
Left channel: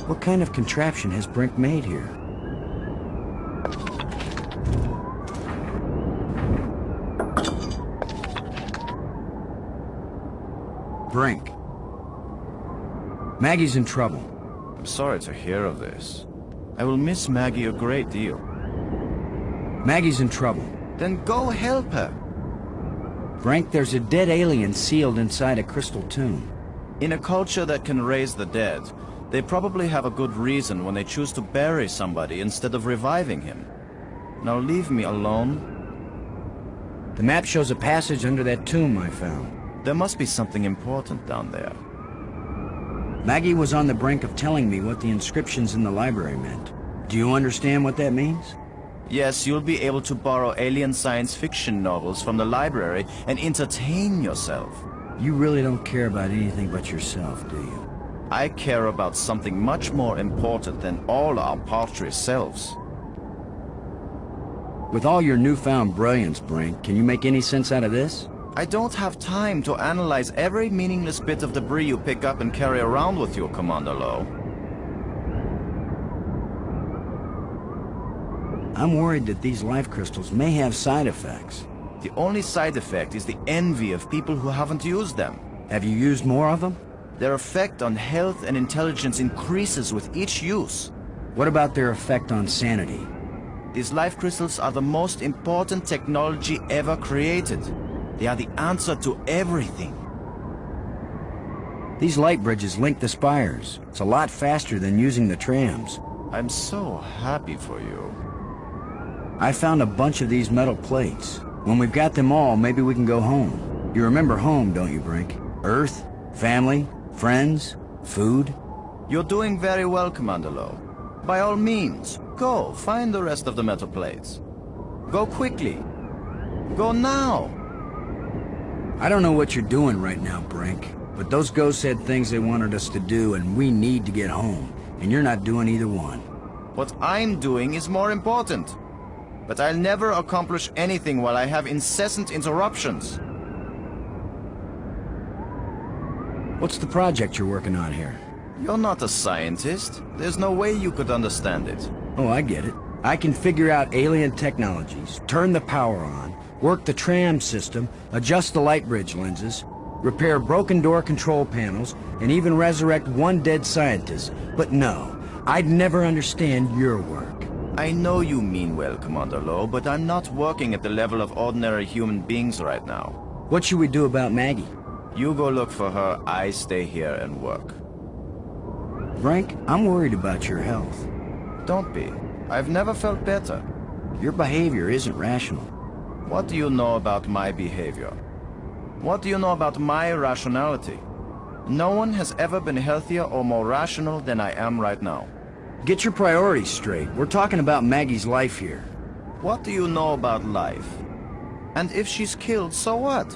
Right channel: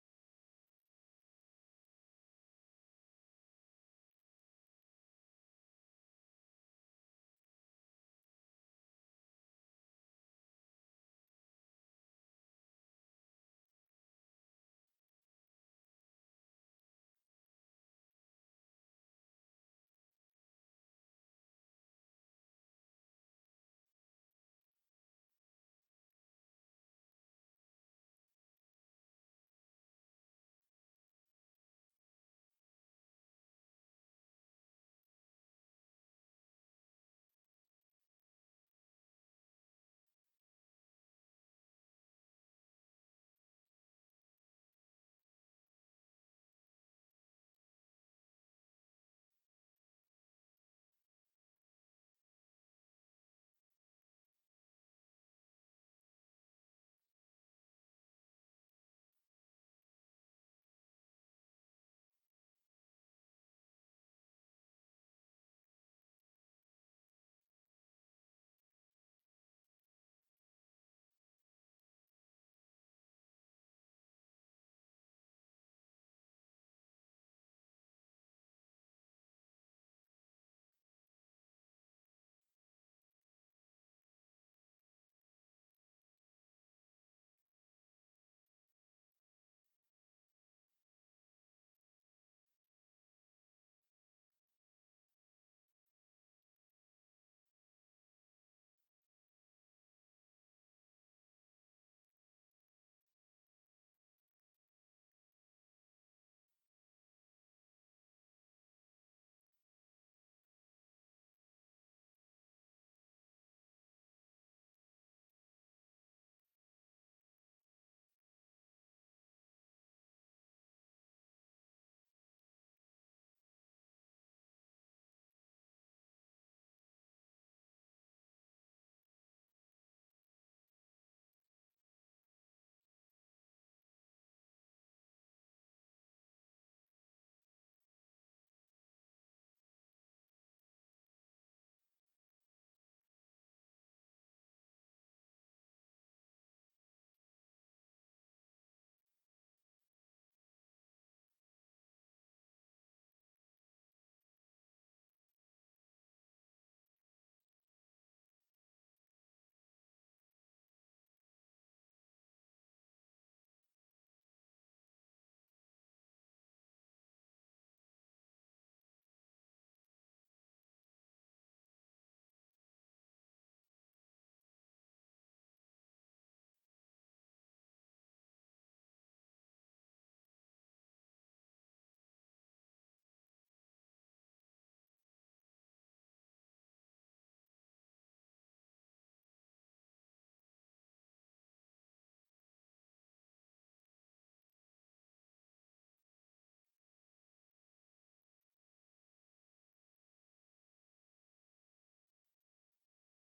What kind of contraption has Brink made here? Brink. Maggie's in trouble. I'm sorry to hear of this. I will miss Maggie a great deal. Maggie's in trouble. Then go help her. Brink, there's a dead alien sealed inside a crystal tomb. In a culture that can raise the dead, they probably have a good reason when they choose to bury somebody instead of reviving him. Now leave me alone. The map shows a passage under that tomb I found. There must be something important down there. Maggie was on the brink of telling me what the inscriptions in the library meant. Do you understand what that means? Yes, you'll be able to borrow alien science fiction novels from the library and entertain yourself. You really don't care about anything but yourself, do you? I care about something much more important than all our paltry selves. With all your newfound brilliance, Brink, can you make any sense out of this? I don't have time to analyze every meaningless bit of debris you pick up and carry around with you, Commander Lowe. I'm worried that these life crystals may have side effects. The only side effect is the envy of people who haven't used them. Have you used more of them? Their effect on health and intelligence increases with each use. What about their effect on sanity? These life crystals are the most important technology ever created. They are the answer to everything. These light bridges link the spires. It's a lot faster than using the trams. I'm so happy for you. I found a bunch of these metal plates. When we've got them all, maybe we can go home. You remember home, don't you, Brink? Earth, family, friends, food. You're doing very well, Commander Lowe. By all means, go find the rest of the metal plates. Go quickly. Go now. I don't know what you're doing right now, Brink, but those ghosts had things they wanted us to do, and we need to get home. And you're not doing either one. What I'm doing is more important. But I'll never accomplish anything while I have incessant interruptions. What's the project you're working on here? You're not a scientist. There's no way you could understand it. Oh, I get it. I can figure out alien technologies, turn the power on, work the tram system, adjust the light bridge lenses, repair broken door control panels, and even resurrect one dead scientist. But no, I'd never understand your work. I know you mean well, Commander Lowe, but I'm not working at the level of ordinary human beings right now. What should we do about Maggie? You go look for her, I stay here and work. Brink, I'm worried about your health. Don't be. I've never felt better. Your behavior isn't rational. What do you know about my behavior? What do you know about my rationality? No one has ever been healthier or more rational than I am right now. Get your priorities straight. We're talking about Maggie's life here. What do you know about life? And if she's killed, so what?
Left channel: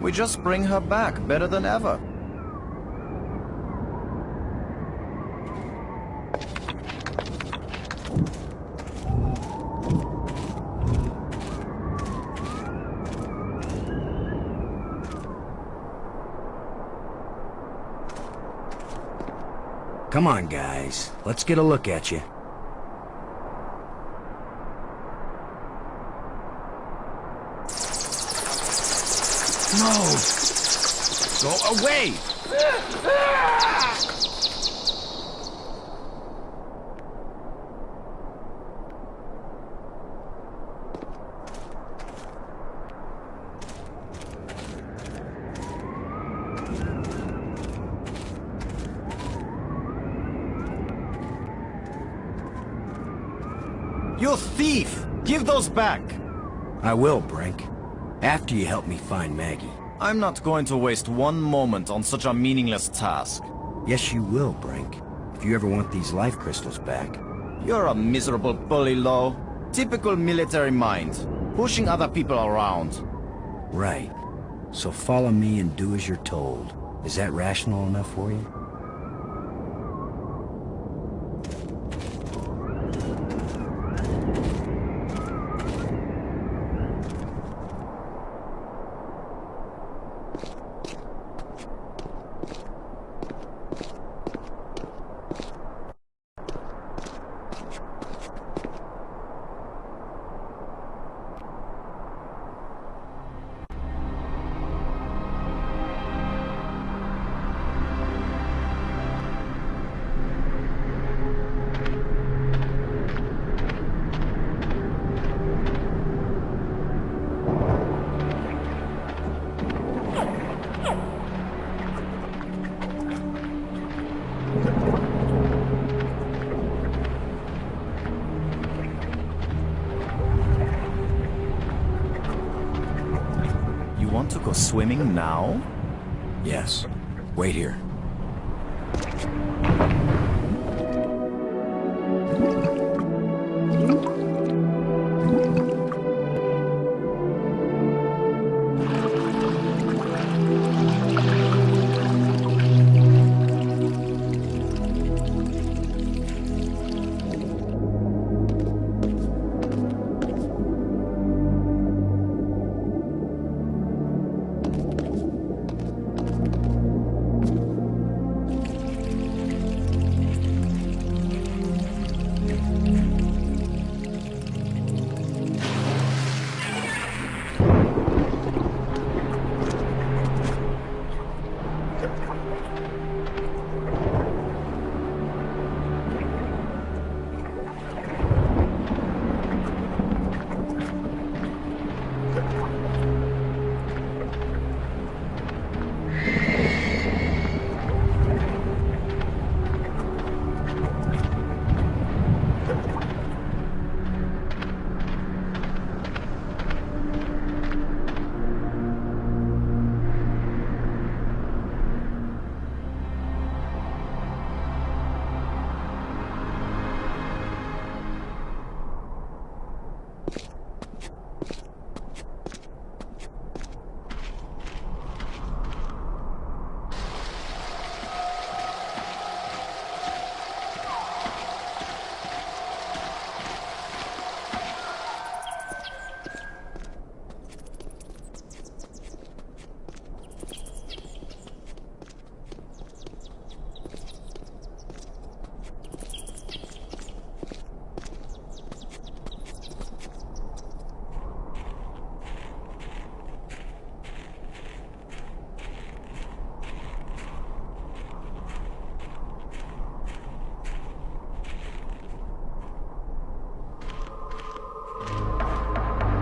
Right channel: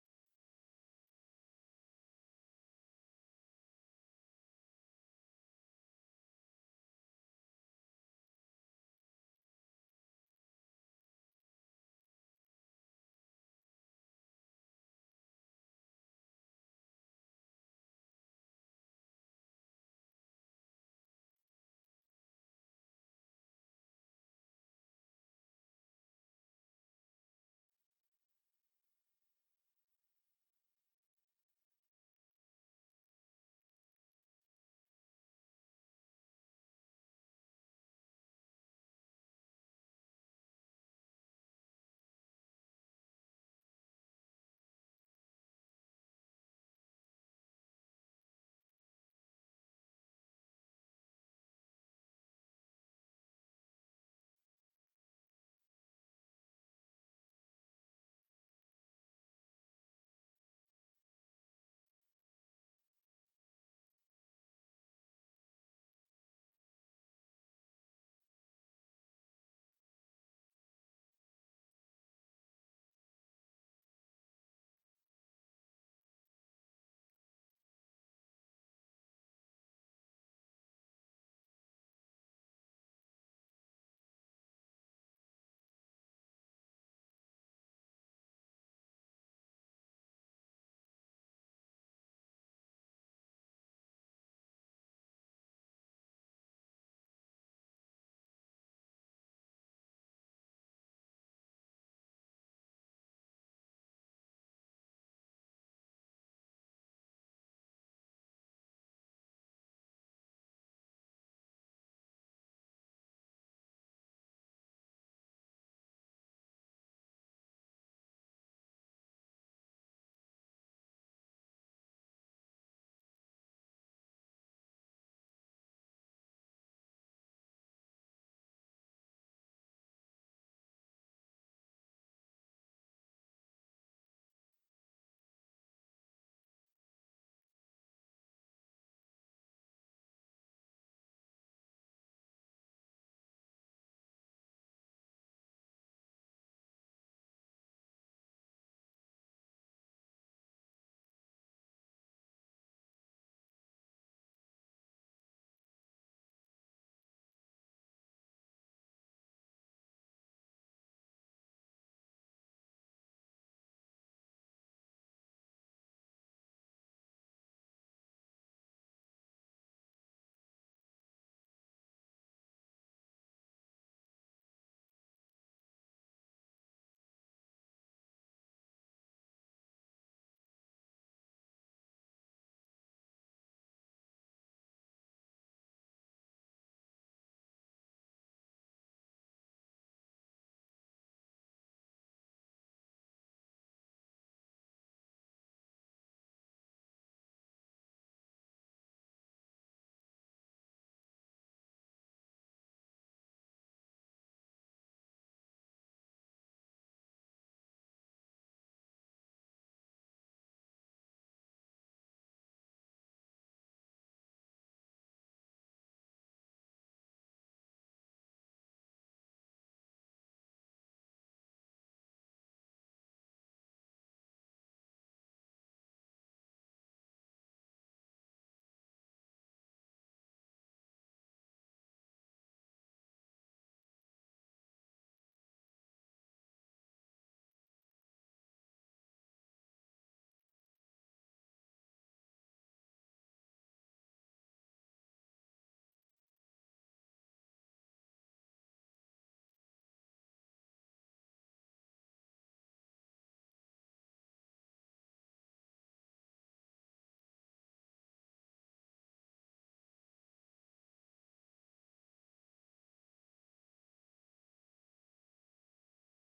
We just bring her back better than ever. Come on, guys. Let's get a look at you. No! Go away! You thief! Give those back! I will, Brink. After you help me find Maggie. I'm not going to waste one moment on such a meaningless task. Yes, you will, Brink. If you ever want these life crystals back. You're a miserable bully, Lowe. Typical military mind. Pushing other people around. Right. So follow me and do as you're told. Is that rational enough for you? To go swimming now? Yes. Wait here.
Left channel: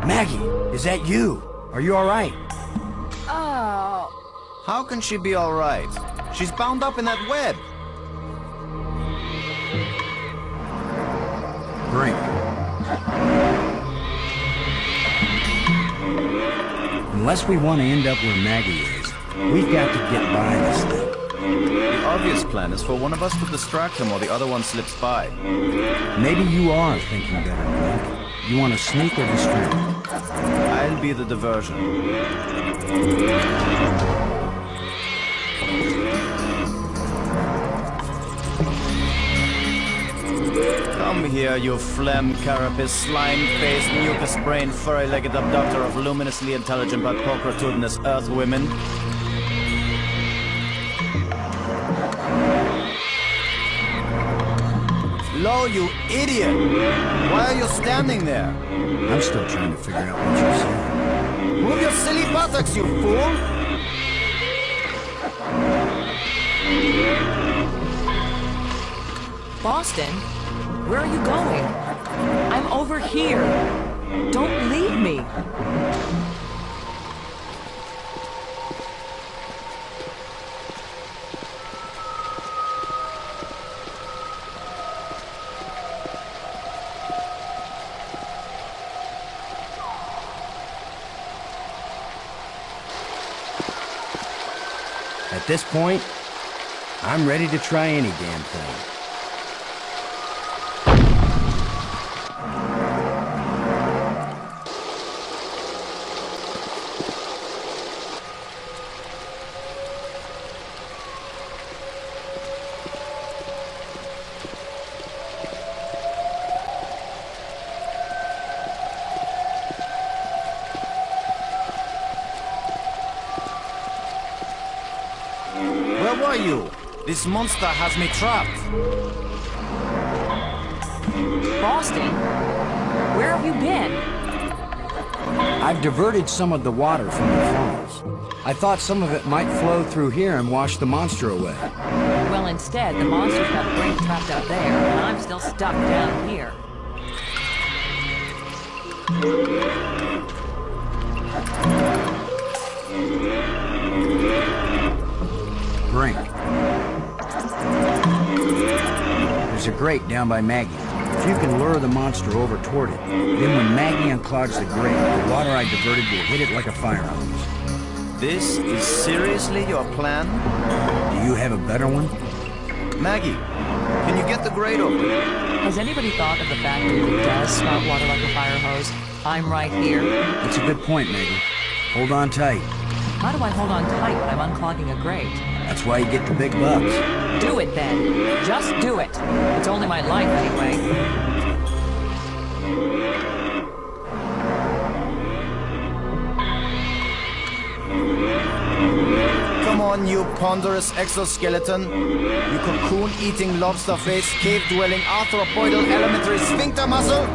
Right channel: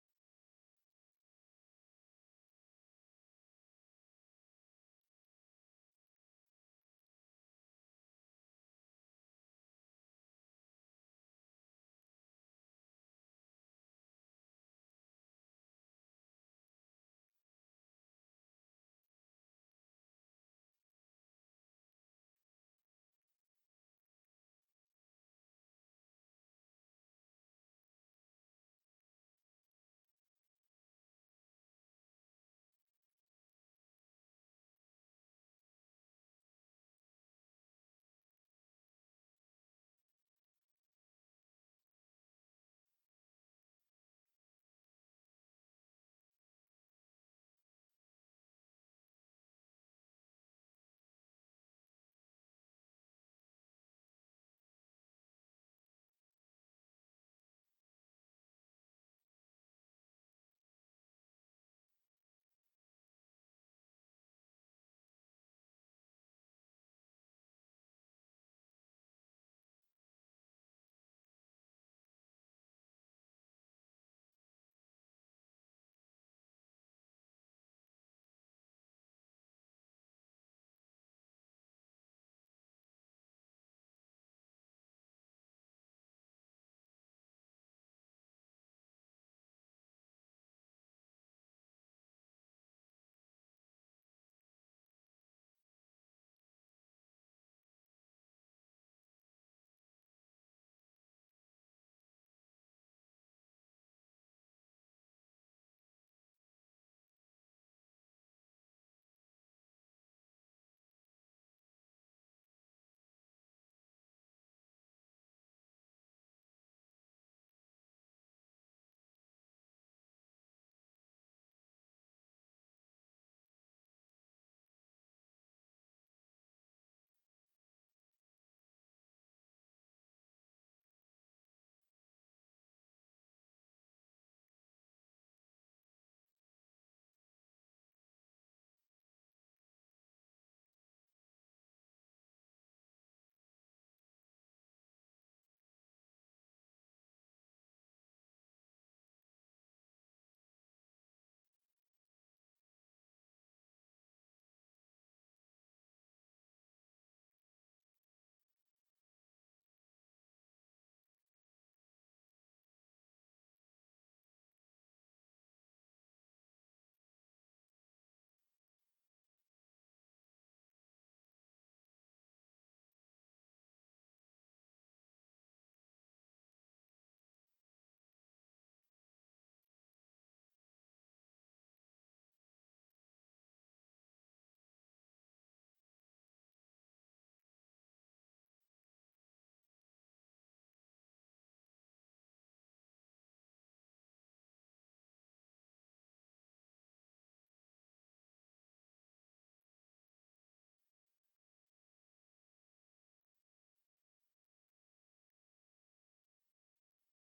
Maggie, is that you? Are you alright? Oh. How can she be alright? She's bound up in that web. Brink. Unless we want to end up where Maggie is, we've got to get by this thing. The obvious plan is for one of us to distract him while the other one slips by. Maybe you are thinking better, Brink. You want to sneak or distract? I'll be the diversion. Come here, you phlegm carapace, slime-faced, mucus-brained, furry-legged abductor of luminously intelligent but pulchritudinous Earth women. Lo, you idiot! Why are you standing there? I'm still trying to figure out what you're saying. Move your silly buttocks, you fool! Boston? Where are you going? I'm over here. Don't leave me. At this point, I'm ready to try any damn thing. Where were you? This monster has me trapped. Boston? Where have you been? I've diverted some of the water from the falls. I thought some of it might flow through here and wash the monster away. Well, instead, the monster's got Brink trapped out there, and I'm still stuck down here. Brink. There's a grate down by Maggie. If you can lure the monster over toward it, then when Maggie unclogs the grate, the water I diverted will hit it like a fire hose. This is seriously your plan? Do you have a better one? Maggie, can you get the grate open? Has anybody thought of the fact that if it does spout water like a fire hose, I'm right here? That's a good point, Maggie. Hold on tight. How do I hold on tight when I'm unclogging a grate? That's why you get the big bucks. Do it then. Just do it. It's only my life anyway. Come on, you ponderous exoskeleton. You cocoon-eating, lobster-faced, cave-dwelling, arthropoidal elementary sphincter muscle.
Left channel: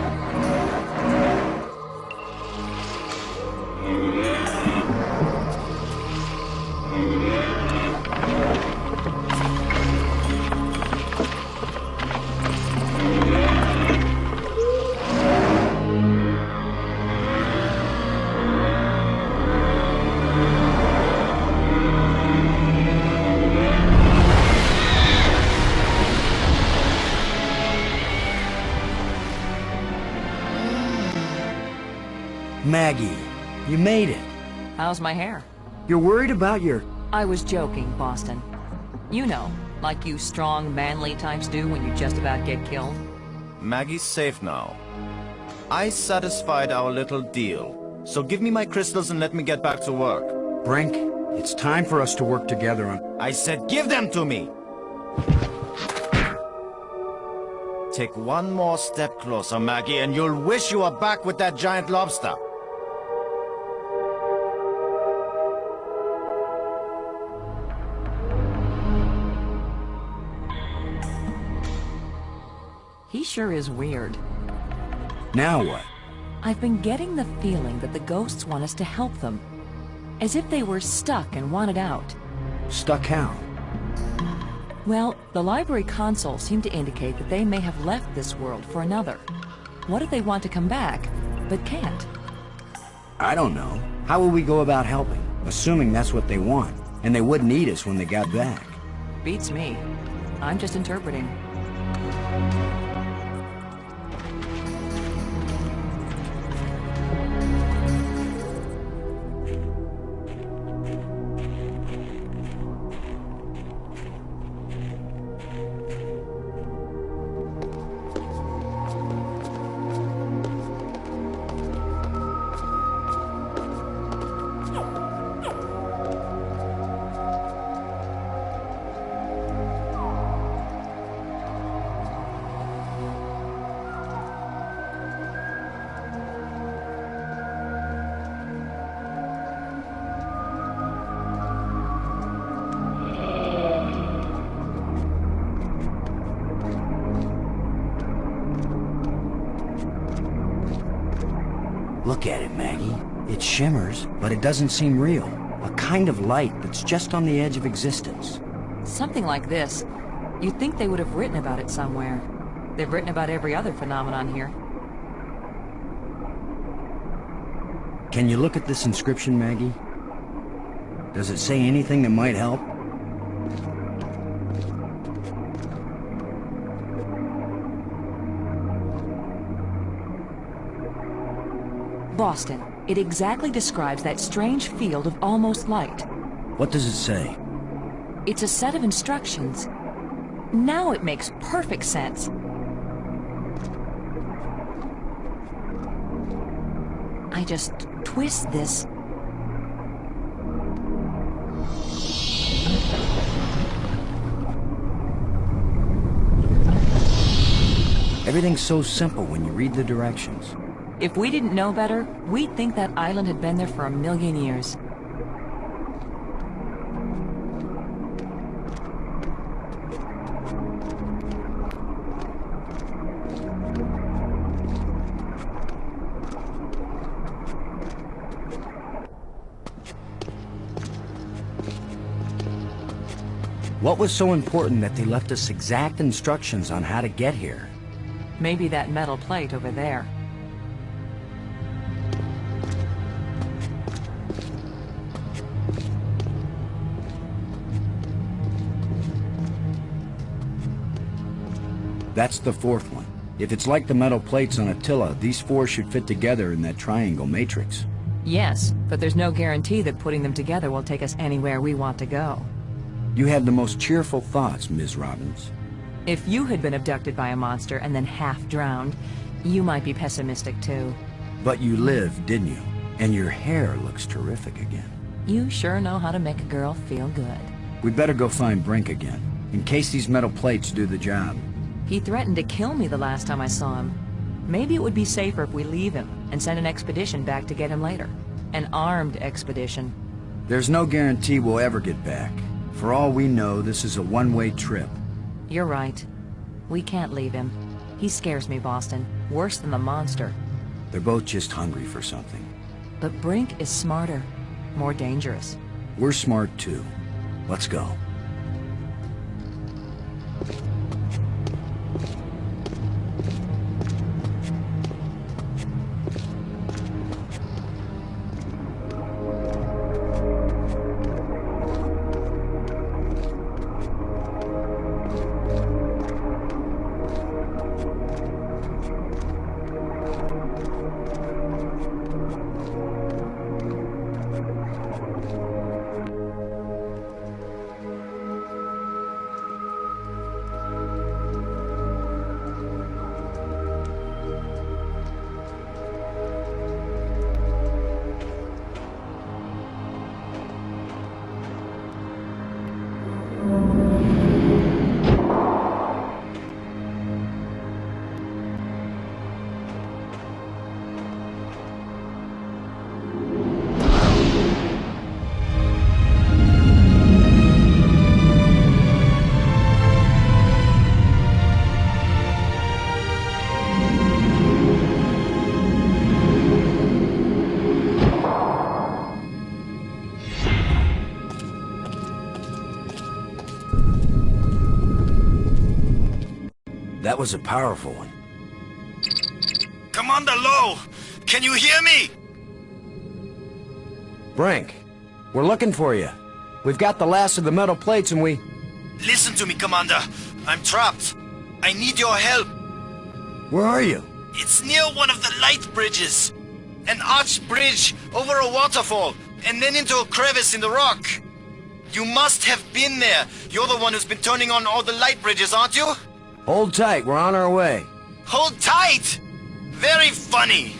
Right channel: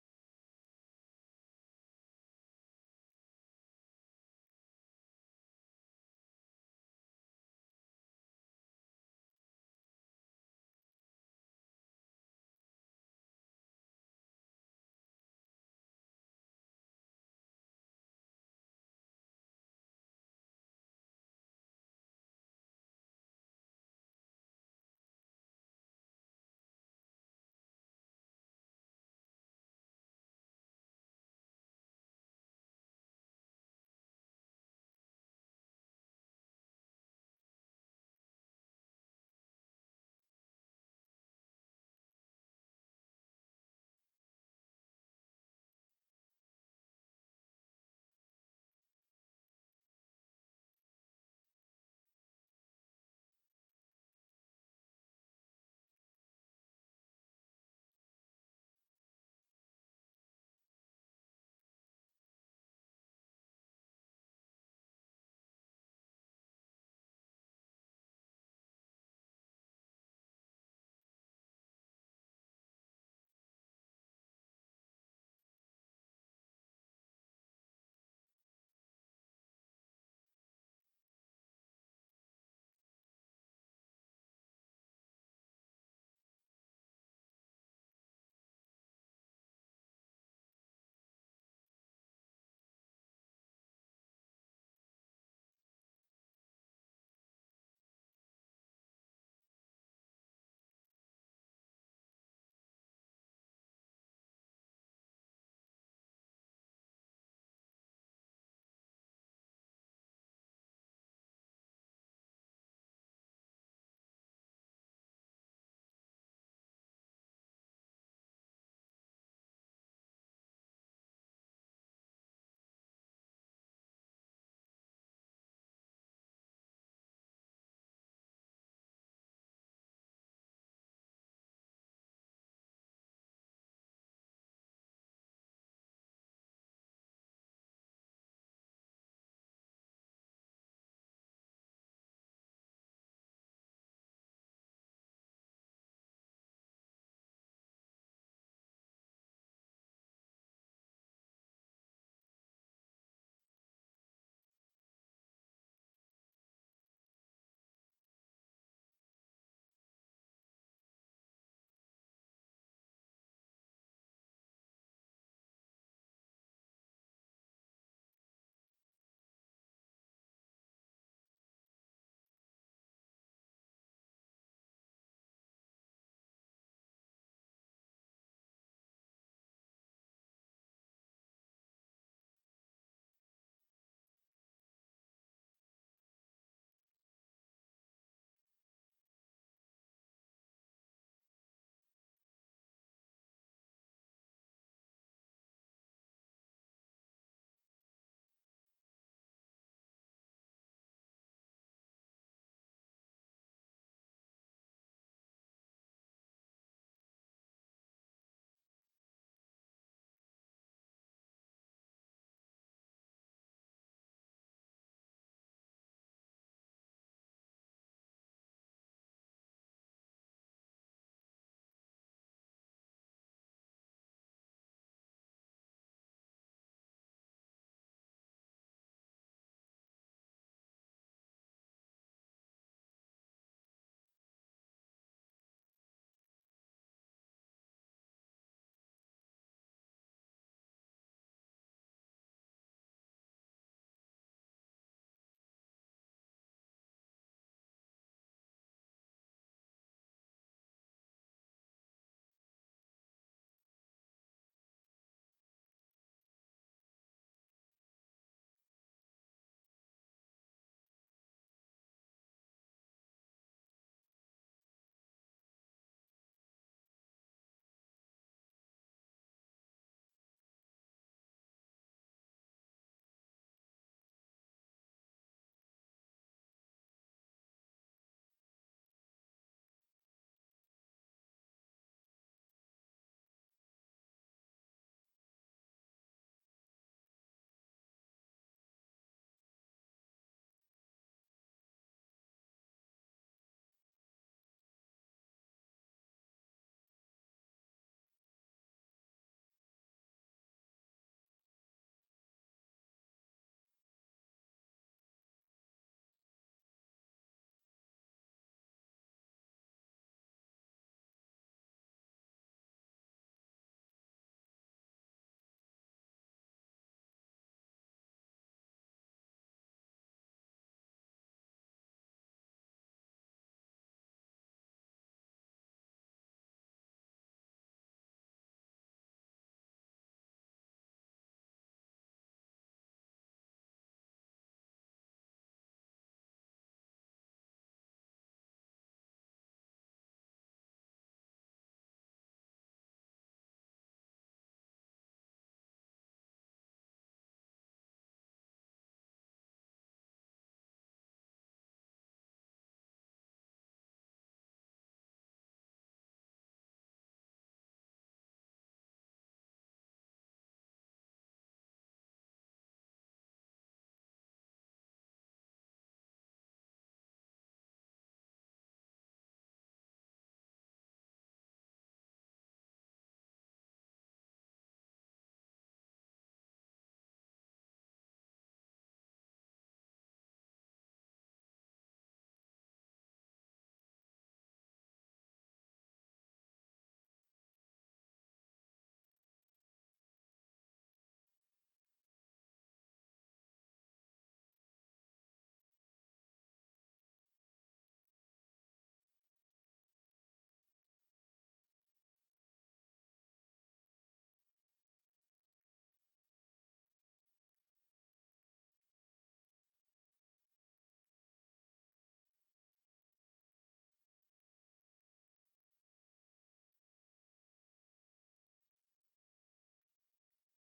Maggie, you made it. How's my hair? You're worried about your... I was joking, Boston. You know, like you strong, manly types do when you just about get killed. Maggie's safe now. I satisfied our little deal. So give me my crystals and let me get back to work. Brink, it's time for us to work together on... I said give them to me! Take one more step closer, Maggie, and you'll wish you were back with that giant lobster. He sure is weird. Now what? I've been getting the feeling that the ghosts want us to help them. As if they were stuck and wanted out. Stuck how? Well, the library console seemed to indicate that they may have left this world for another. What if they want to come back, but can't? I don't know. How will we go about helping? Assuming that's what they want, and they wouldn't need us when they got back. Beats me. I'm just interpreting. Look at it, Maggie. It shimmers, but it doesn't seem real. A kind of light that's just on the edge of existence. Something like this. You'd think they would have written about it somewhere. They've written about every other phenomenon here. Can you look at this inscription, Maggie? Does it say anything that might help? Boston. It exactly describes that strange field of almost light. What does it say? It's a set of instructions. Now it makes perfect sense. I just twist this. Everything's so simple when you read the directions. If we didn't know better, we'd think that island had been there for 1,000,000 years. What was so important that they left us exact instructions on how to get here? Maybe that metal plate over there. That's the fourth one. If it's like the metal plates on Attila, these four should fit together in that triangle matrix. Yes, but there's no guarantee that putting them together will take us anywhere we want to go. You have the most cheerful thoughts, Ms. Robbins. If you had been abducted by a monster and then half drowned, you might be pessimistic too. But you lived, didn't you? And your hair looks terrific again. You sure know how to make a girl feel good. We'd better go find Brink again, in case these metal plates do the job. He threatened to kill me the last time I saw him. Maybe it would be safer if we leave him and send an expedition back to get him later. An armed expedition. There's no guarantee we'll ever get back. For all we know, this is a one-way trip. You're right. We can't leave him. He scares me, Boston. Worse than the monster. They're both just hungry for something. But Brink is smarter. More dangerous. We're smart too. Let's go. That was a powerful one. Commander Lowe! Can you hear me? Brink, we're looking for you. We've got the last of the metal plates and we... Listen to me, Commander. I'm trapped. I need your help. Where are you? It's near one of the light bridges. An arched bridge over a waterfall, and then into a crevice in the rock. You must have been there. You're the one who's been turning on all the light bridges, aren't you? Hold tight, we're on our way. Hold tight! Very funny.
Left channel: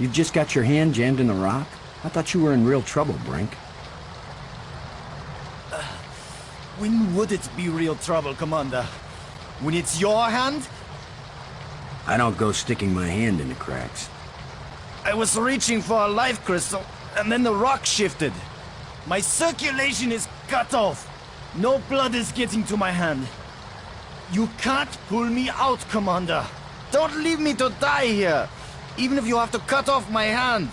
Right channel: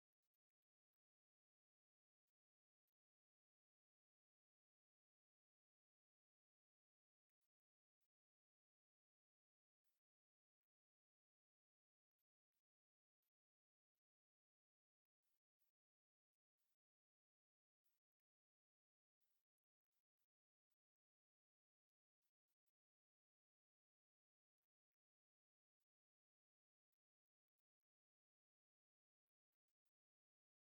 You've just got your hand jammed in the rock? I thought you were in real trouble, Brink. When would it be real trouble, Commander? When it's your hand? I don't go sticking my hand in the cracks. I was reaching for a life crystal, and then the rock shifted. My circulation is cut off. No blood is getting to my hand. You can't pull me out, Commander. Don't leave me to die here, even if you have to cut off my hand.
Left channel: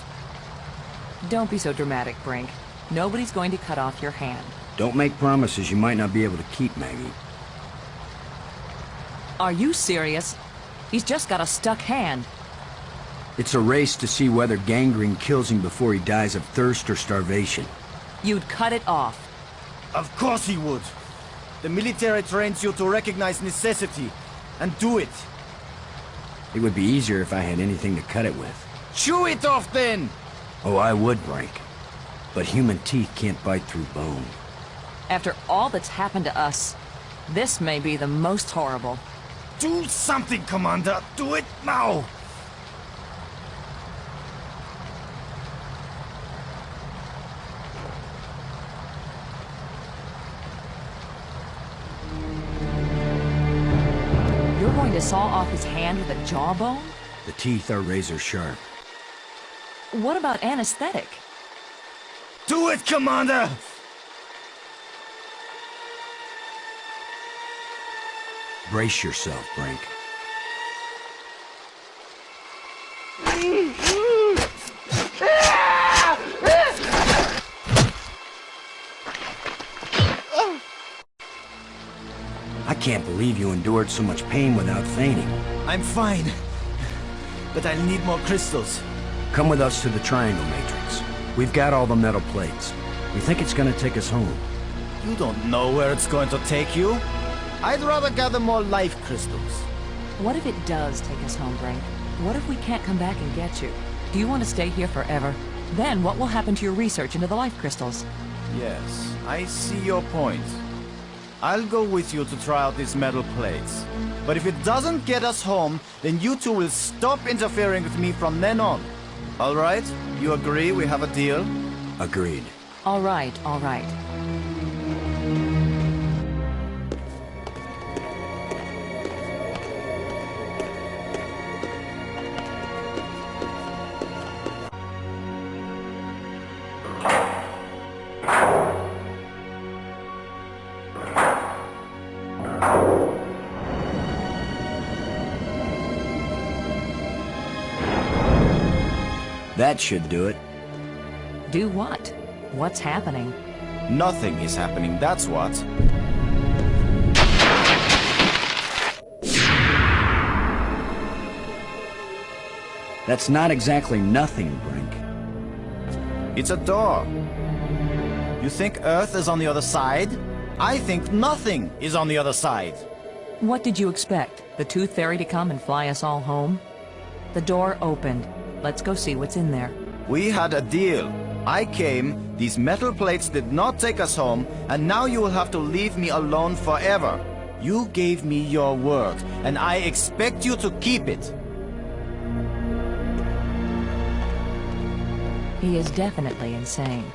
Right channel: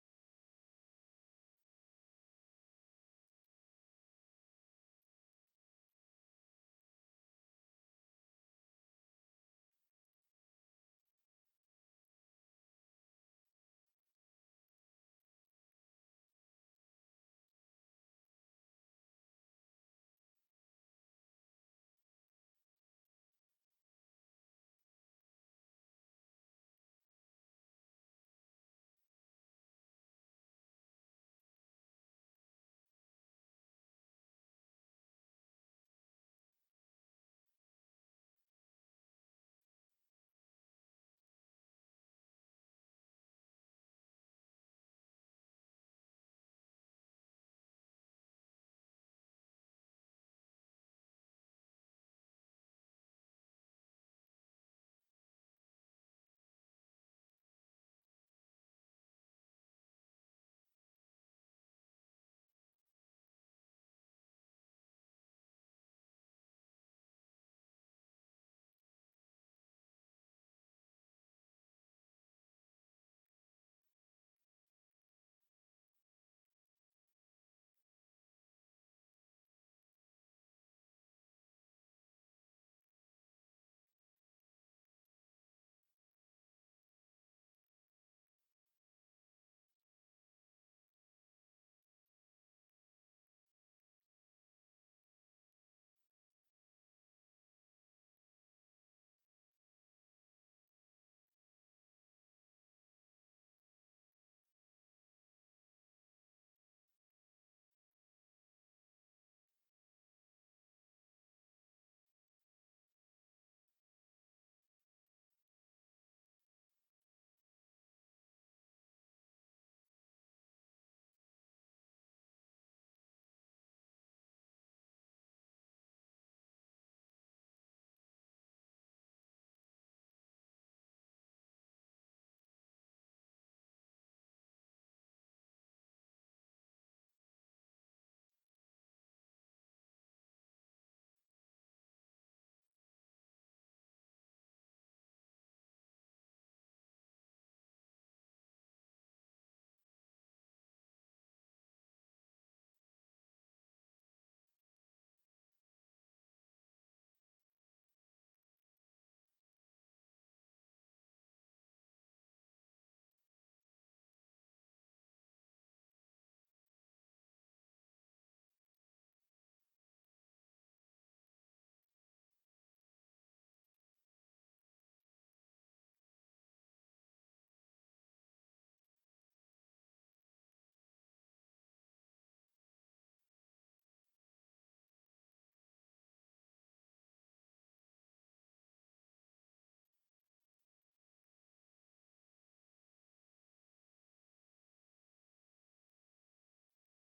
Don't be so dramatic, Brink. Nobody's going to cut off your hand. Don't make promises you might not be able to keep, Maggie. Are you serious? He's just got a stuck hand. It's a race to see whether gangrene kills him before he dies of thirst or starvation. You'd cut it off. Of course he would. The military trains you to recognize necessity, and do it. It would be easier if I had anything to cut it with. Chew it off, then! Oh, I would, Brink. But human teeth can't bite through bone. After all that's happened to us, this may be the most horrible. Do something, Commander! Do it now! You're going to saw off his hand with a jawbone? The teeth are razor sharp. What about anesthetic? Do it, Commander! Brace yourself, Brink. I can't believe you endured so much pain without fainting. I'm fine, but I'll need more crystals. Come with us to the Triangle Matrix. We've got all the metal plates. We think it's gonna take us home. You don't know where it's going to take you. I'd rather gather more life crystals. What if it does take us home, Brink? What if we can't come back and get you? Do you want to stay here forever? Then what will happen to your research into the life crystals? Yes, I see your point. I'll go with you to try out these metal plates. But if it doesn't get us home, then you two will stop interfering with me from then on. All right? You agree we have a deal? Agreed. All right, all right. That should do it. Do what? What's happening? Nothing is happening, that's what. That's not exactly nothing, Brink. It's a door. You think Earth is on the other side? I think nothing is on the other side. What did you expect? The Tooth Fairy to come and fly us all home? The door opened. Let's go see what's in there. We had a deal. I came, these metal plates did not take us home, and now you will have to leave me alone forever. You gave me your word, and I expect you to keep it. He is definitely insane.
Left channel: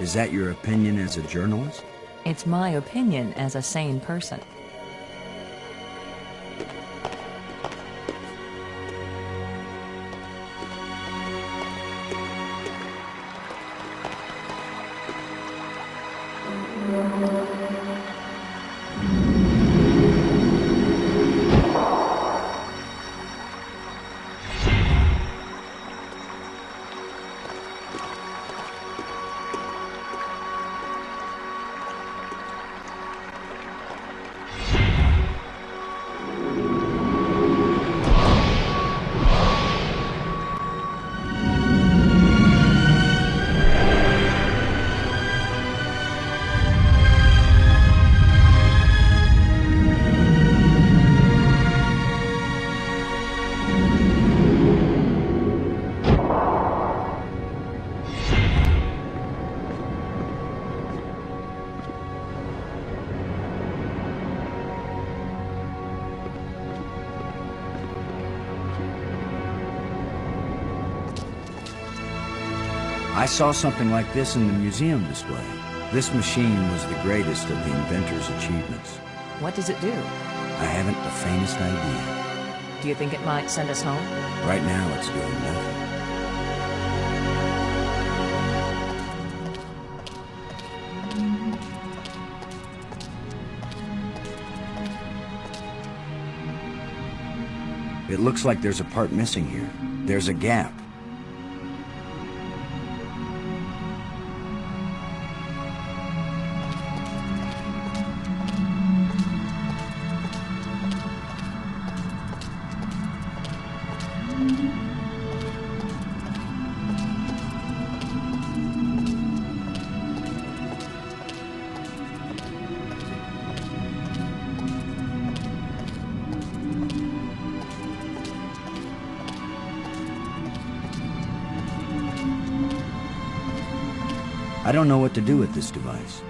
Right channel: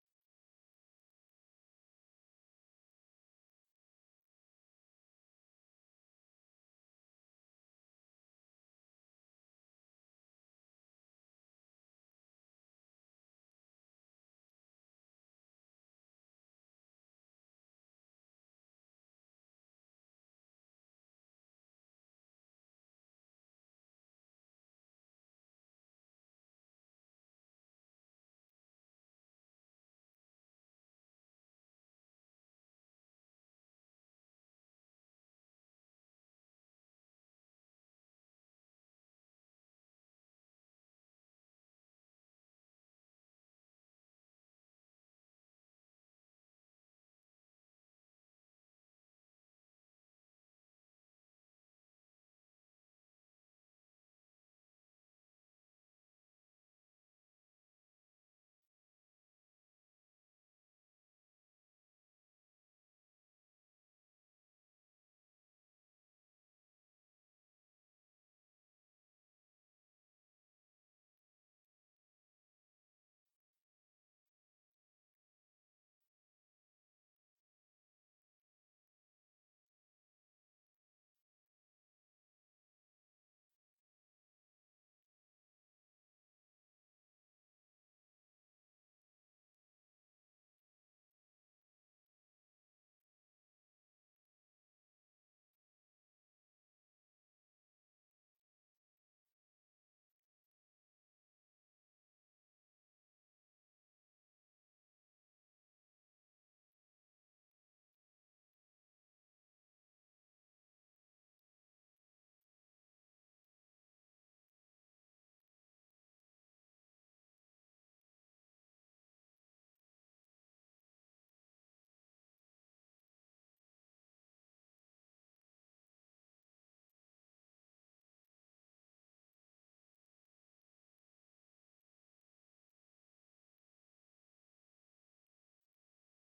Is that your opinion as a journalist? It's my opinion as a sane person. I saw something like this in the museum display. This machine was the greatest of the inventor's achievements. What does it do? I haven't the faintest idea. Do you think it might send us home? Right now, it's doing nothing. It looks like there's a part missing here. There's a gap. I don't know what to do with this device.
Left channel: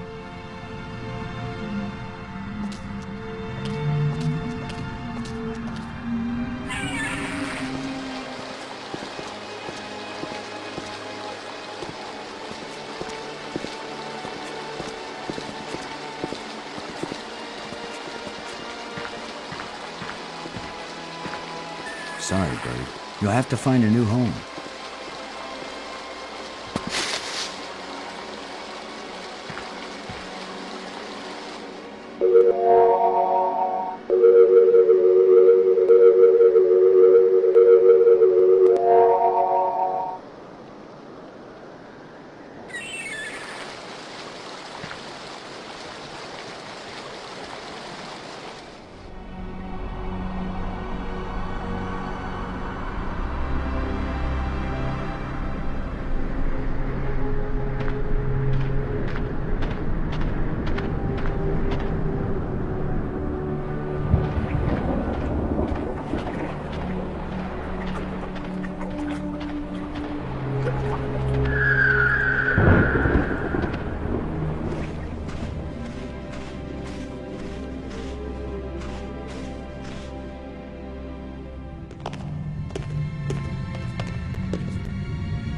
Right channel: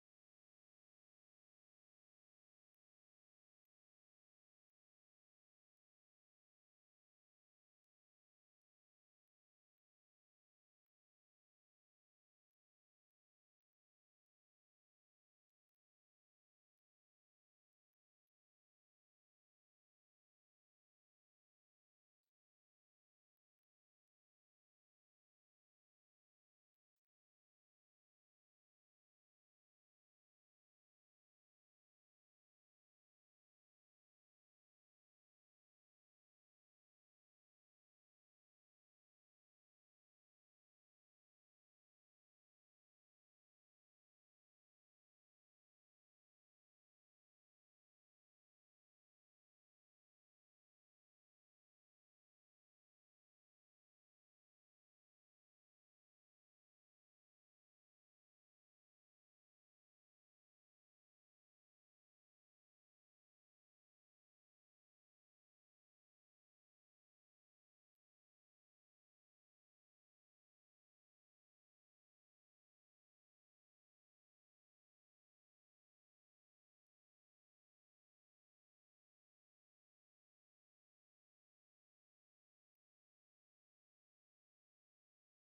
Sorry, Bird. You'll have to find a new home.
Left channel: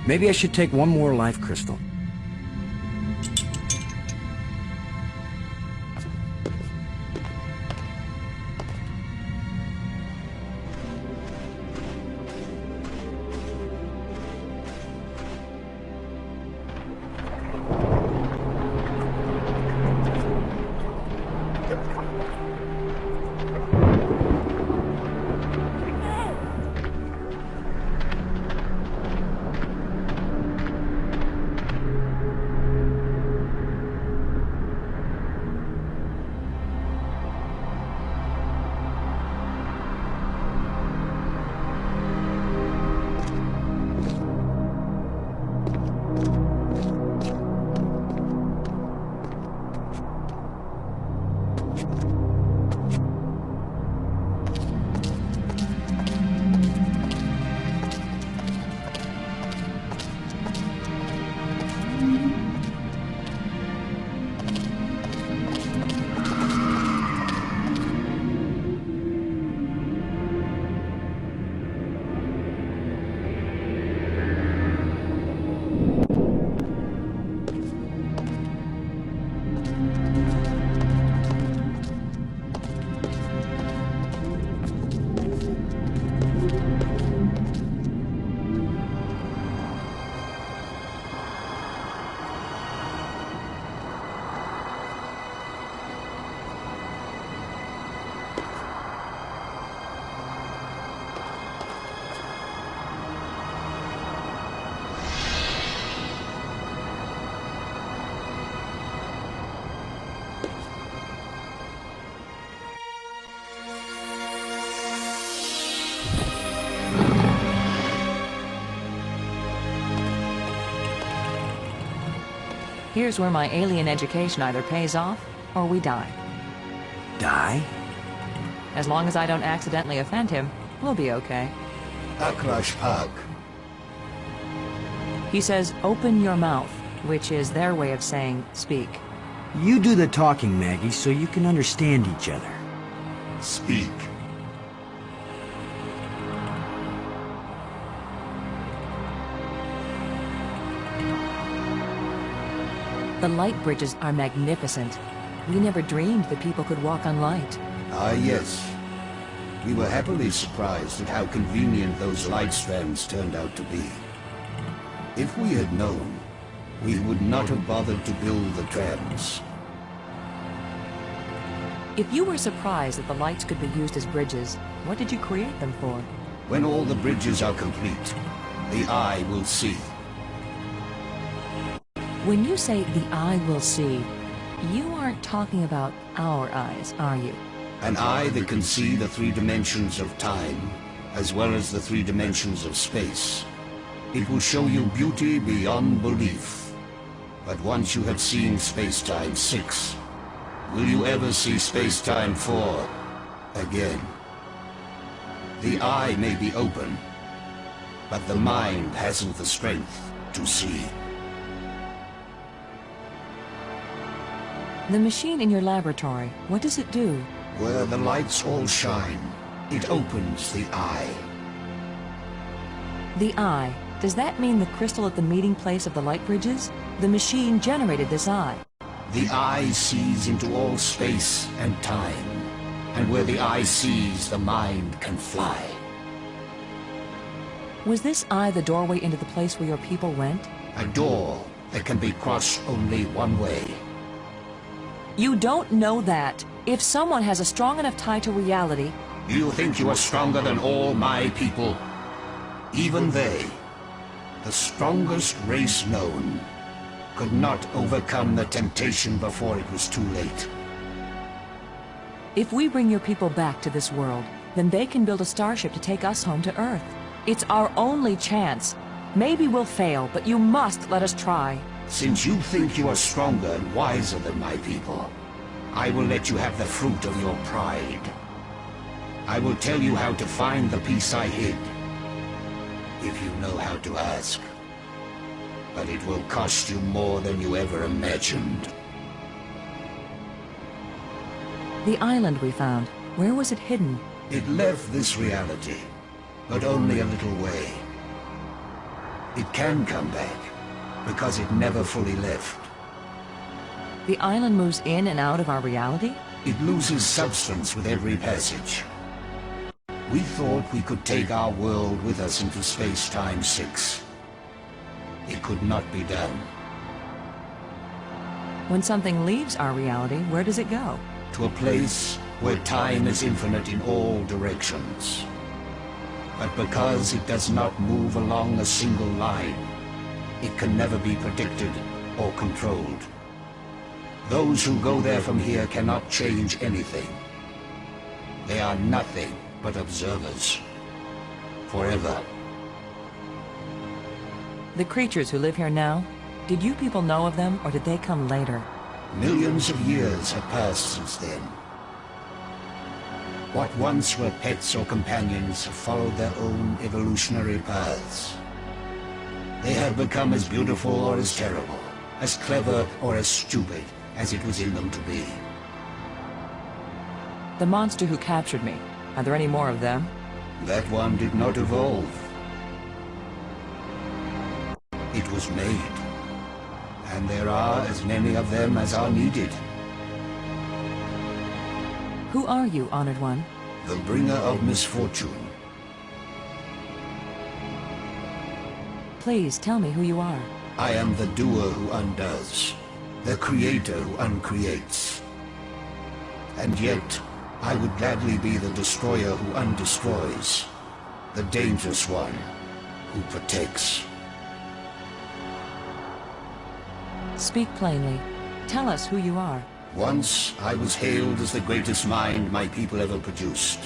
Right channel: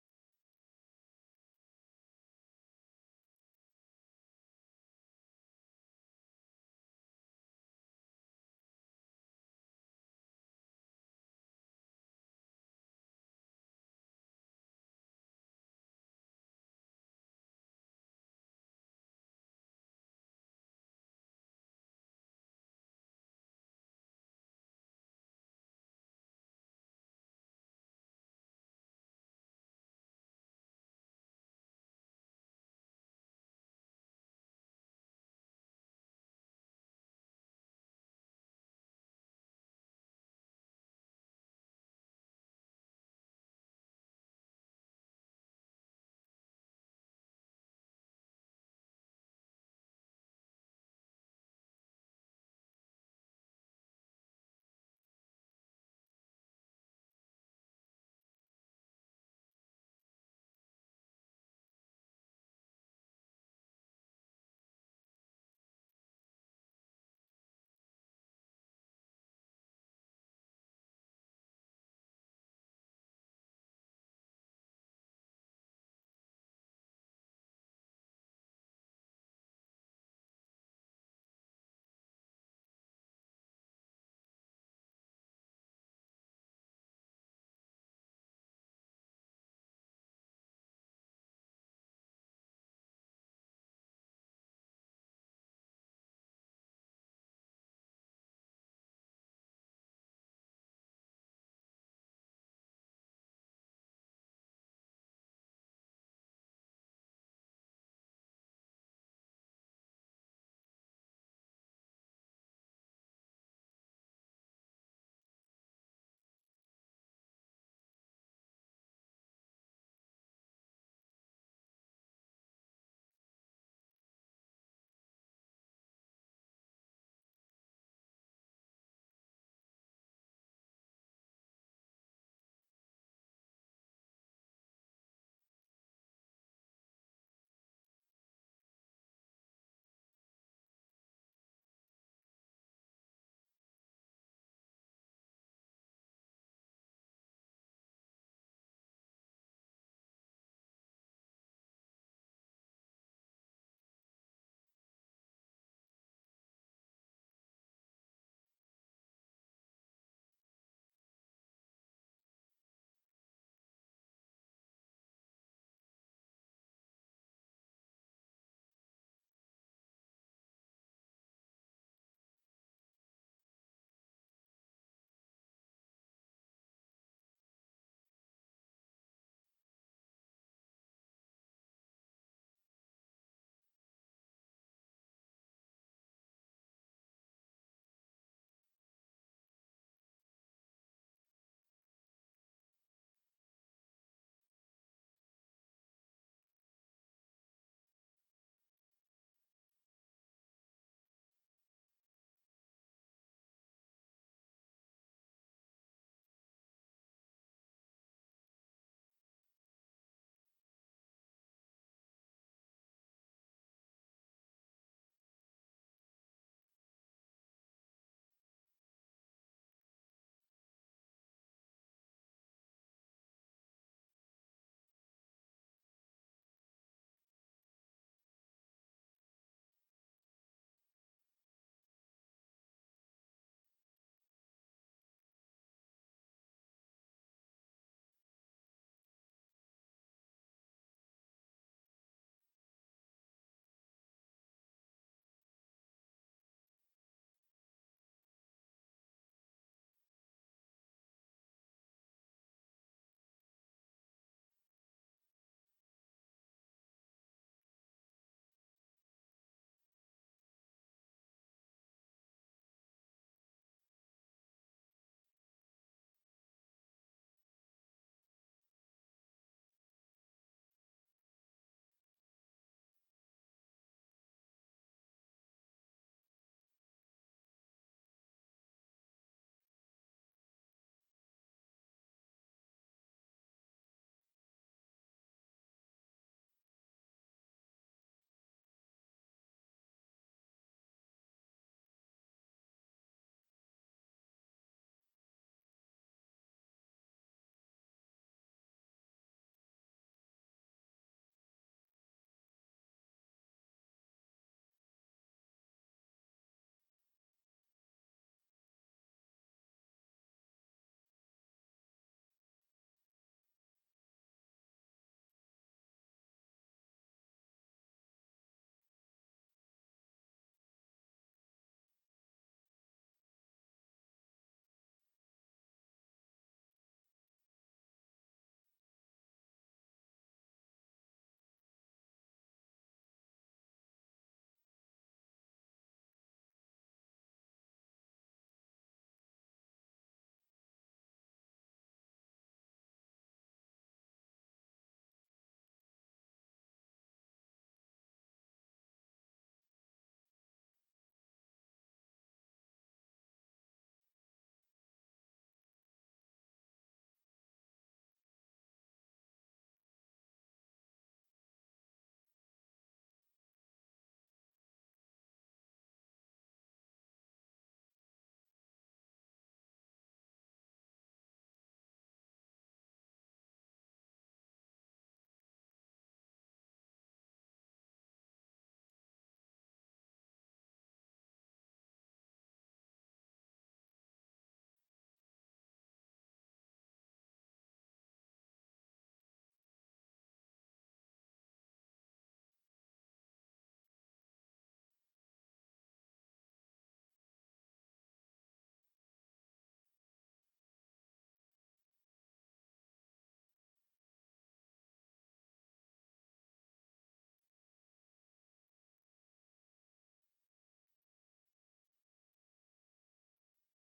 Maybe I should take one more life crystal. Here's where my alien education either pays off, or we die. Die? As long as I don't accidentally offend him, we'll be okay. Akrash Pag. He says, open your mouth, which is their way of saying, speak. You do the talking, Maggie, so you can understand each other. Speak. The light bridges are magnificent. We never dreamed that people could walk on light. Ah, yes. We were happily surprised at how convenient those light strands turned out to be. If we had known, we would not have bothered to build the trams. If you were surprised that the lights could be used as bridges, what did you create them for? When all the bridges are complete, the eye will see. When you say the eye will see, you aren't talking about our eyes, are you? An eye that can see the 3 dimensions of time, as well as the 3 dimensions of space. It will show you beauty beyond belief. But once you have seen Space-Time 6, will you ever see Space-Time 4 again? The eye may be open, but the mind hasn't the strength to see. The machine in your laboratory, what does it do? Where the lights all shine, it opens the eye. The eye. Does that mean the crystal at the meeting place of the light bridges? The machine generated this eye. The eye sees into all space and time. And where the eye sees, the mind can fly. Was this eye the doorway into the place where your people went? A door that can be crossed only one way. You don't know that. If someone has a strong enough tie to reality... You think you are stronger than all my people? Even they, the strongest race known, could not overcome the temptation before it was too late. If we bring your people back to this world, then they can build a starship to take us home to Earth. It's our only chance. Maybe we'll fail, but you must let us try. Since you think you are stronger and wiser than my people, I will let you have the fruit of your pride. I will tell you how to find the piece I hid, if you know how to ask. But it will cost you more than you ever imagined. The island we found, where was it hidden? It left this reality, but only a little way. It can come back, because it never fully left. The island moves in and out of our reality? It loses substance with every passage. We thought we could take our world with us into space-time 6. It could not be done. When something leaves our reality, where does it go? To a place where time is infinite in all directions. But because it does not move along a single line, it can never be predicted or controlled. Those who go there from here cannot change anything. They are nothing but observers. Forever. The creatures who live here now, did you people know of them, or did they come later? Millions of years have passed since then. What once were pets or companions have followed their own evolutionary paths. They have become as beautiful or as terrible, as clever or as stupid as it was in them to be. The monster who captured me, are there any more of them? That one did not evolve. It was made. And there are as many of them as are needed. Who are you, Honored One? The bringer of misfortune. Please, tell me who you are. I am the doer who undoes, the creator who uncreates. And yet, I would gladly be the destroyer who undestroys, the dangerous one who protects. Speak plainly. Tell us who you are. Once, I was hailed as the greatest mind my people ever produced.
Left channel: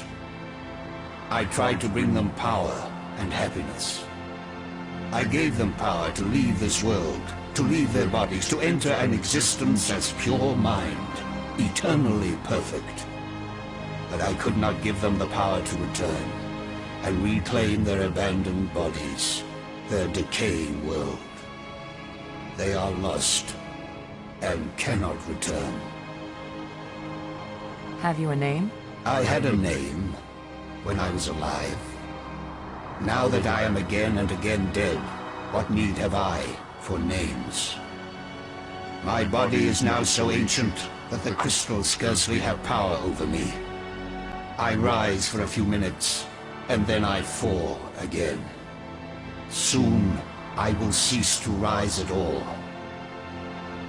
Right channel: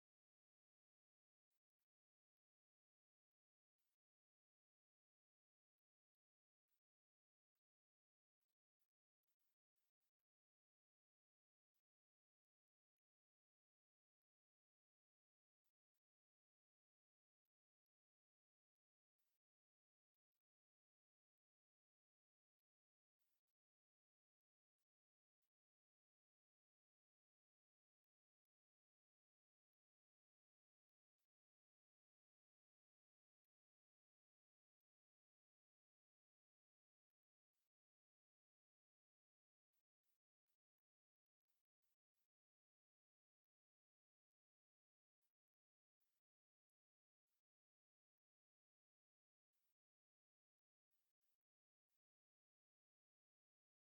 I tried to bring them power and happiness. I gave them power to leave this world, to leave their bodies, to enter an existence as pure mind, eternally perfect. But I could not give them the power to return and reclaim their abandoned bodies, their decaying world. They are lost and cannot return. Have you a name? I had a name when I was alive. Now that I am again and again dead, what need have I for names? My body is now so ancient that the crystals scarcely have power over me. I rise for a few minutes, and then I fall again. Soon, I will cease to rise at all.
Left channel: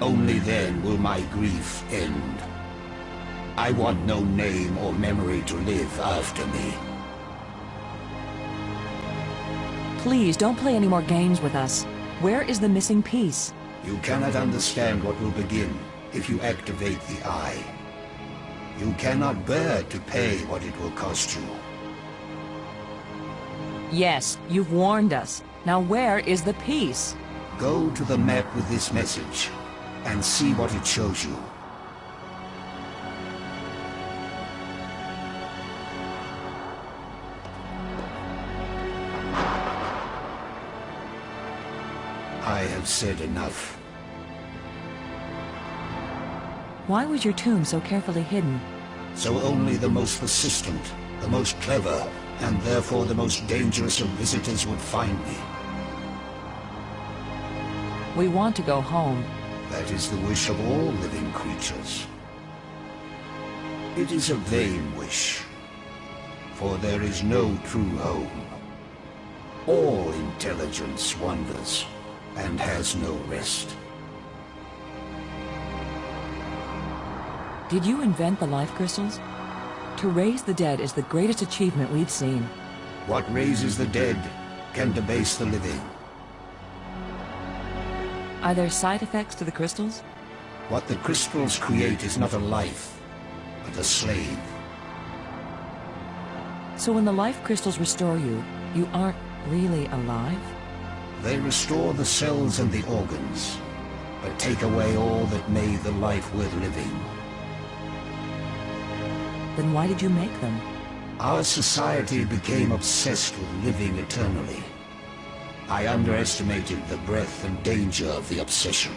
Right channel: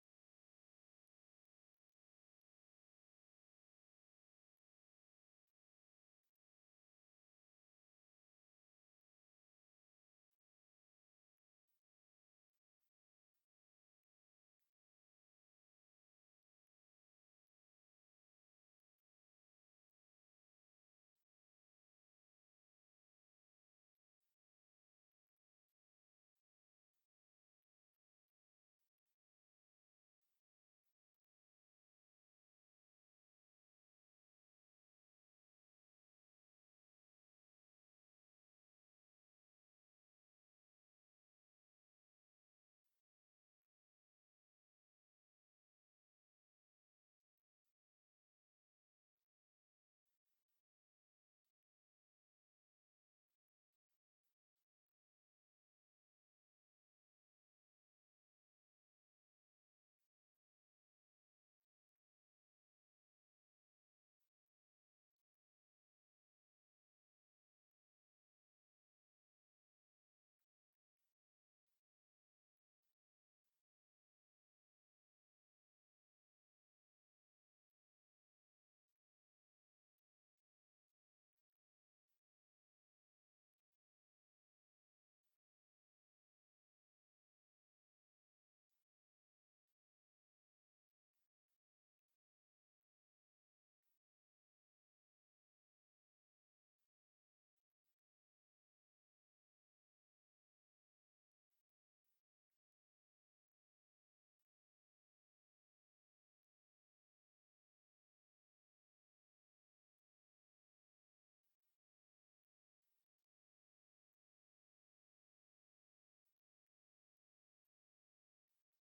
Only then will my grief end. I want no name or memory to live after me. Please, don't play any more games with us. Where is the missing piece? You cannot understand what will begin if you activate the eye. You cannot bear to pay what it will cost you. Yes, you've warned us. Now where is the piece? Go to the map with this message and see what it shows you. I have said enough. Why was your tomb so carefully hidden? So only the most persistent, the most clever, and therefore the most dangerous of visitors would find me. We want to go home. That is the wish of all living creatures. It is a vain wish, for there is no true home. All intelligence wanders and has no rest. Did you invent the life crystals? To raise the dead is the greatest achievement we've seen. What raises the dead can debase the living. Are there side effects to the crystals? What the crystals create is not a life, but a slave. So when the life crystals restore you, you aren't really alive? They restore the cells and the organs, but take away all that made the life worth living. Then why did you make them? Our society became obsessed with living eternally. I underestimated the breadth and danger of the obsession.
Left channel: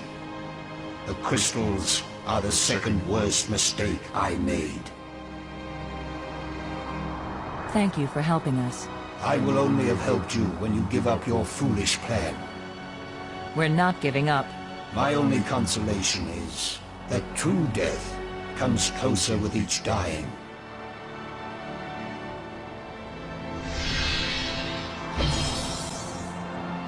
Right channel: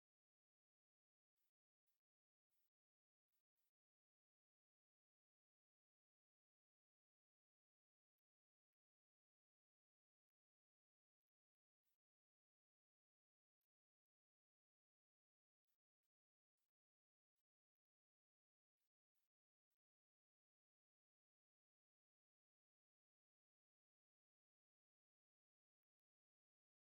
The crystals are the second worst mistake I made. Thank you for helping us. I will only have helped you when you give up your foolish plan We're not giving up. My only consolation is that true death comes closer with each dying.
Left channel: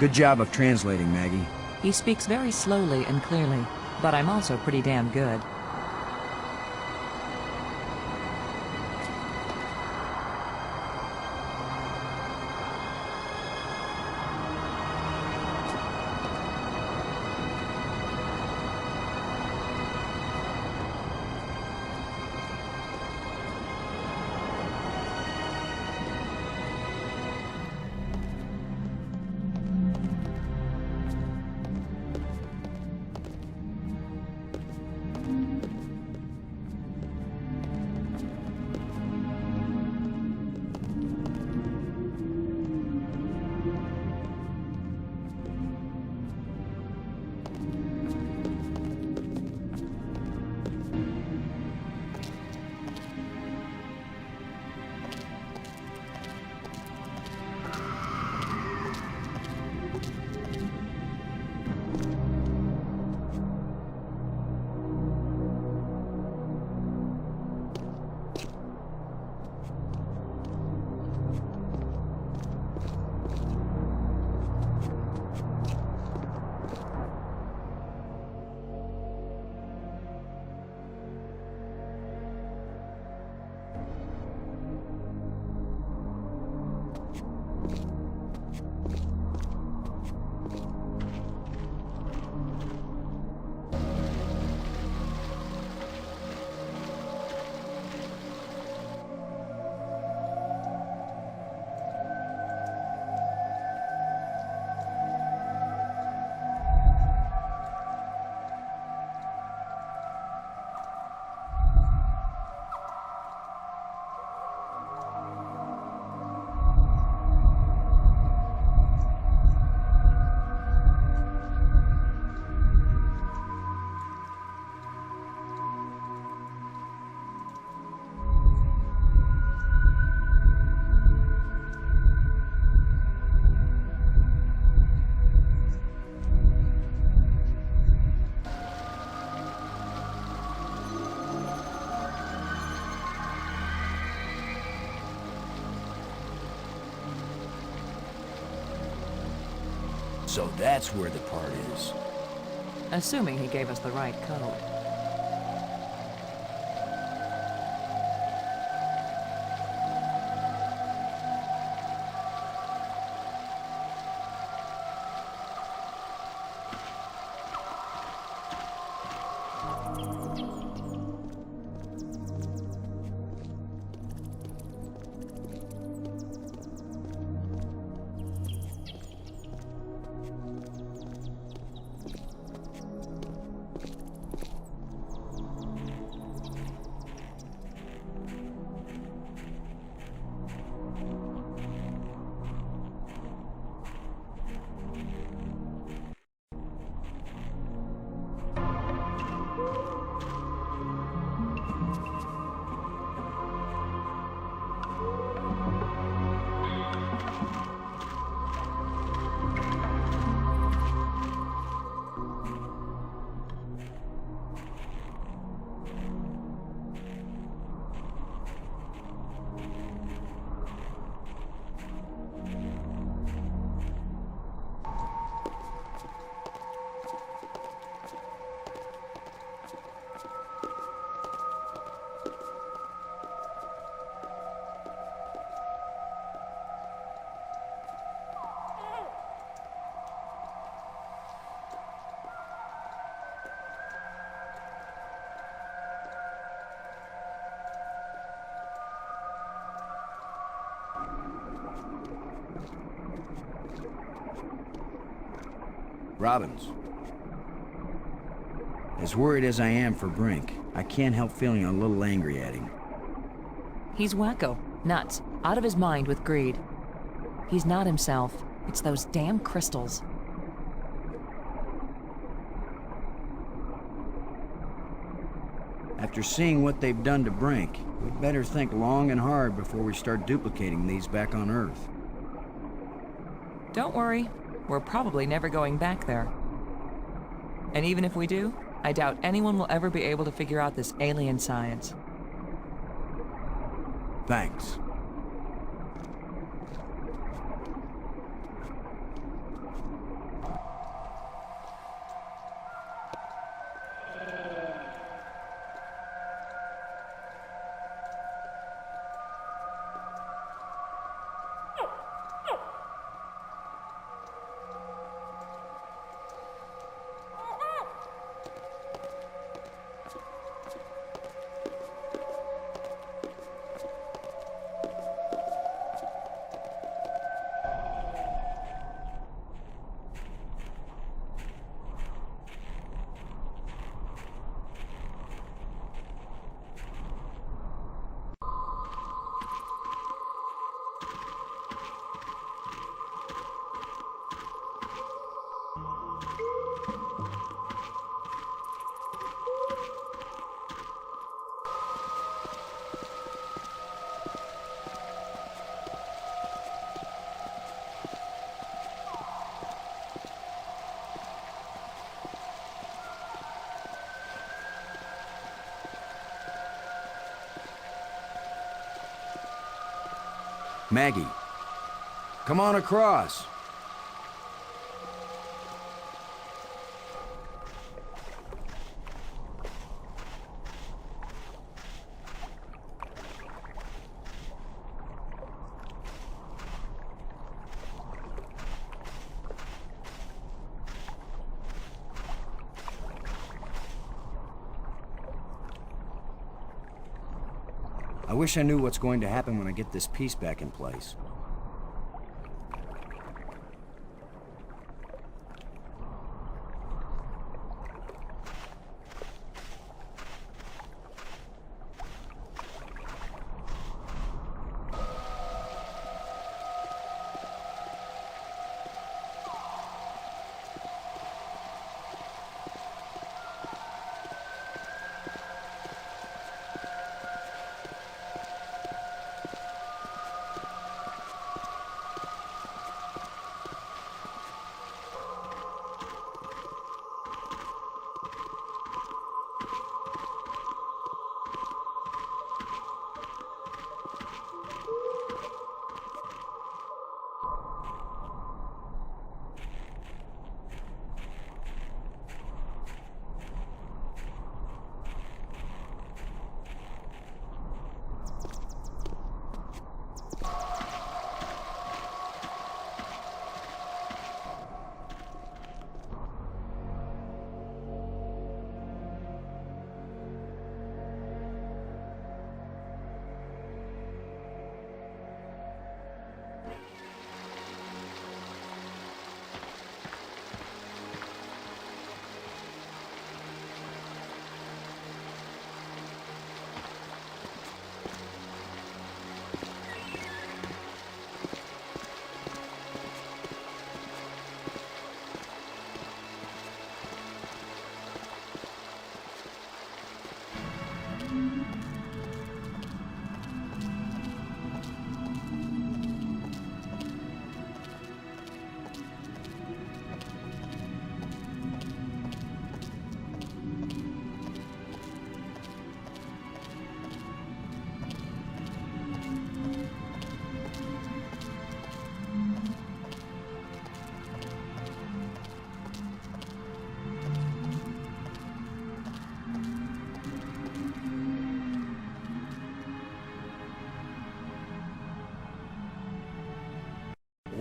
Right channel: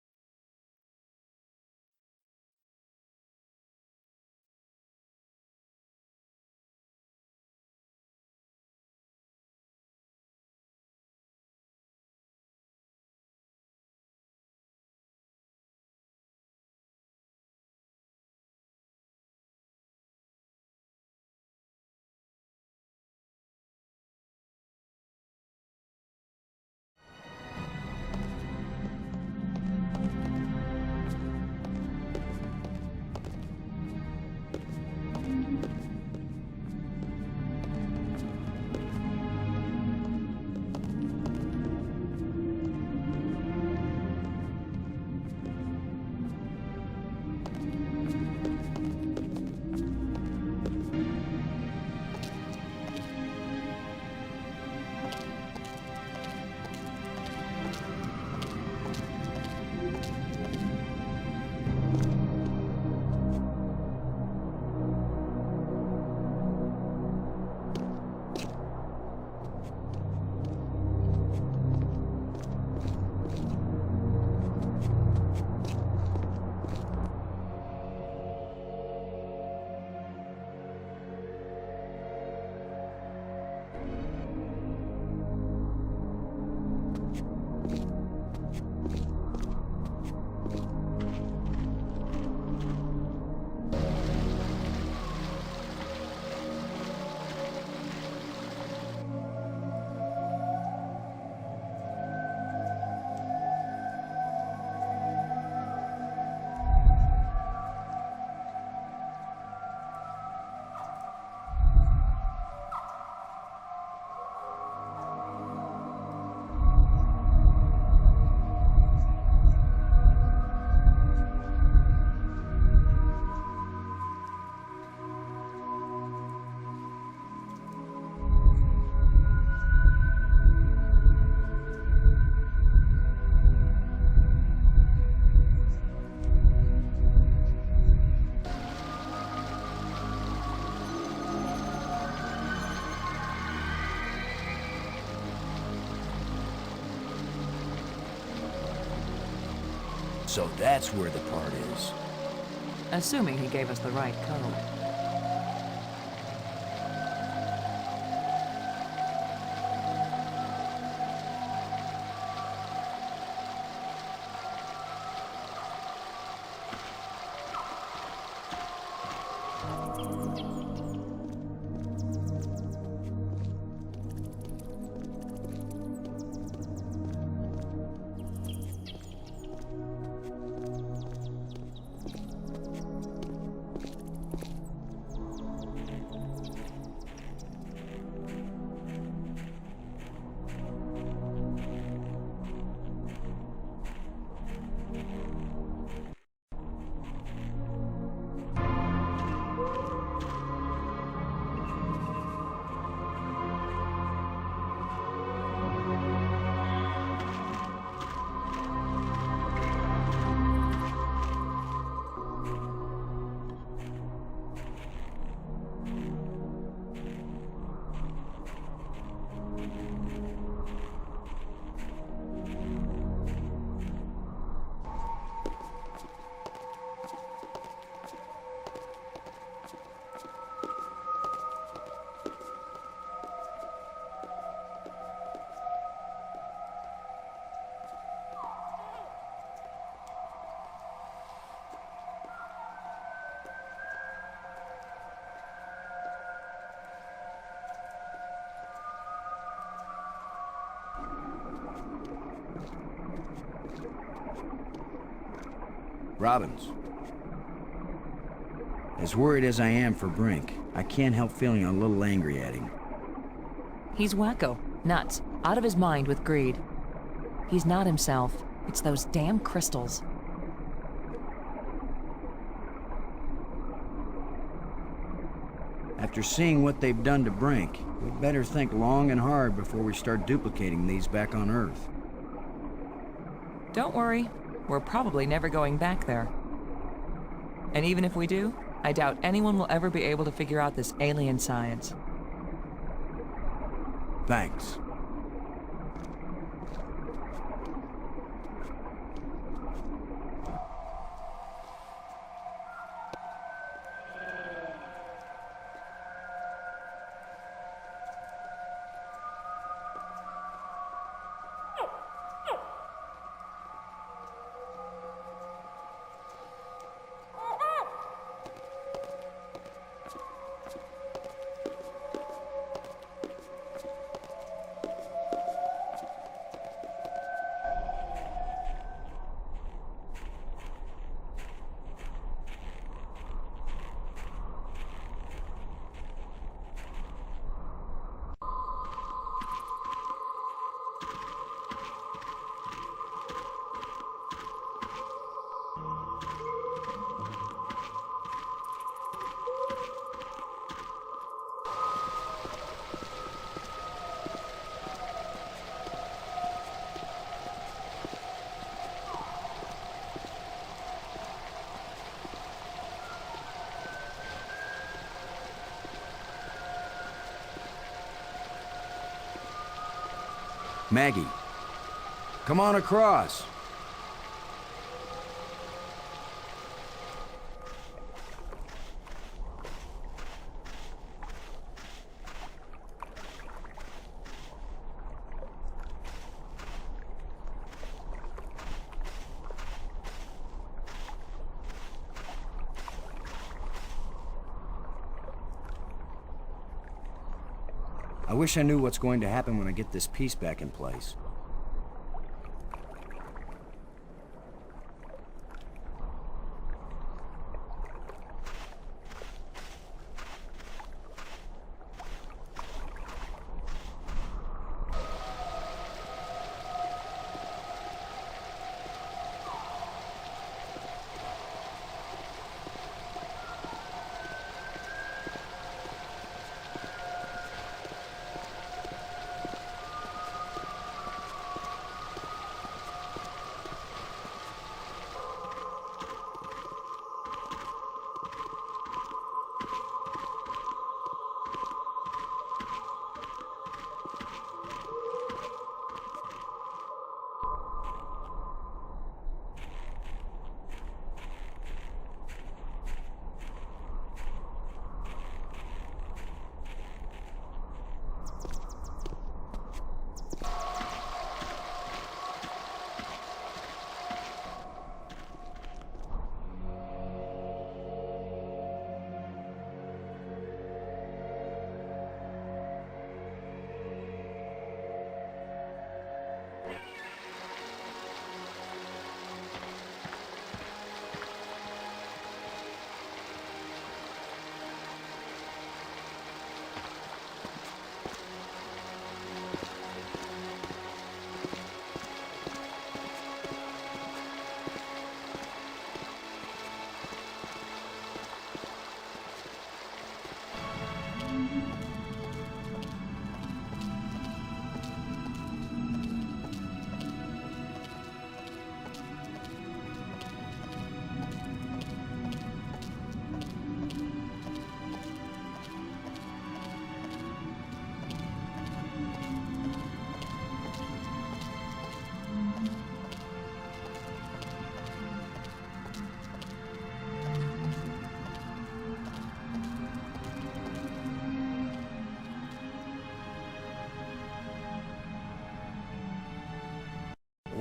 Good job of translating, Maggie. He speaks very slowly and clearly, but I'm also pretty damn good. So that's where the part is. Assuming he gave us the right code. Robbins. As worried as I am for Brink, I can't help feeling a little angry at him. He's wacko, nuts, out of his mind with greed. He's not himself. It's those damn crystals. After seeing what they've done to Brink, we'd better think long and hard before we start duplicating these back on Earth. Don't worry. We're probably never going back there. And even if we do, I doubt anyone will ever be able to figure out this alien science. Thanks. Maggie, come on across. I wish I knew what's going to happen when I get this piece back in place.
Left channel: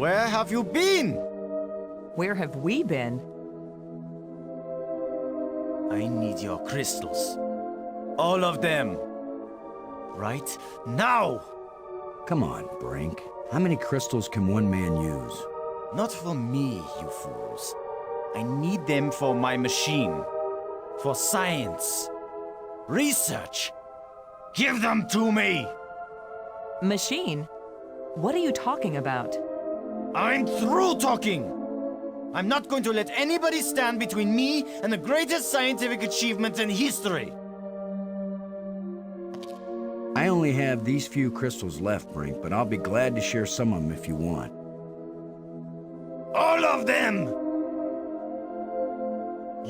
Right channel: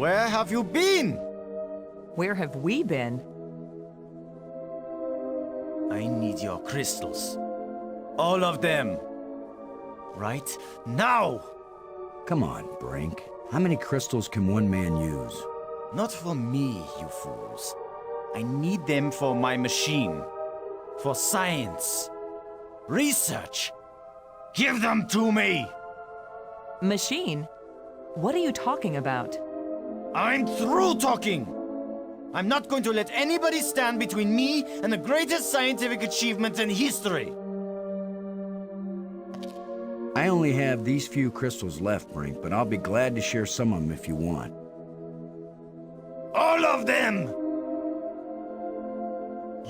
Where have you been? Where have we been? I need your crystals. All of them. Right now! Come on, Brink. How many crystals can one man use? Not for me, you fools. I need them for my machine. For science. Research. Give them to me! Machine? What are you talking about? I'm through talking! I'm not going to let anybody stand between me and the greatest scientific achievement in history! I only have these few crystals left, Brink, but I'll be glad to share some of them if you want. All of them!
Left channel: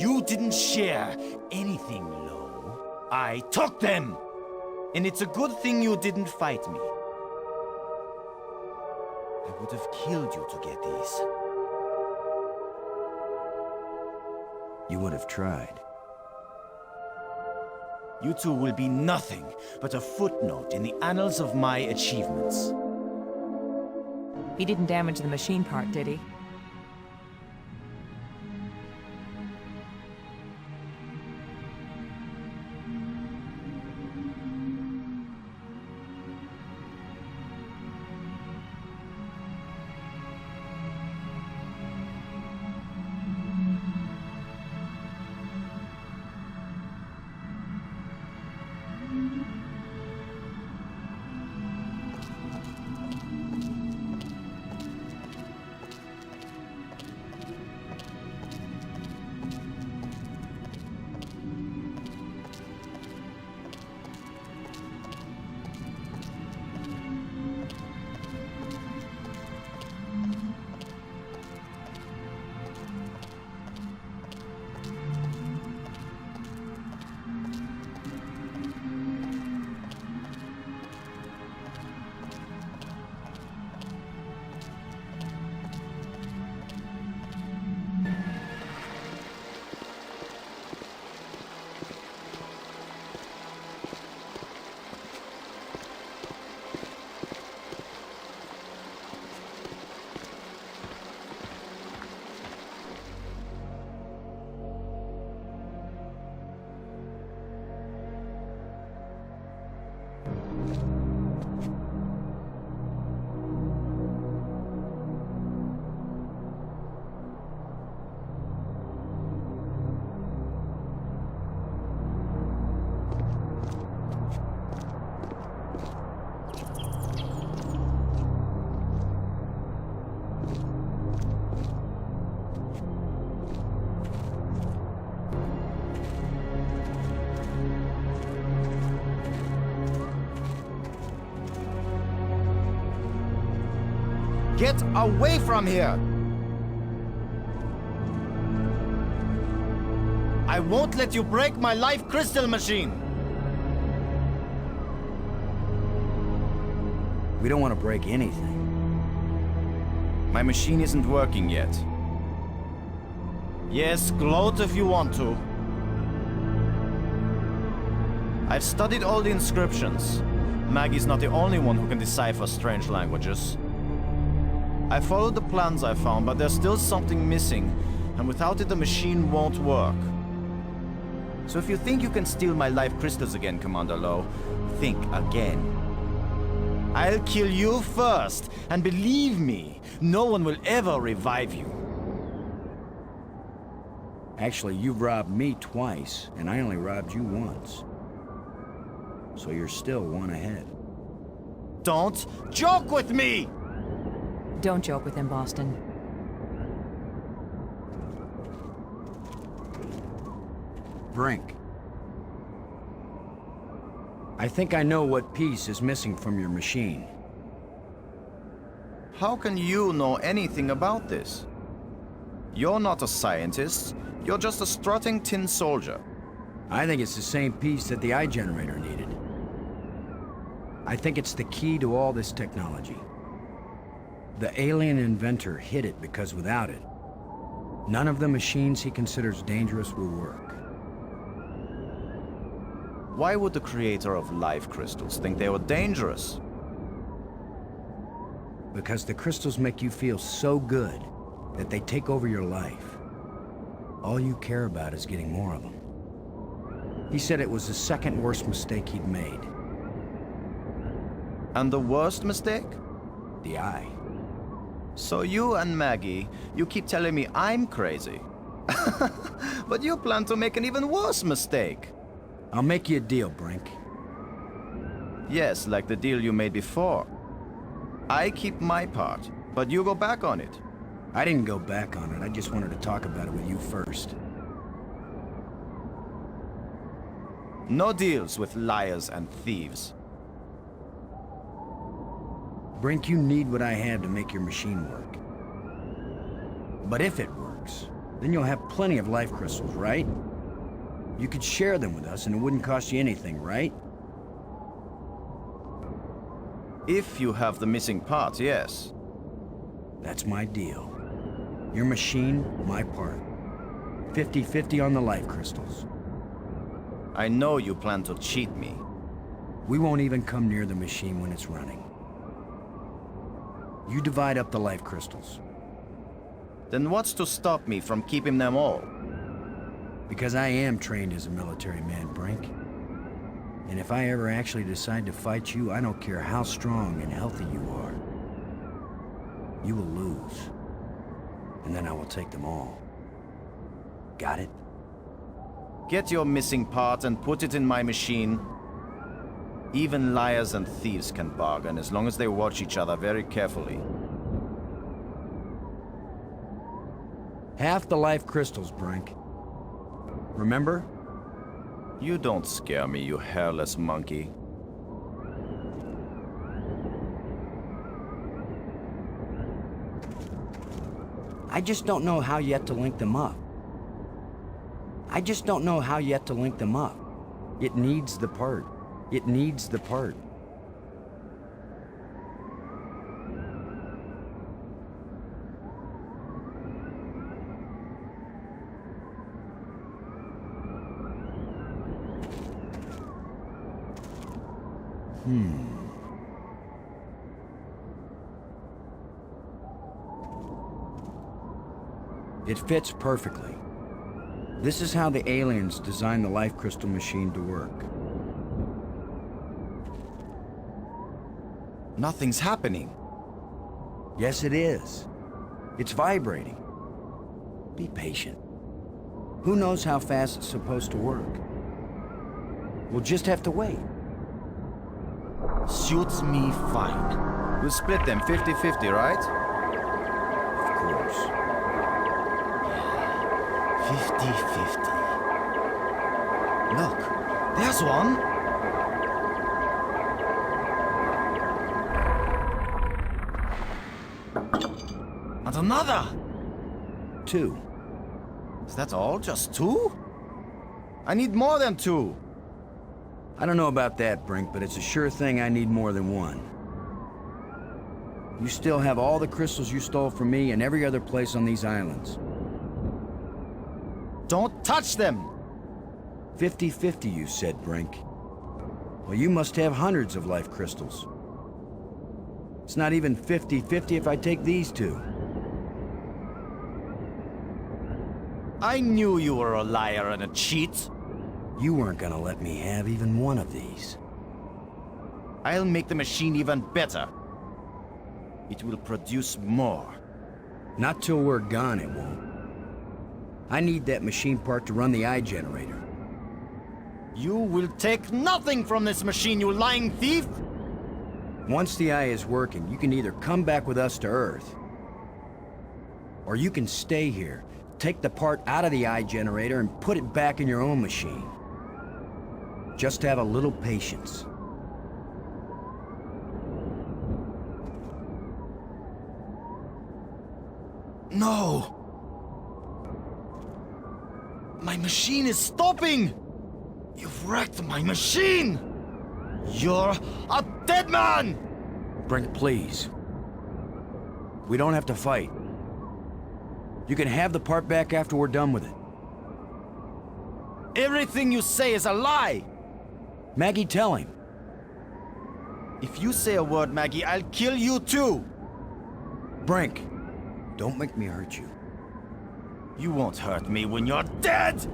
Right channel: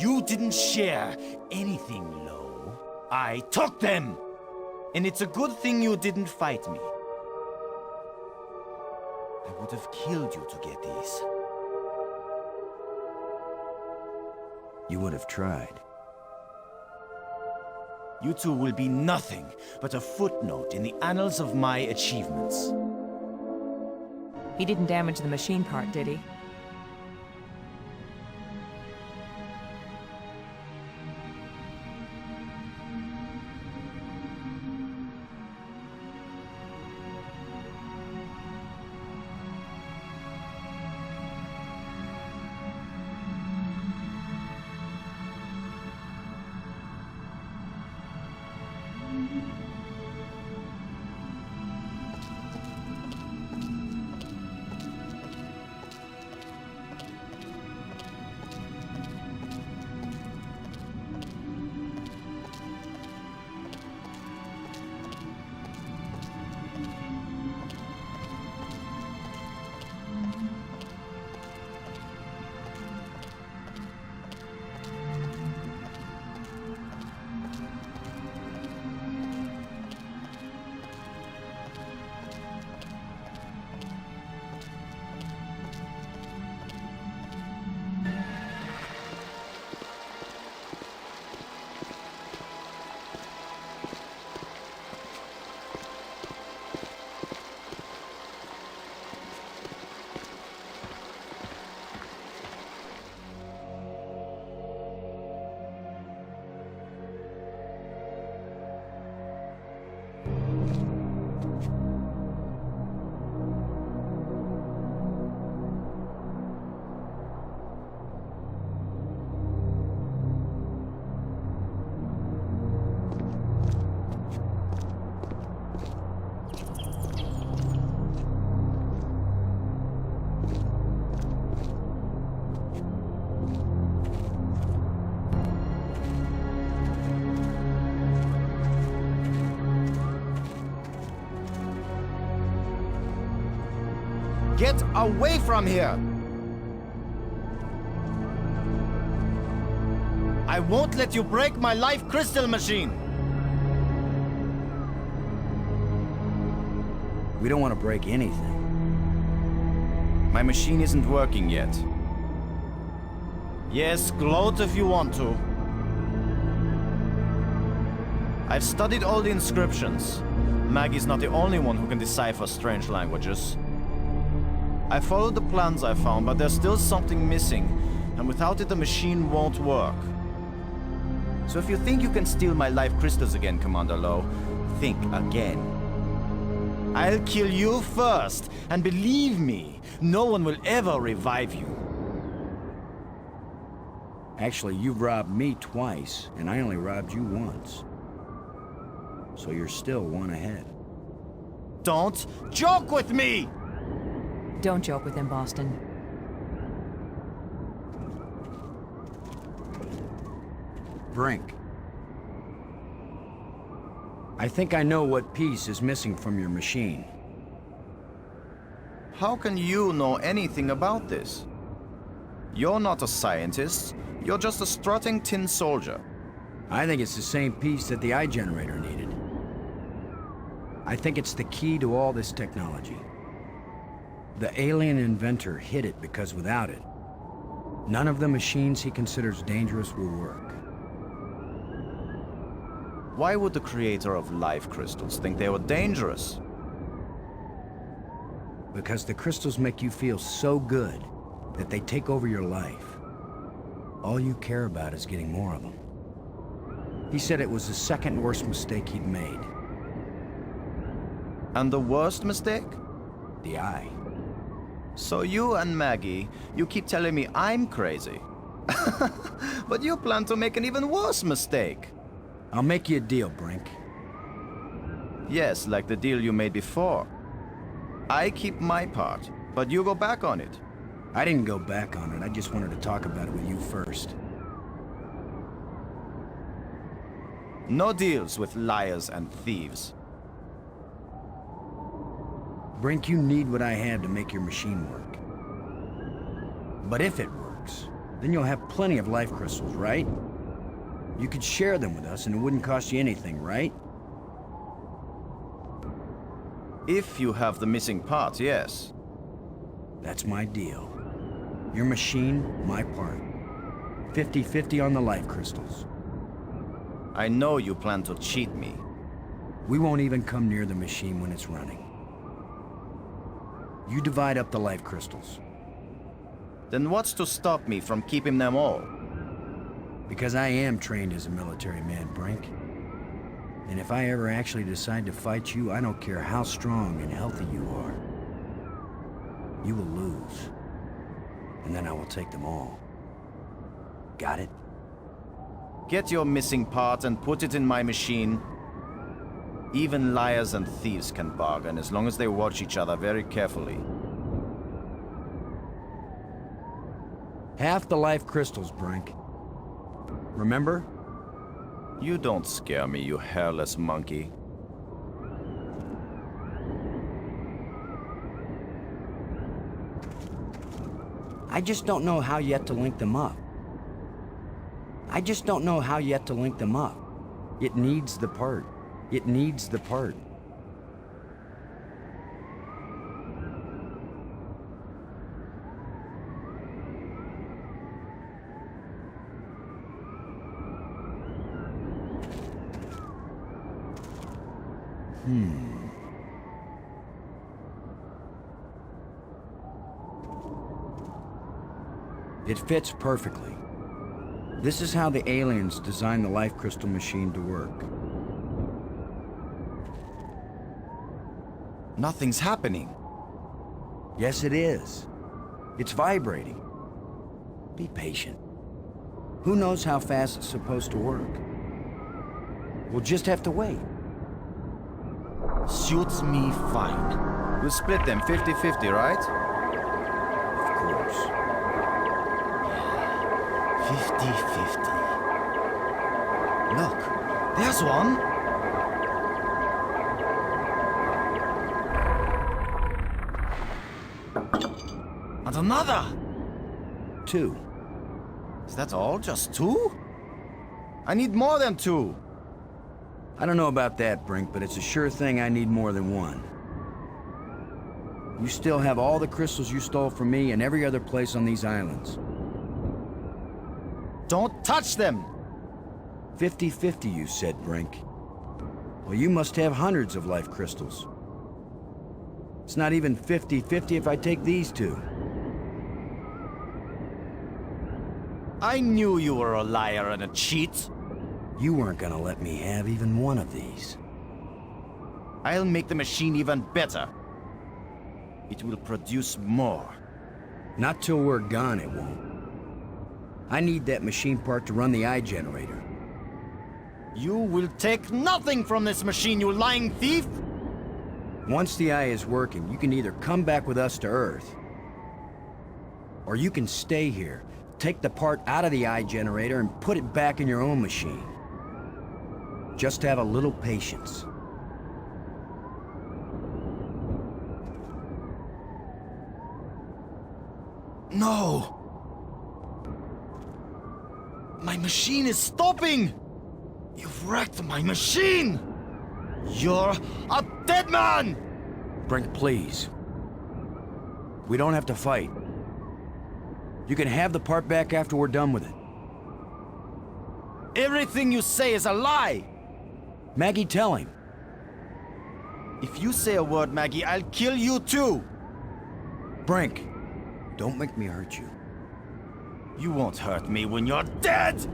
You didn't share anything, Lo. I took them! And it's a good thing you didn't fight me. I would have killed you to get these. You would have tried. You two will be nothing but a footnote in the annals of my achievements. He didn't damage the machine part, did he? Get away from here! I won't let you break my life crystal machine! We don't want to break anything. My machine isn't working yet. Yes, gloat if you want to. I've studied all the inscriptions. Maggie's not the only one who can decipher strange languages. I followed the plans I found, but there's still something missing, and without it the machine won't work. So if you think you can steal my life crystals again, Commander Lo, think again. I'll kill you first, and believe me, no one will ever revive you. Actually, you've robbed me twice, and I only robbed you once. So you're still one ahead. Don't joke with me! Don't joke with him, Boston. Brink. I think I know what piece is missing from your machine. How can you know anything about this? You're not a scientist. You're just a strutting tin soldier. I think it's the same piece that the eye generator needed. I think it's the key to all this technology. The alien inventor hid it because without it, none of the machines he considers dangerous will work. Why would the creator of life crystals think they were dangerous? Because the crystals make you feel so good that they take over your life. All you care about is getting more of them. He said it was the second worst mistake he'd made. And the worst mistake? The eye. So you and Maggie, you keep telling me I'm crazy. But you plan to make an even worse mistake. I'll make you a deal, Brink. Yes, like the deal you made before. I keep my part, but you go back on it. I didn't go back on it. I just wanted to talk about it with you first. No deals with liars and thieves. Brink, you need what I have to make your machine work. But if it works, Then you'll have plenty of life crystals, right? You could share them with us and it wouldn't cost you anything, right? If you have the missing part, yes. That's my deal. Your machine, my part. 50-50 on the life crystals. I know you plan to cheat me. We won't even come near the machine when it's running. You divide up the life crystals. Then what's to stop me from keeping them all? Because I am trained as a military man, Brink. And if I ever actually decide to fight you, I don't care how strong and healthy you are. You will lose. And then I will take them all. Got it? Get your missing part and put it in my machine. Even liars and thieves can bargain as long as they watch each other very carefully. Half the life crystals, Brink. Remember? You don't scare me, you hairless monkey. I just don't know how yet to link them up. I just don't know how yet to link them up. It needs the part. It needs the part. It fits perfectly. This is how the aliens designed the life crystal machine to work. Nothing's happening. Yes, it is. It's vibrating. Be patient. Who knows how fast it's supposed to work? We'll just have to wait. Suits me fine. We'll split them 50-50, right? Of course. 50-50. Look, there's one. And another. 2. Is that all? Just 2? I need more than 2. I don't know about that, Brink, but it's a sure thing I need more than 1. You still have all the crystals you stole from me and every other place on these islands. Don't touch them! 50-50, you said, Brink. Well, you must have hundreds of life crystals. It's not even 50-50 if I take these 2. I knew you were a liar and a cheat. You weren't gonna let me have even one of these. I'll make the machine even better. It will produce more. Not till we're gone, it won't. I need that machine part to run the eye generator. You will take nothing from this machine, you lying thief! Once the eye is working, you can either come back with us to Earth, or you can stay here, take the part out of the eye generator and put it back in your own machine. Just have a little patience. No! My machine is stopping! You've wrecked my machine! You're a dead man! Brink, please. We don't have to fight. You can have the part back after we're done with it. Everything you say is a lie! Maggie, tell him. If you say a word, Maggie, I'll kill you too! Brink, don't make me hurt you. You won't hurt me when you're dead!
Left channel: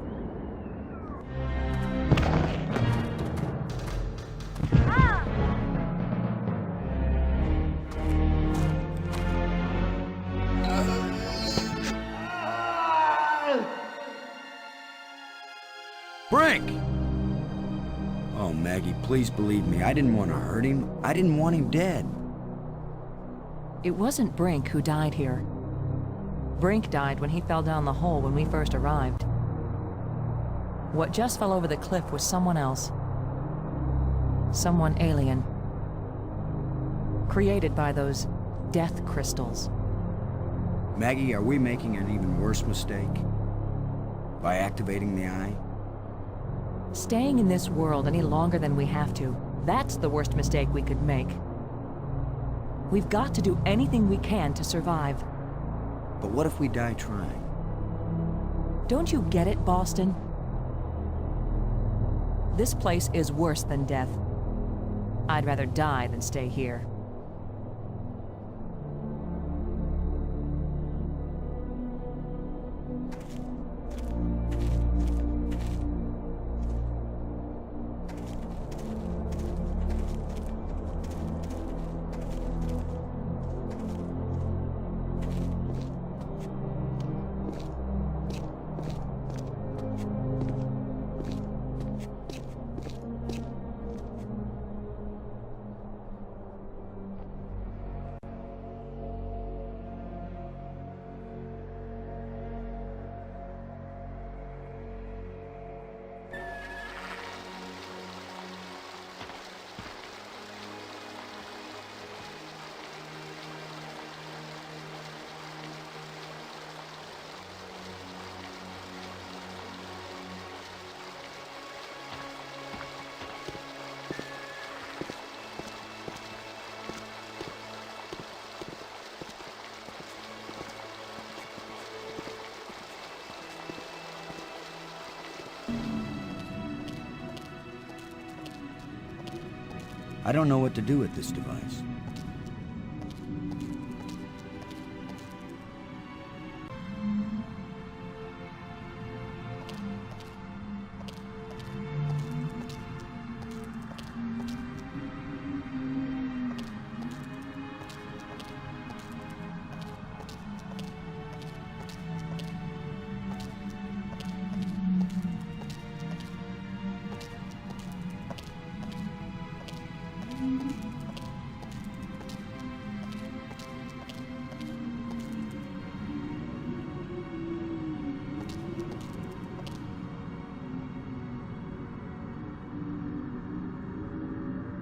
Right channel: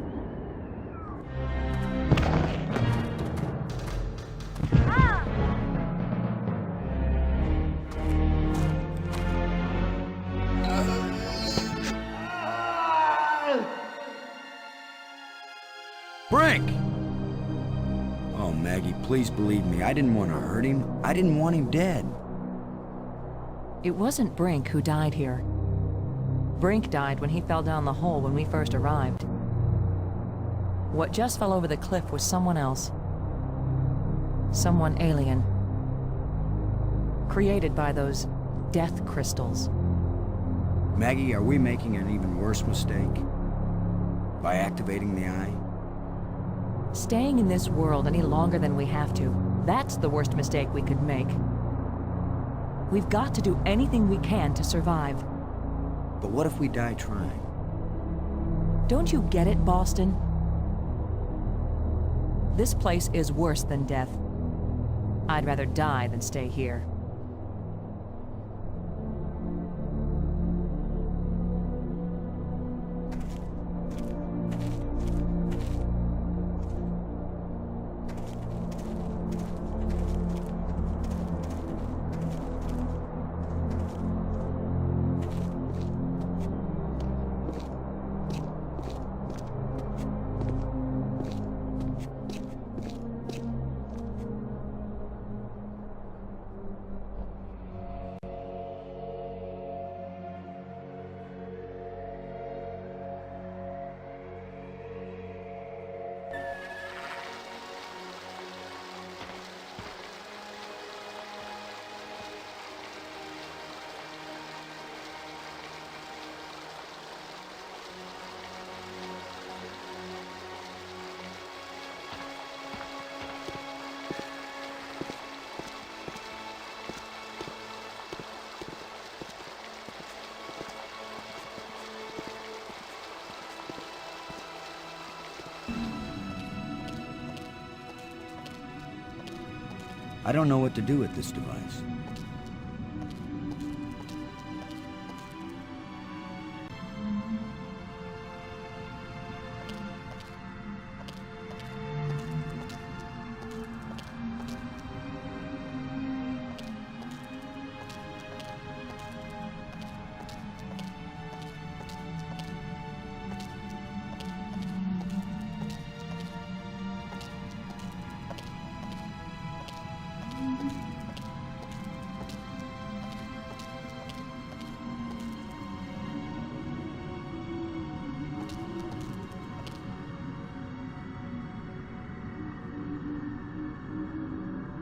Brink! Oh, Maggie, please believe me. I didn't want to hurt him. I didn't want him dead. It wasn't Brink who died here. Brink died when he fell down the hole when we first arrived. What just fell over the cliff was someone else. Someone alien. Created by those death crystals. Maggie, are we making an even worse mistake? By activating the eye? Staying in this world any longer than we have to, that's the worst mistake we could make. We've got to do anything we can to survive. But what if we die trying? Don't you get it, Boston? This place is worse than death. I'd rather die than stay here. I don't know what to do with this device.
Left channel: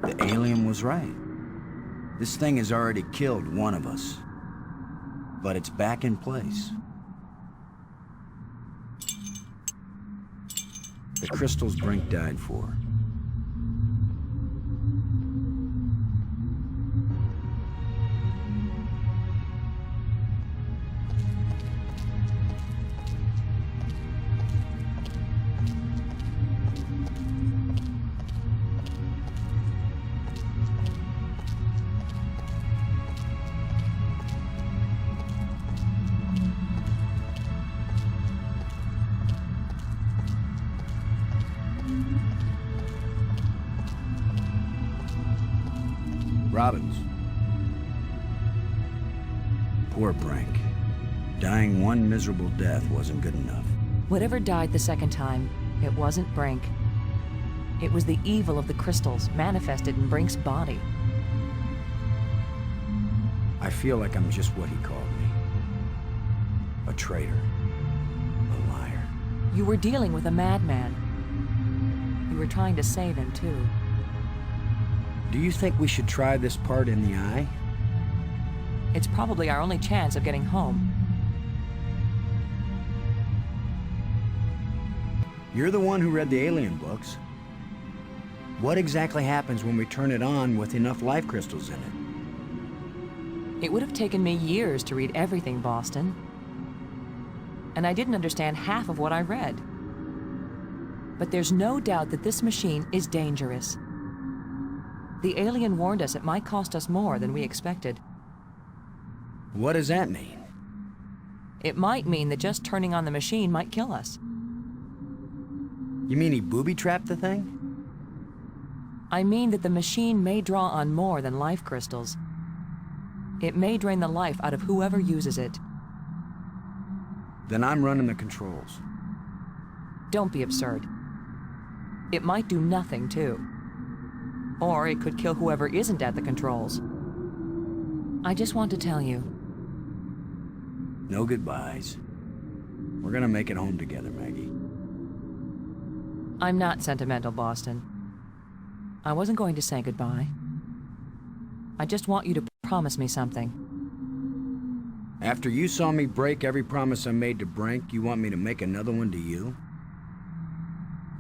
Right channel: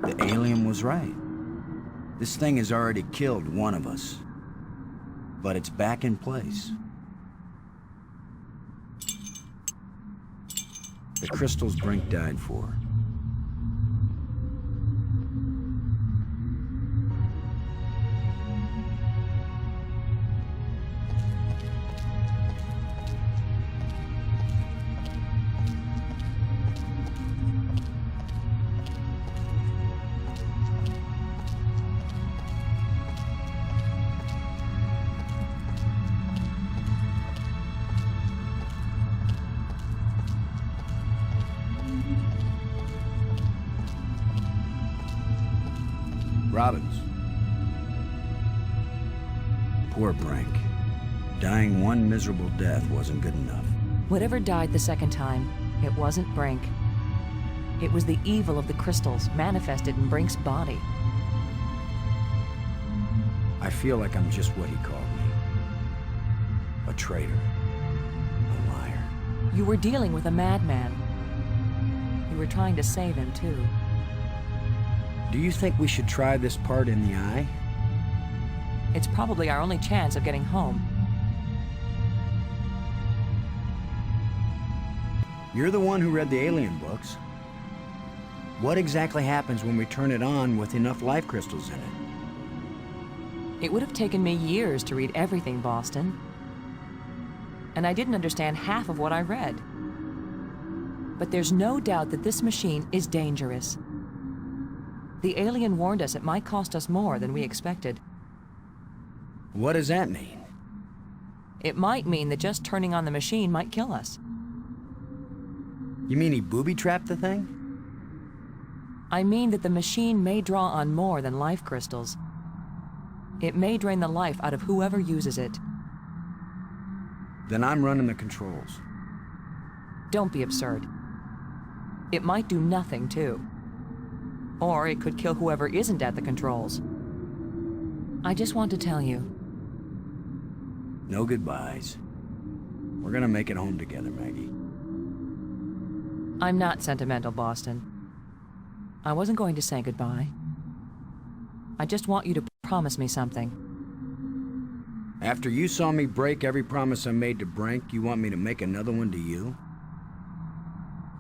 The alien was right. This thing has already killed one of us. But it's back in place. The crystals Brink died for. Robbins. Poor Brink. Dying one miserable death wasn't good enough. Whatever died the second time, it wasn't Brink. It was the evil of the crystals manifested in Brink's body. I feel like I'm just what he called me. A traitor. A liar. You were dealing with a madman. You were trying to save him, too. Do you think we should try this part in the eye? It's probably our only chance of getting home. You're the one who read the alien books. What exactly happens when we turn it on with enough life crystals in it? It would have taken me years to read everything, Boston. And I didn't understand half of what I read. But there's no doubt that this machine is dangerous. The alien warned us it might cost us more than we expected. What does that mean? It might mean that just turning on the machine might kill us. You mean he booby-trapped the thing? I mean that the machine may draw on more than life crystals. It may drain the life out of whoever uses it. Then I'm running the controls. Don't be absurd. It might do nothing, too. Or it could kill whoever isn't at the controls. I just want to tell you. No goodbyes. We're gonna make it home together, Maggie. I'm not sentimental, Boston. I wasn't going to say goodbye. I just want you to promise me something. After you saw me break every promise I made to Brink, you want me to make another one to you?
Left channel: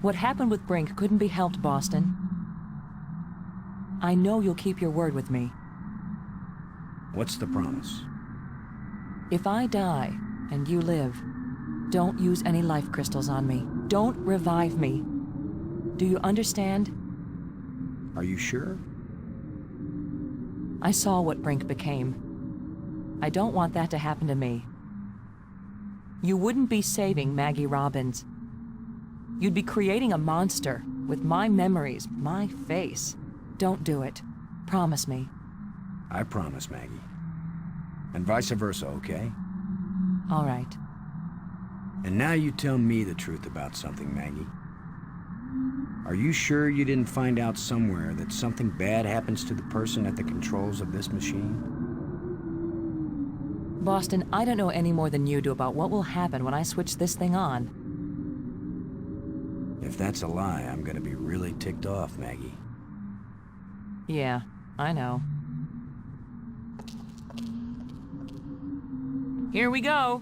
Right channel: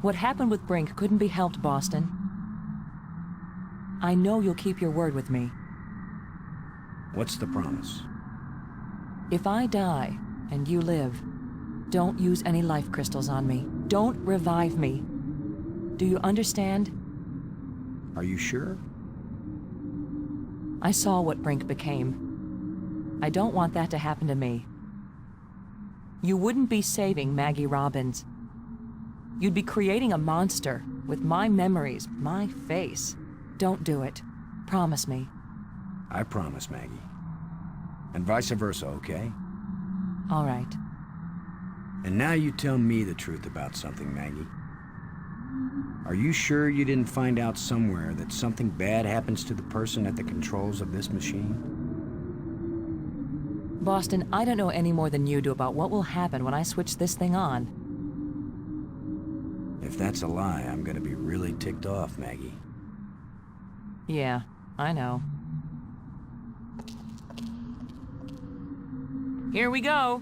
What happened with Brink couldn't be helped, Boston. I know you'll keep your word with me. What's the promise? If I die, and you live, don't use any life crystals on me. Don't revive me. Do you understand? Are you sure? I saw what Brink became. I don't want that to happen to me. You wouldn't be saving Maggie Robbins. You'd be creating a monster with my memories, my face. Don't do it. Promise me. I promise, Maggie. And vice versa, okay? All right. And now you tell me the truth about something, Maggie. Are you sure you didn't find out somewhere that something bad happens to the person at the controls of this machine? Boston, I don't know any more than you do about what will happen when I switch this thing on. If that's a lie, I'm gonna be really ticked off, Maggie. Yeah, I know. Here we go.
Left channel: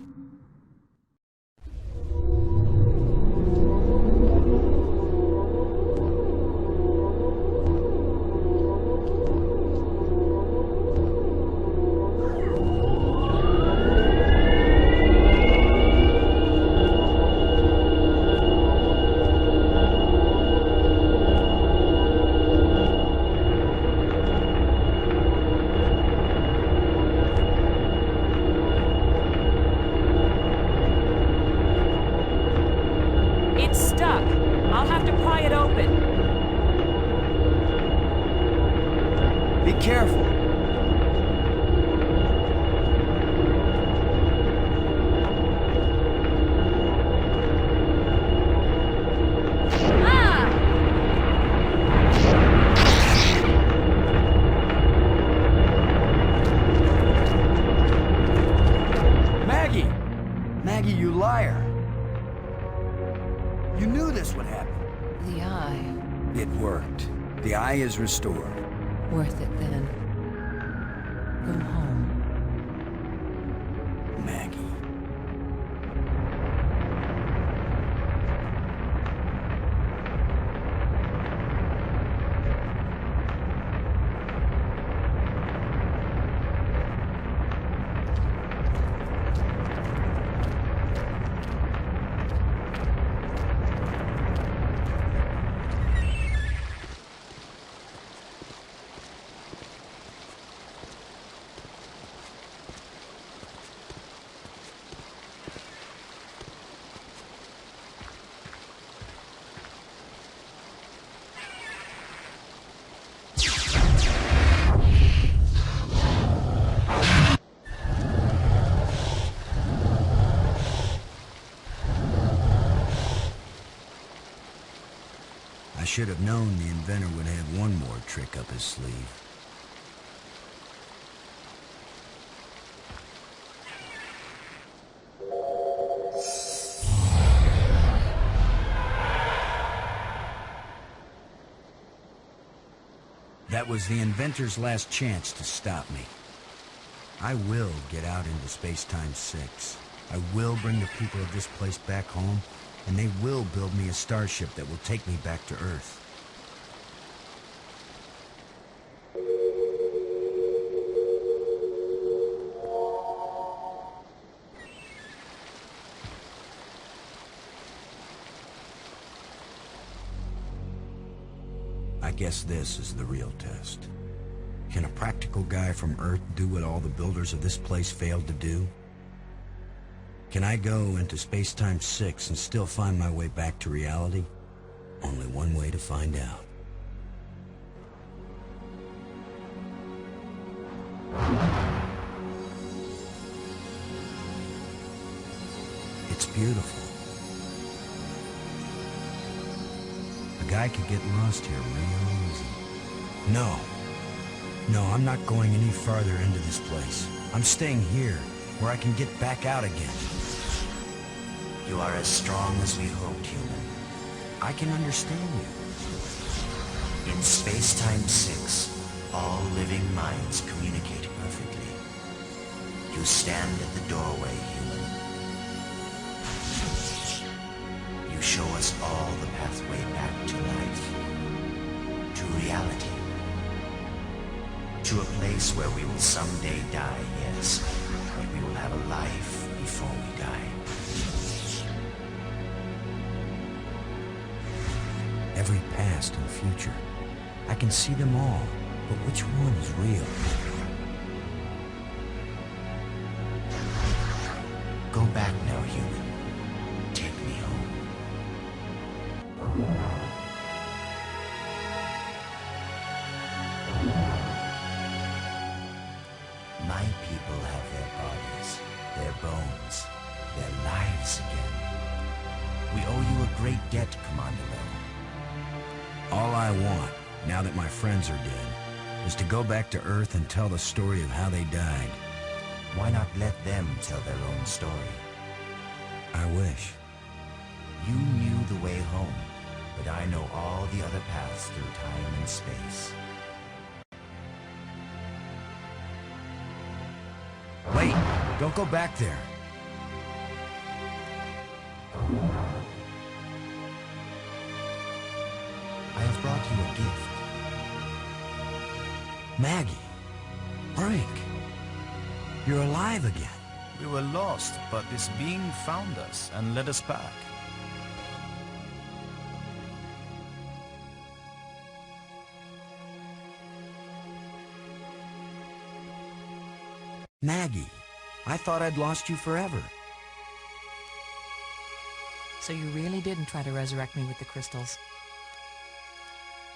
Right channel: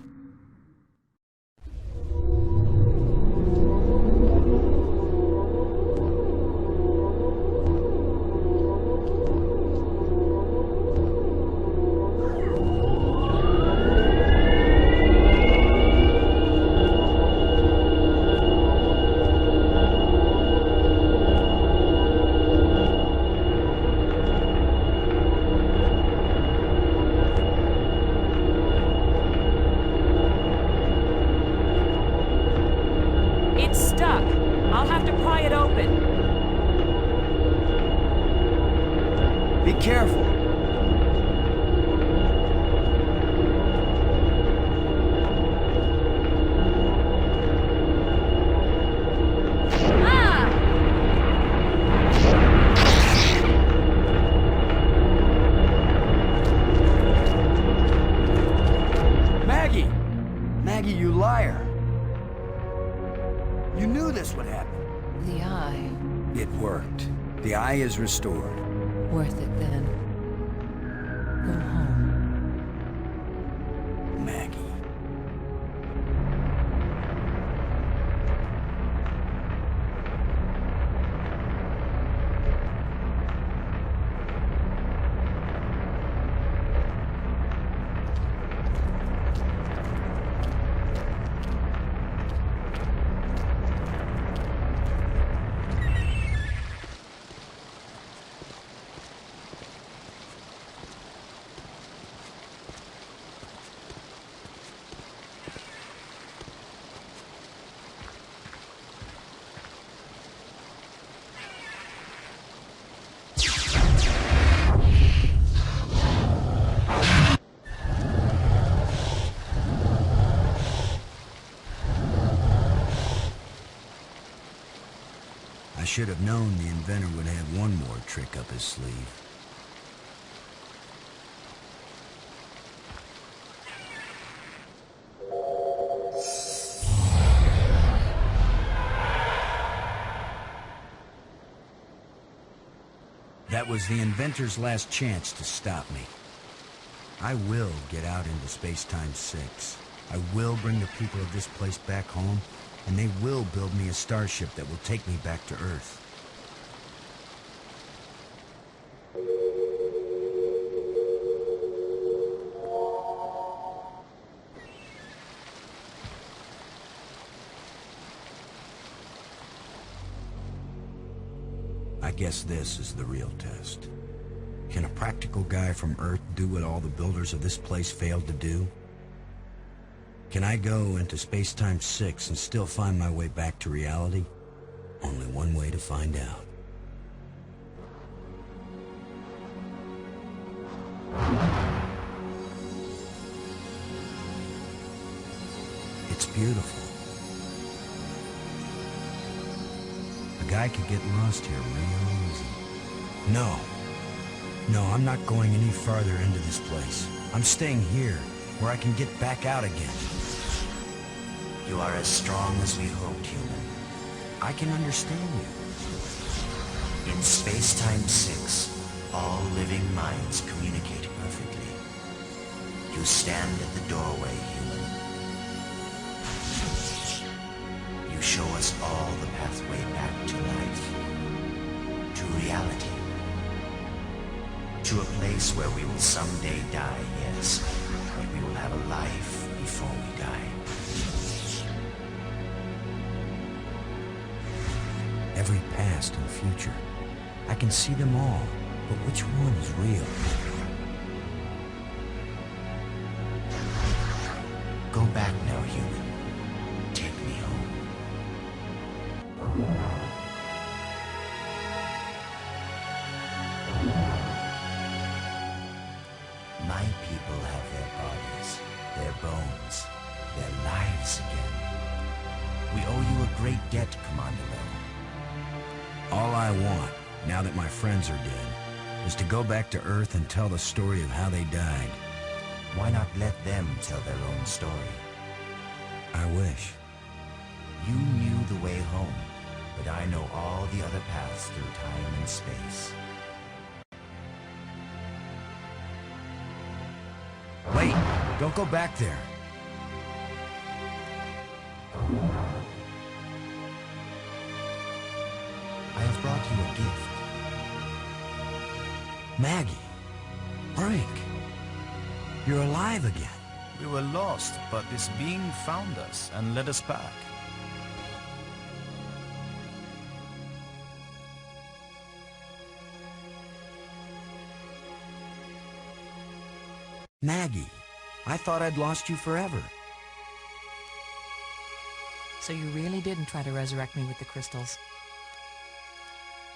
Maggie, you liar! You knew this would happen. The eye. It worked. The eye is restored. Worth it then. Go home. Maggie. I should have known the inventor would have one more trick up his sleeve. That was the inventor's last chance to stop me. I will get out into Space-Time 6. I will bring the people of this place back home, and they will build me a starship that will take me back to Earth. I guess this is the real test. Can a practical guy from Earth do what all the builders of this place failed to do? Can I go into Space-Time 6 and still find my way back to reality? Only one way to find out. It's beautiful. A guy could get lost here real easy. No, I'm not going any farther into this place. I'm staying here, where I can get back out again. You are as strong as we hoped, human. I can understand you. In Space-Time 6, all living minds communicate perfectly. You stand at the doorway, human. You show us all the pathway back to life, to reality, to a place where we will someday die, yes, but we will have a life before we die. Every past and future, I can see them all, but which one is real? Go back now, human. Take me home. My people have their bodies, their bones, their lives again. We owe you a great debt, Commander Lowe. All I want, now that my friends are dead, is to go back to Earth and tell the story of how they died. Why not let them tell their own story? I wish. You knew the way home, but I know all the other paths through time and space. Wait! Don't go back there! I have brought you a gift. Maggie! Brink! You're alive again. We were lost, but this being found us and led us back. Maggie, I thought I'd lost you forever. So you really didn't try to resurrect me with the crystals?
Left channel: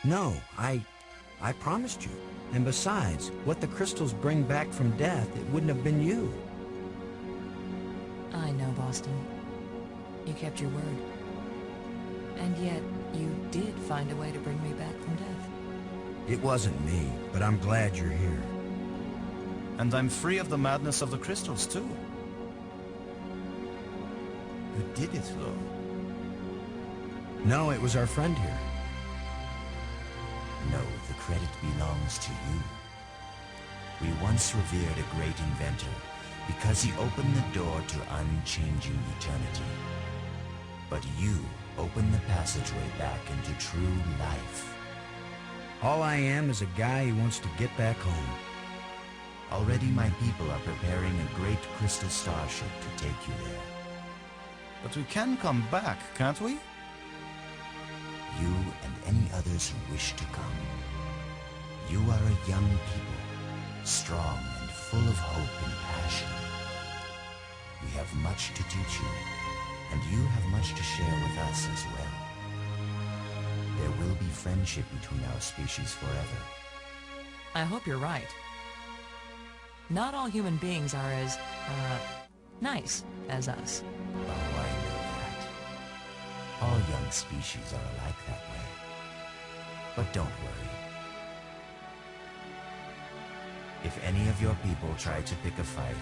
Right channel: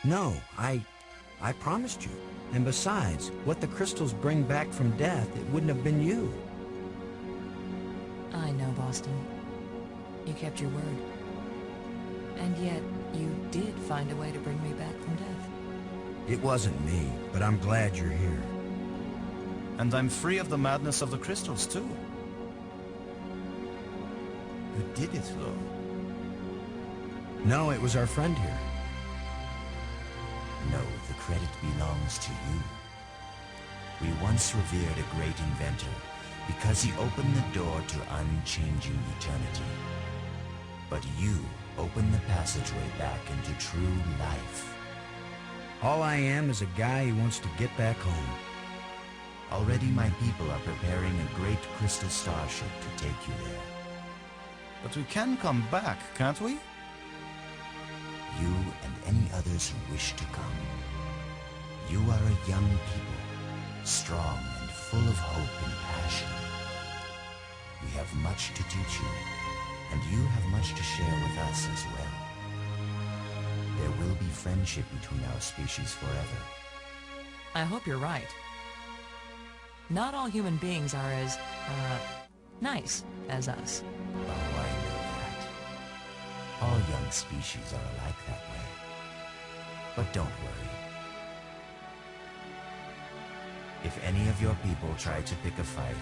No, I promised you. And besides, what the crystals bring back from death, it wouldn't have been you. I know, Boston. You kept your word. And yet, you did find a way to bring me back from death. It wasn't me, but I'm glad you're here. And I'm free of the madness of the crystals, too. You did it, though. No, it was our friend here. No, the credit belongs to you. We once revered a great inventor because he opened the door to unchanging eternity. But you opened the passageway back into true life. All I am is a guy who wants to get back home. Already my people are preparing a great crystal starship to take you there. But we can come back, can't we? You and any others who wish to come. You are a young people, strong and full of hope and passion. We have much to teach you, and you have much to share with us as well. There will be friendship between our species forever. I hope you're right. Not all human beings are as, nice as us. Oh, I know that. All young species are alike that way. But don't worry. If any of your people try to pick a fight,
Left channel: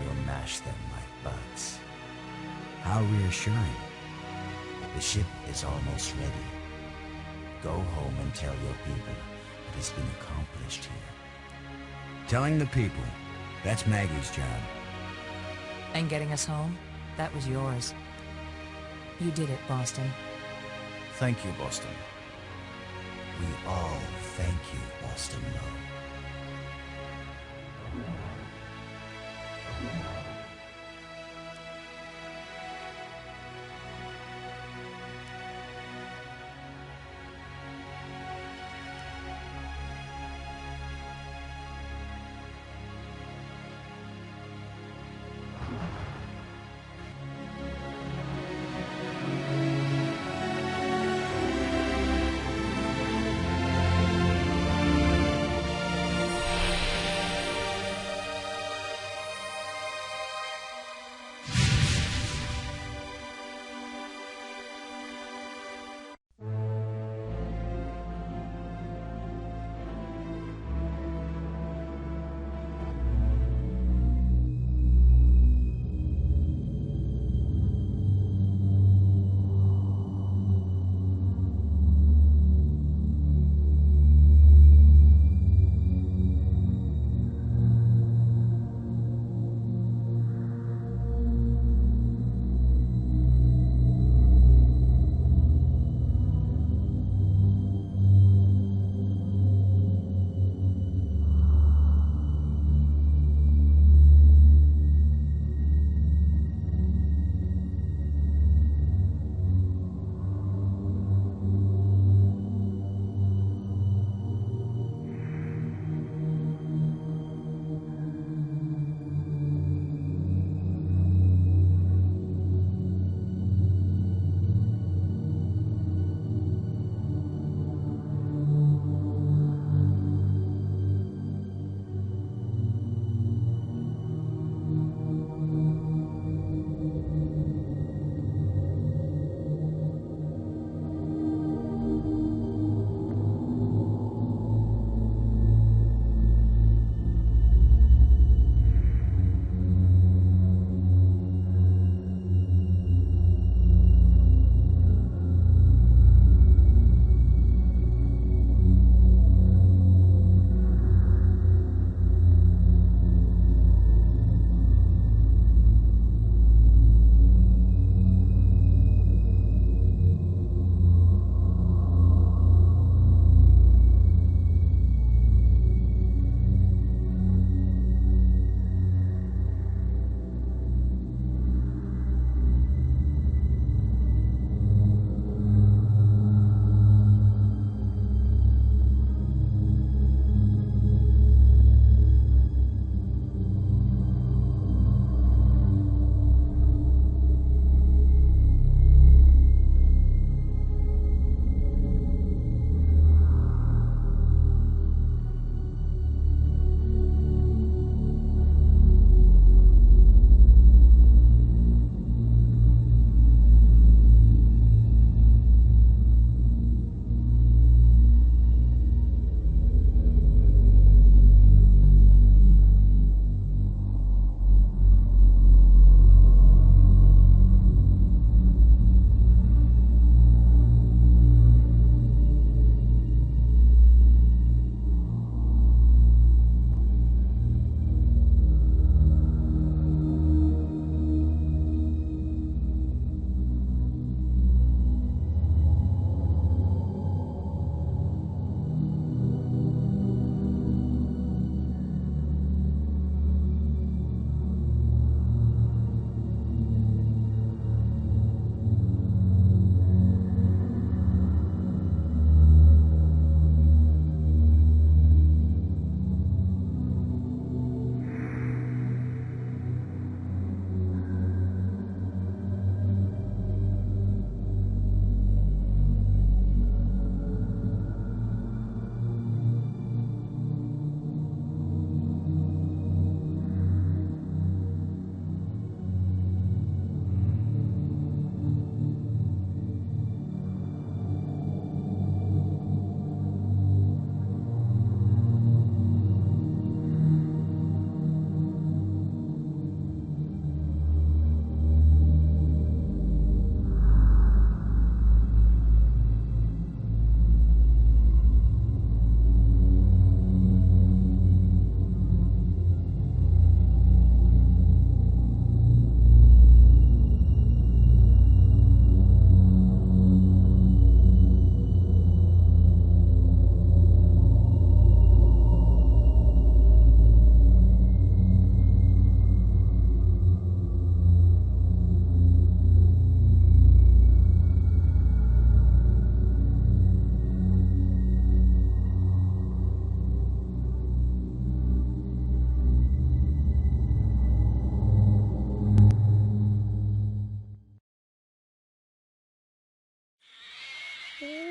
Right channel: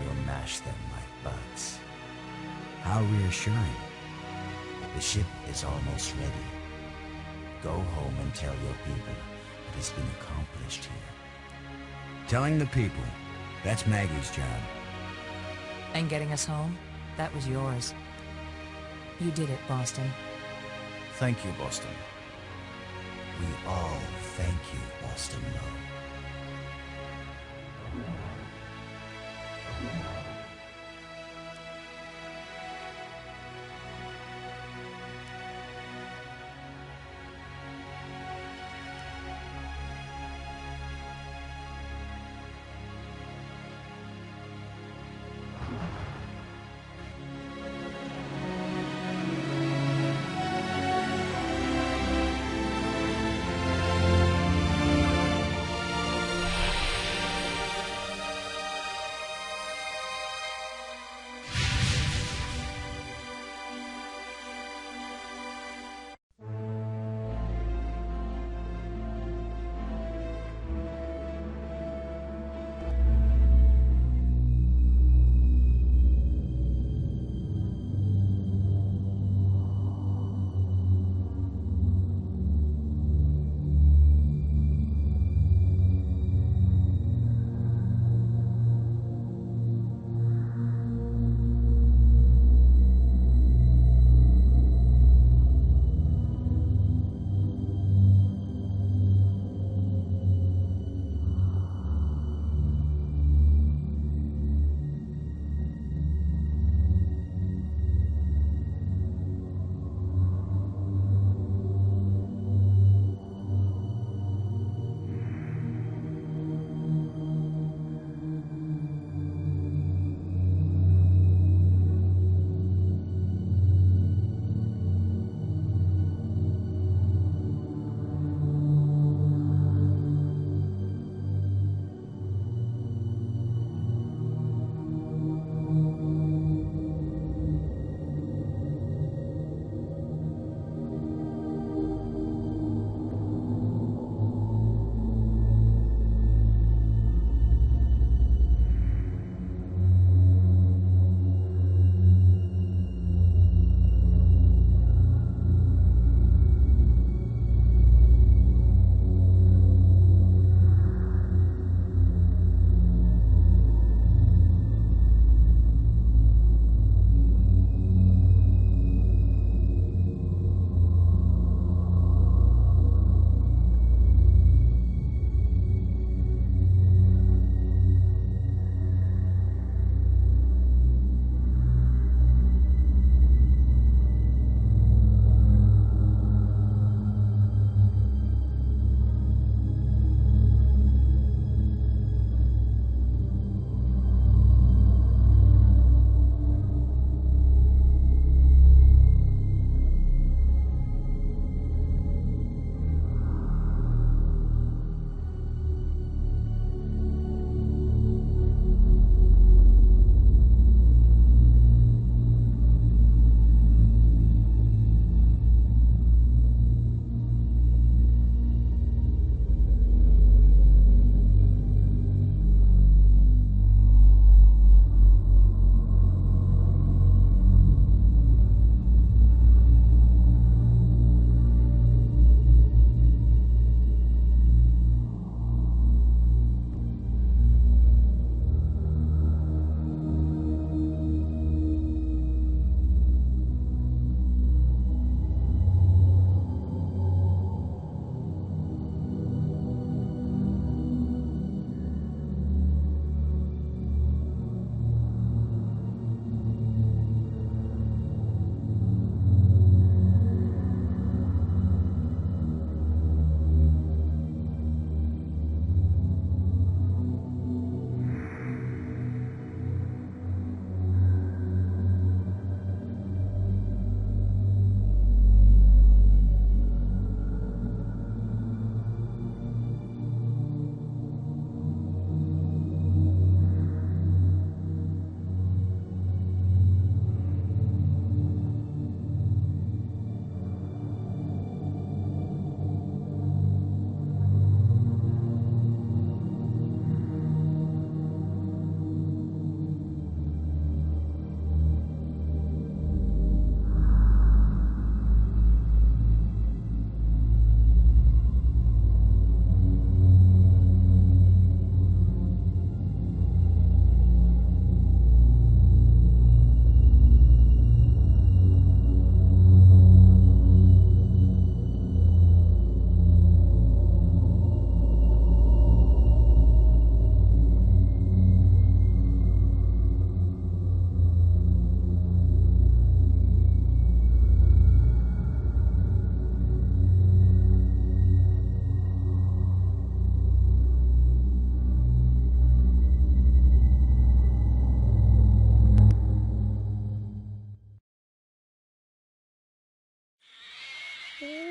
you'll mash them like bugs. How reassuring. The ship is almost ready. Go home and tell your people what has been accomplished here. Telling the people, that's Maggie's job. And getting us home, that was yours. You did it, Boston. Thank you, Boston. We all thank you, Boston Lowe. Ooh.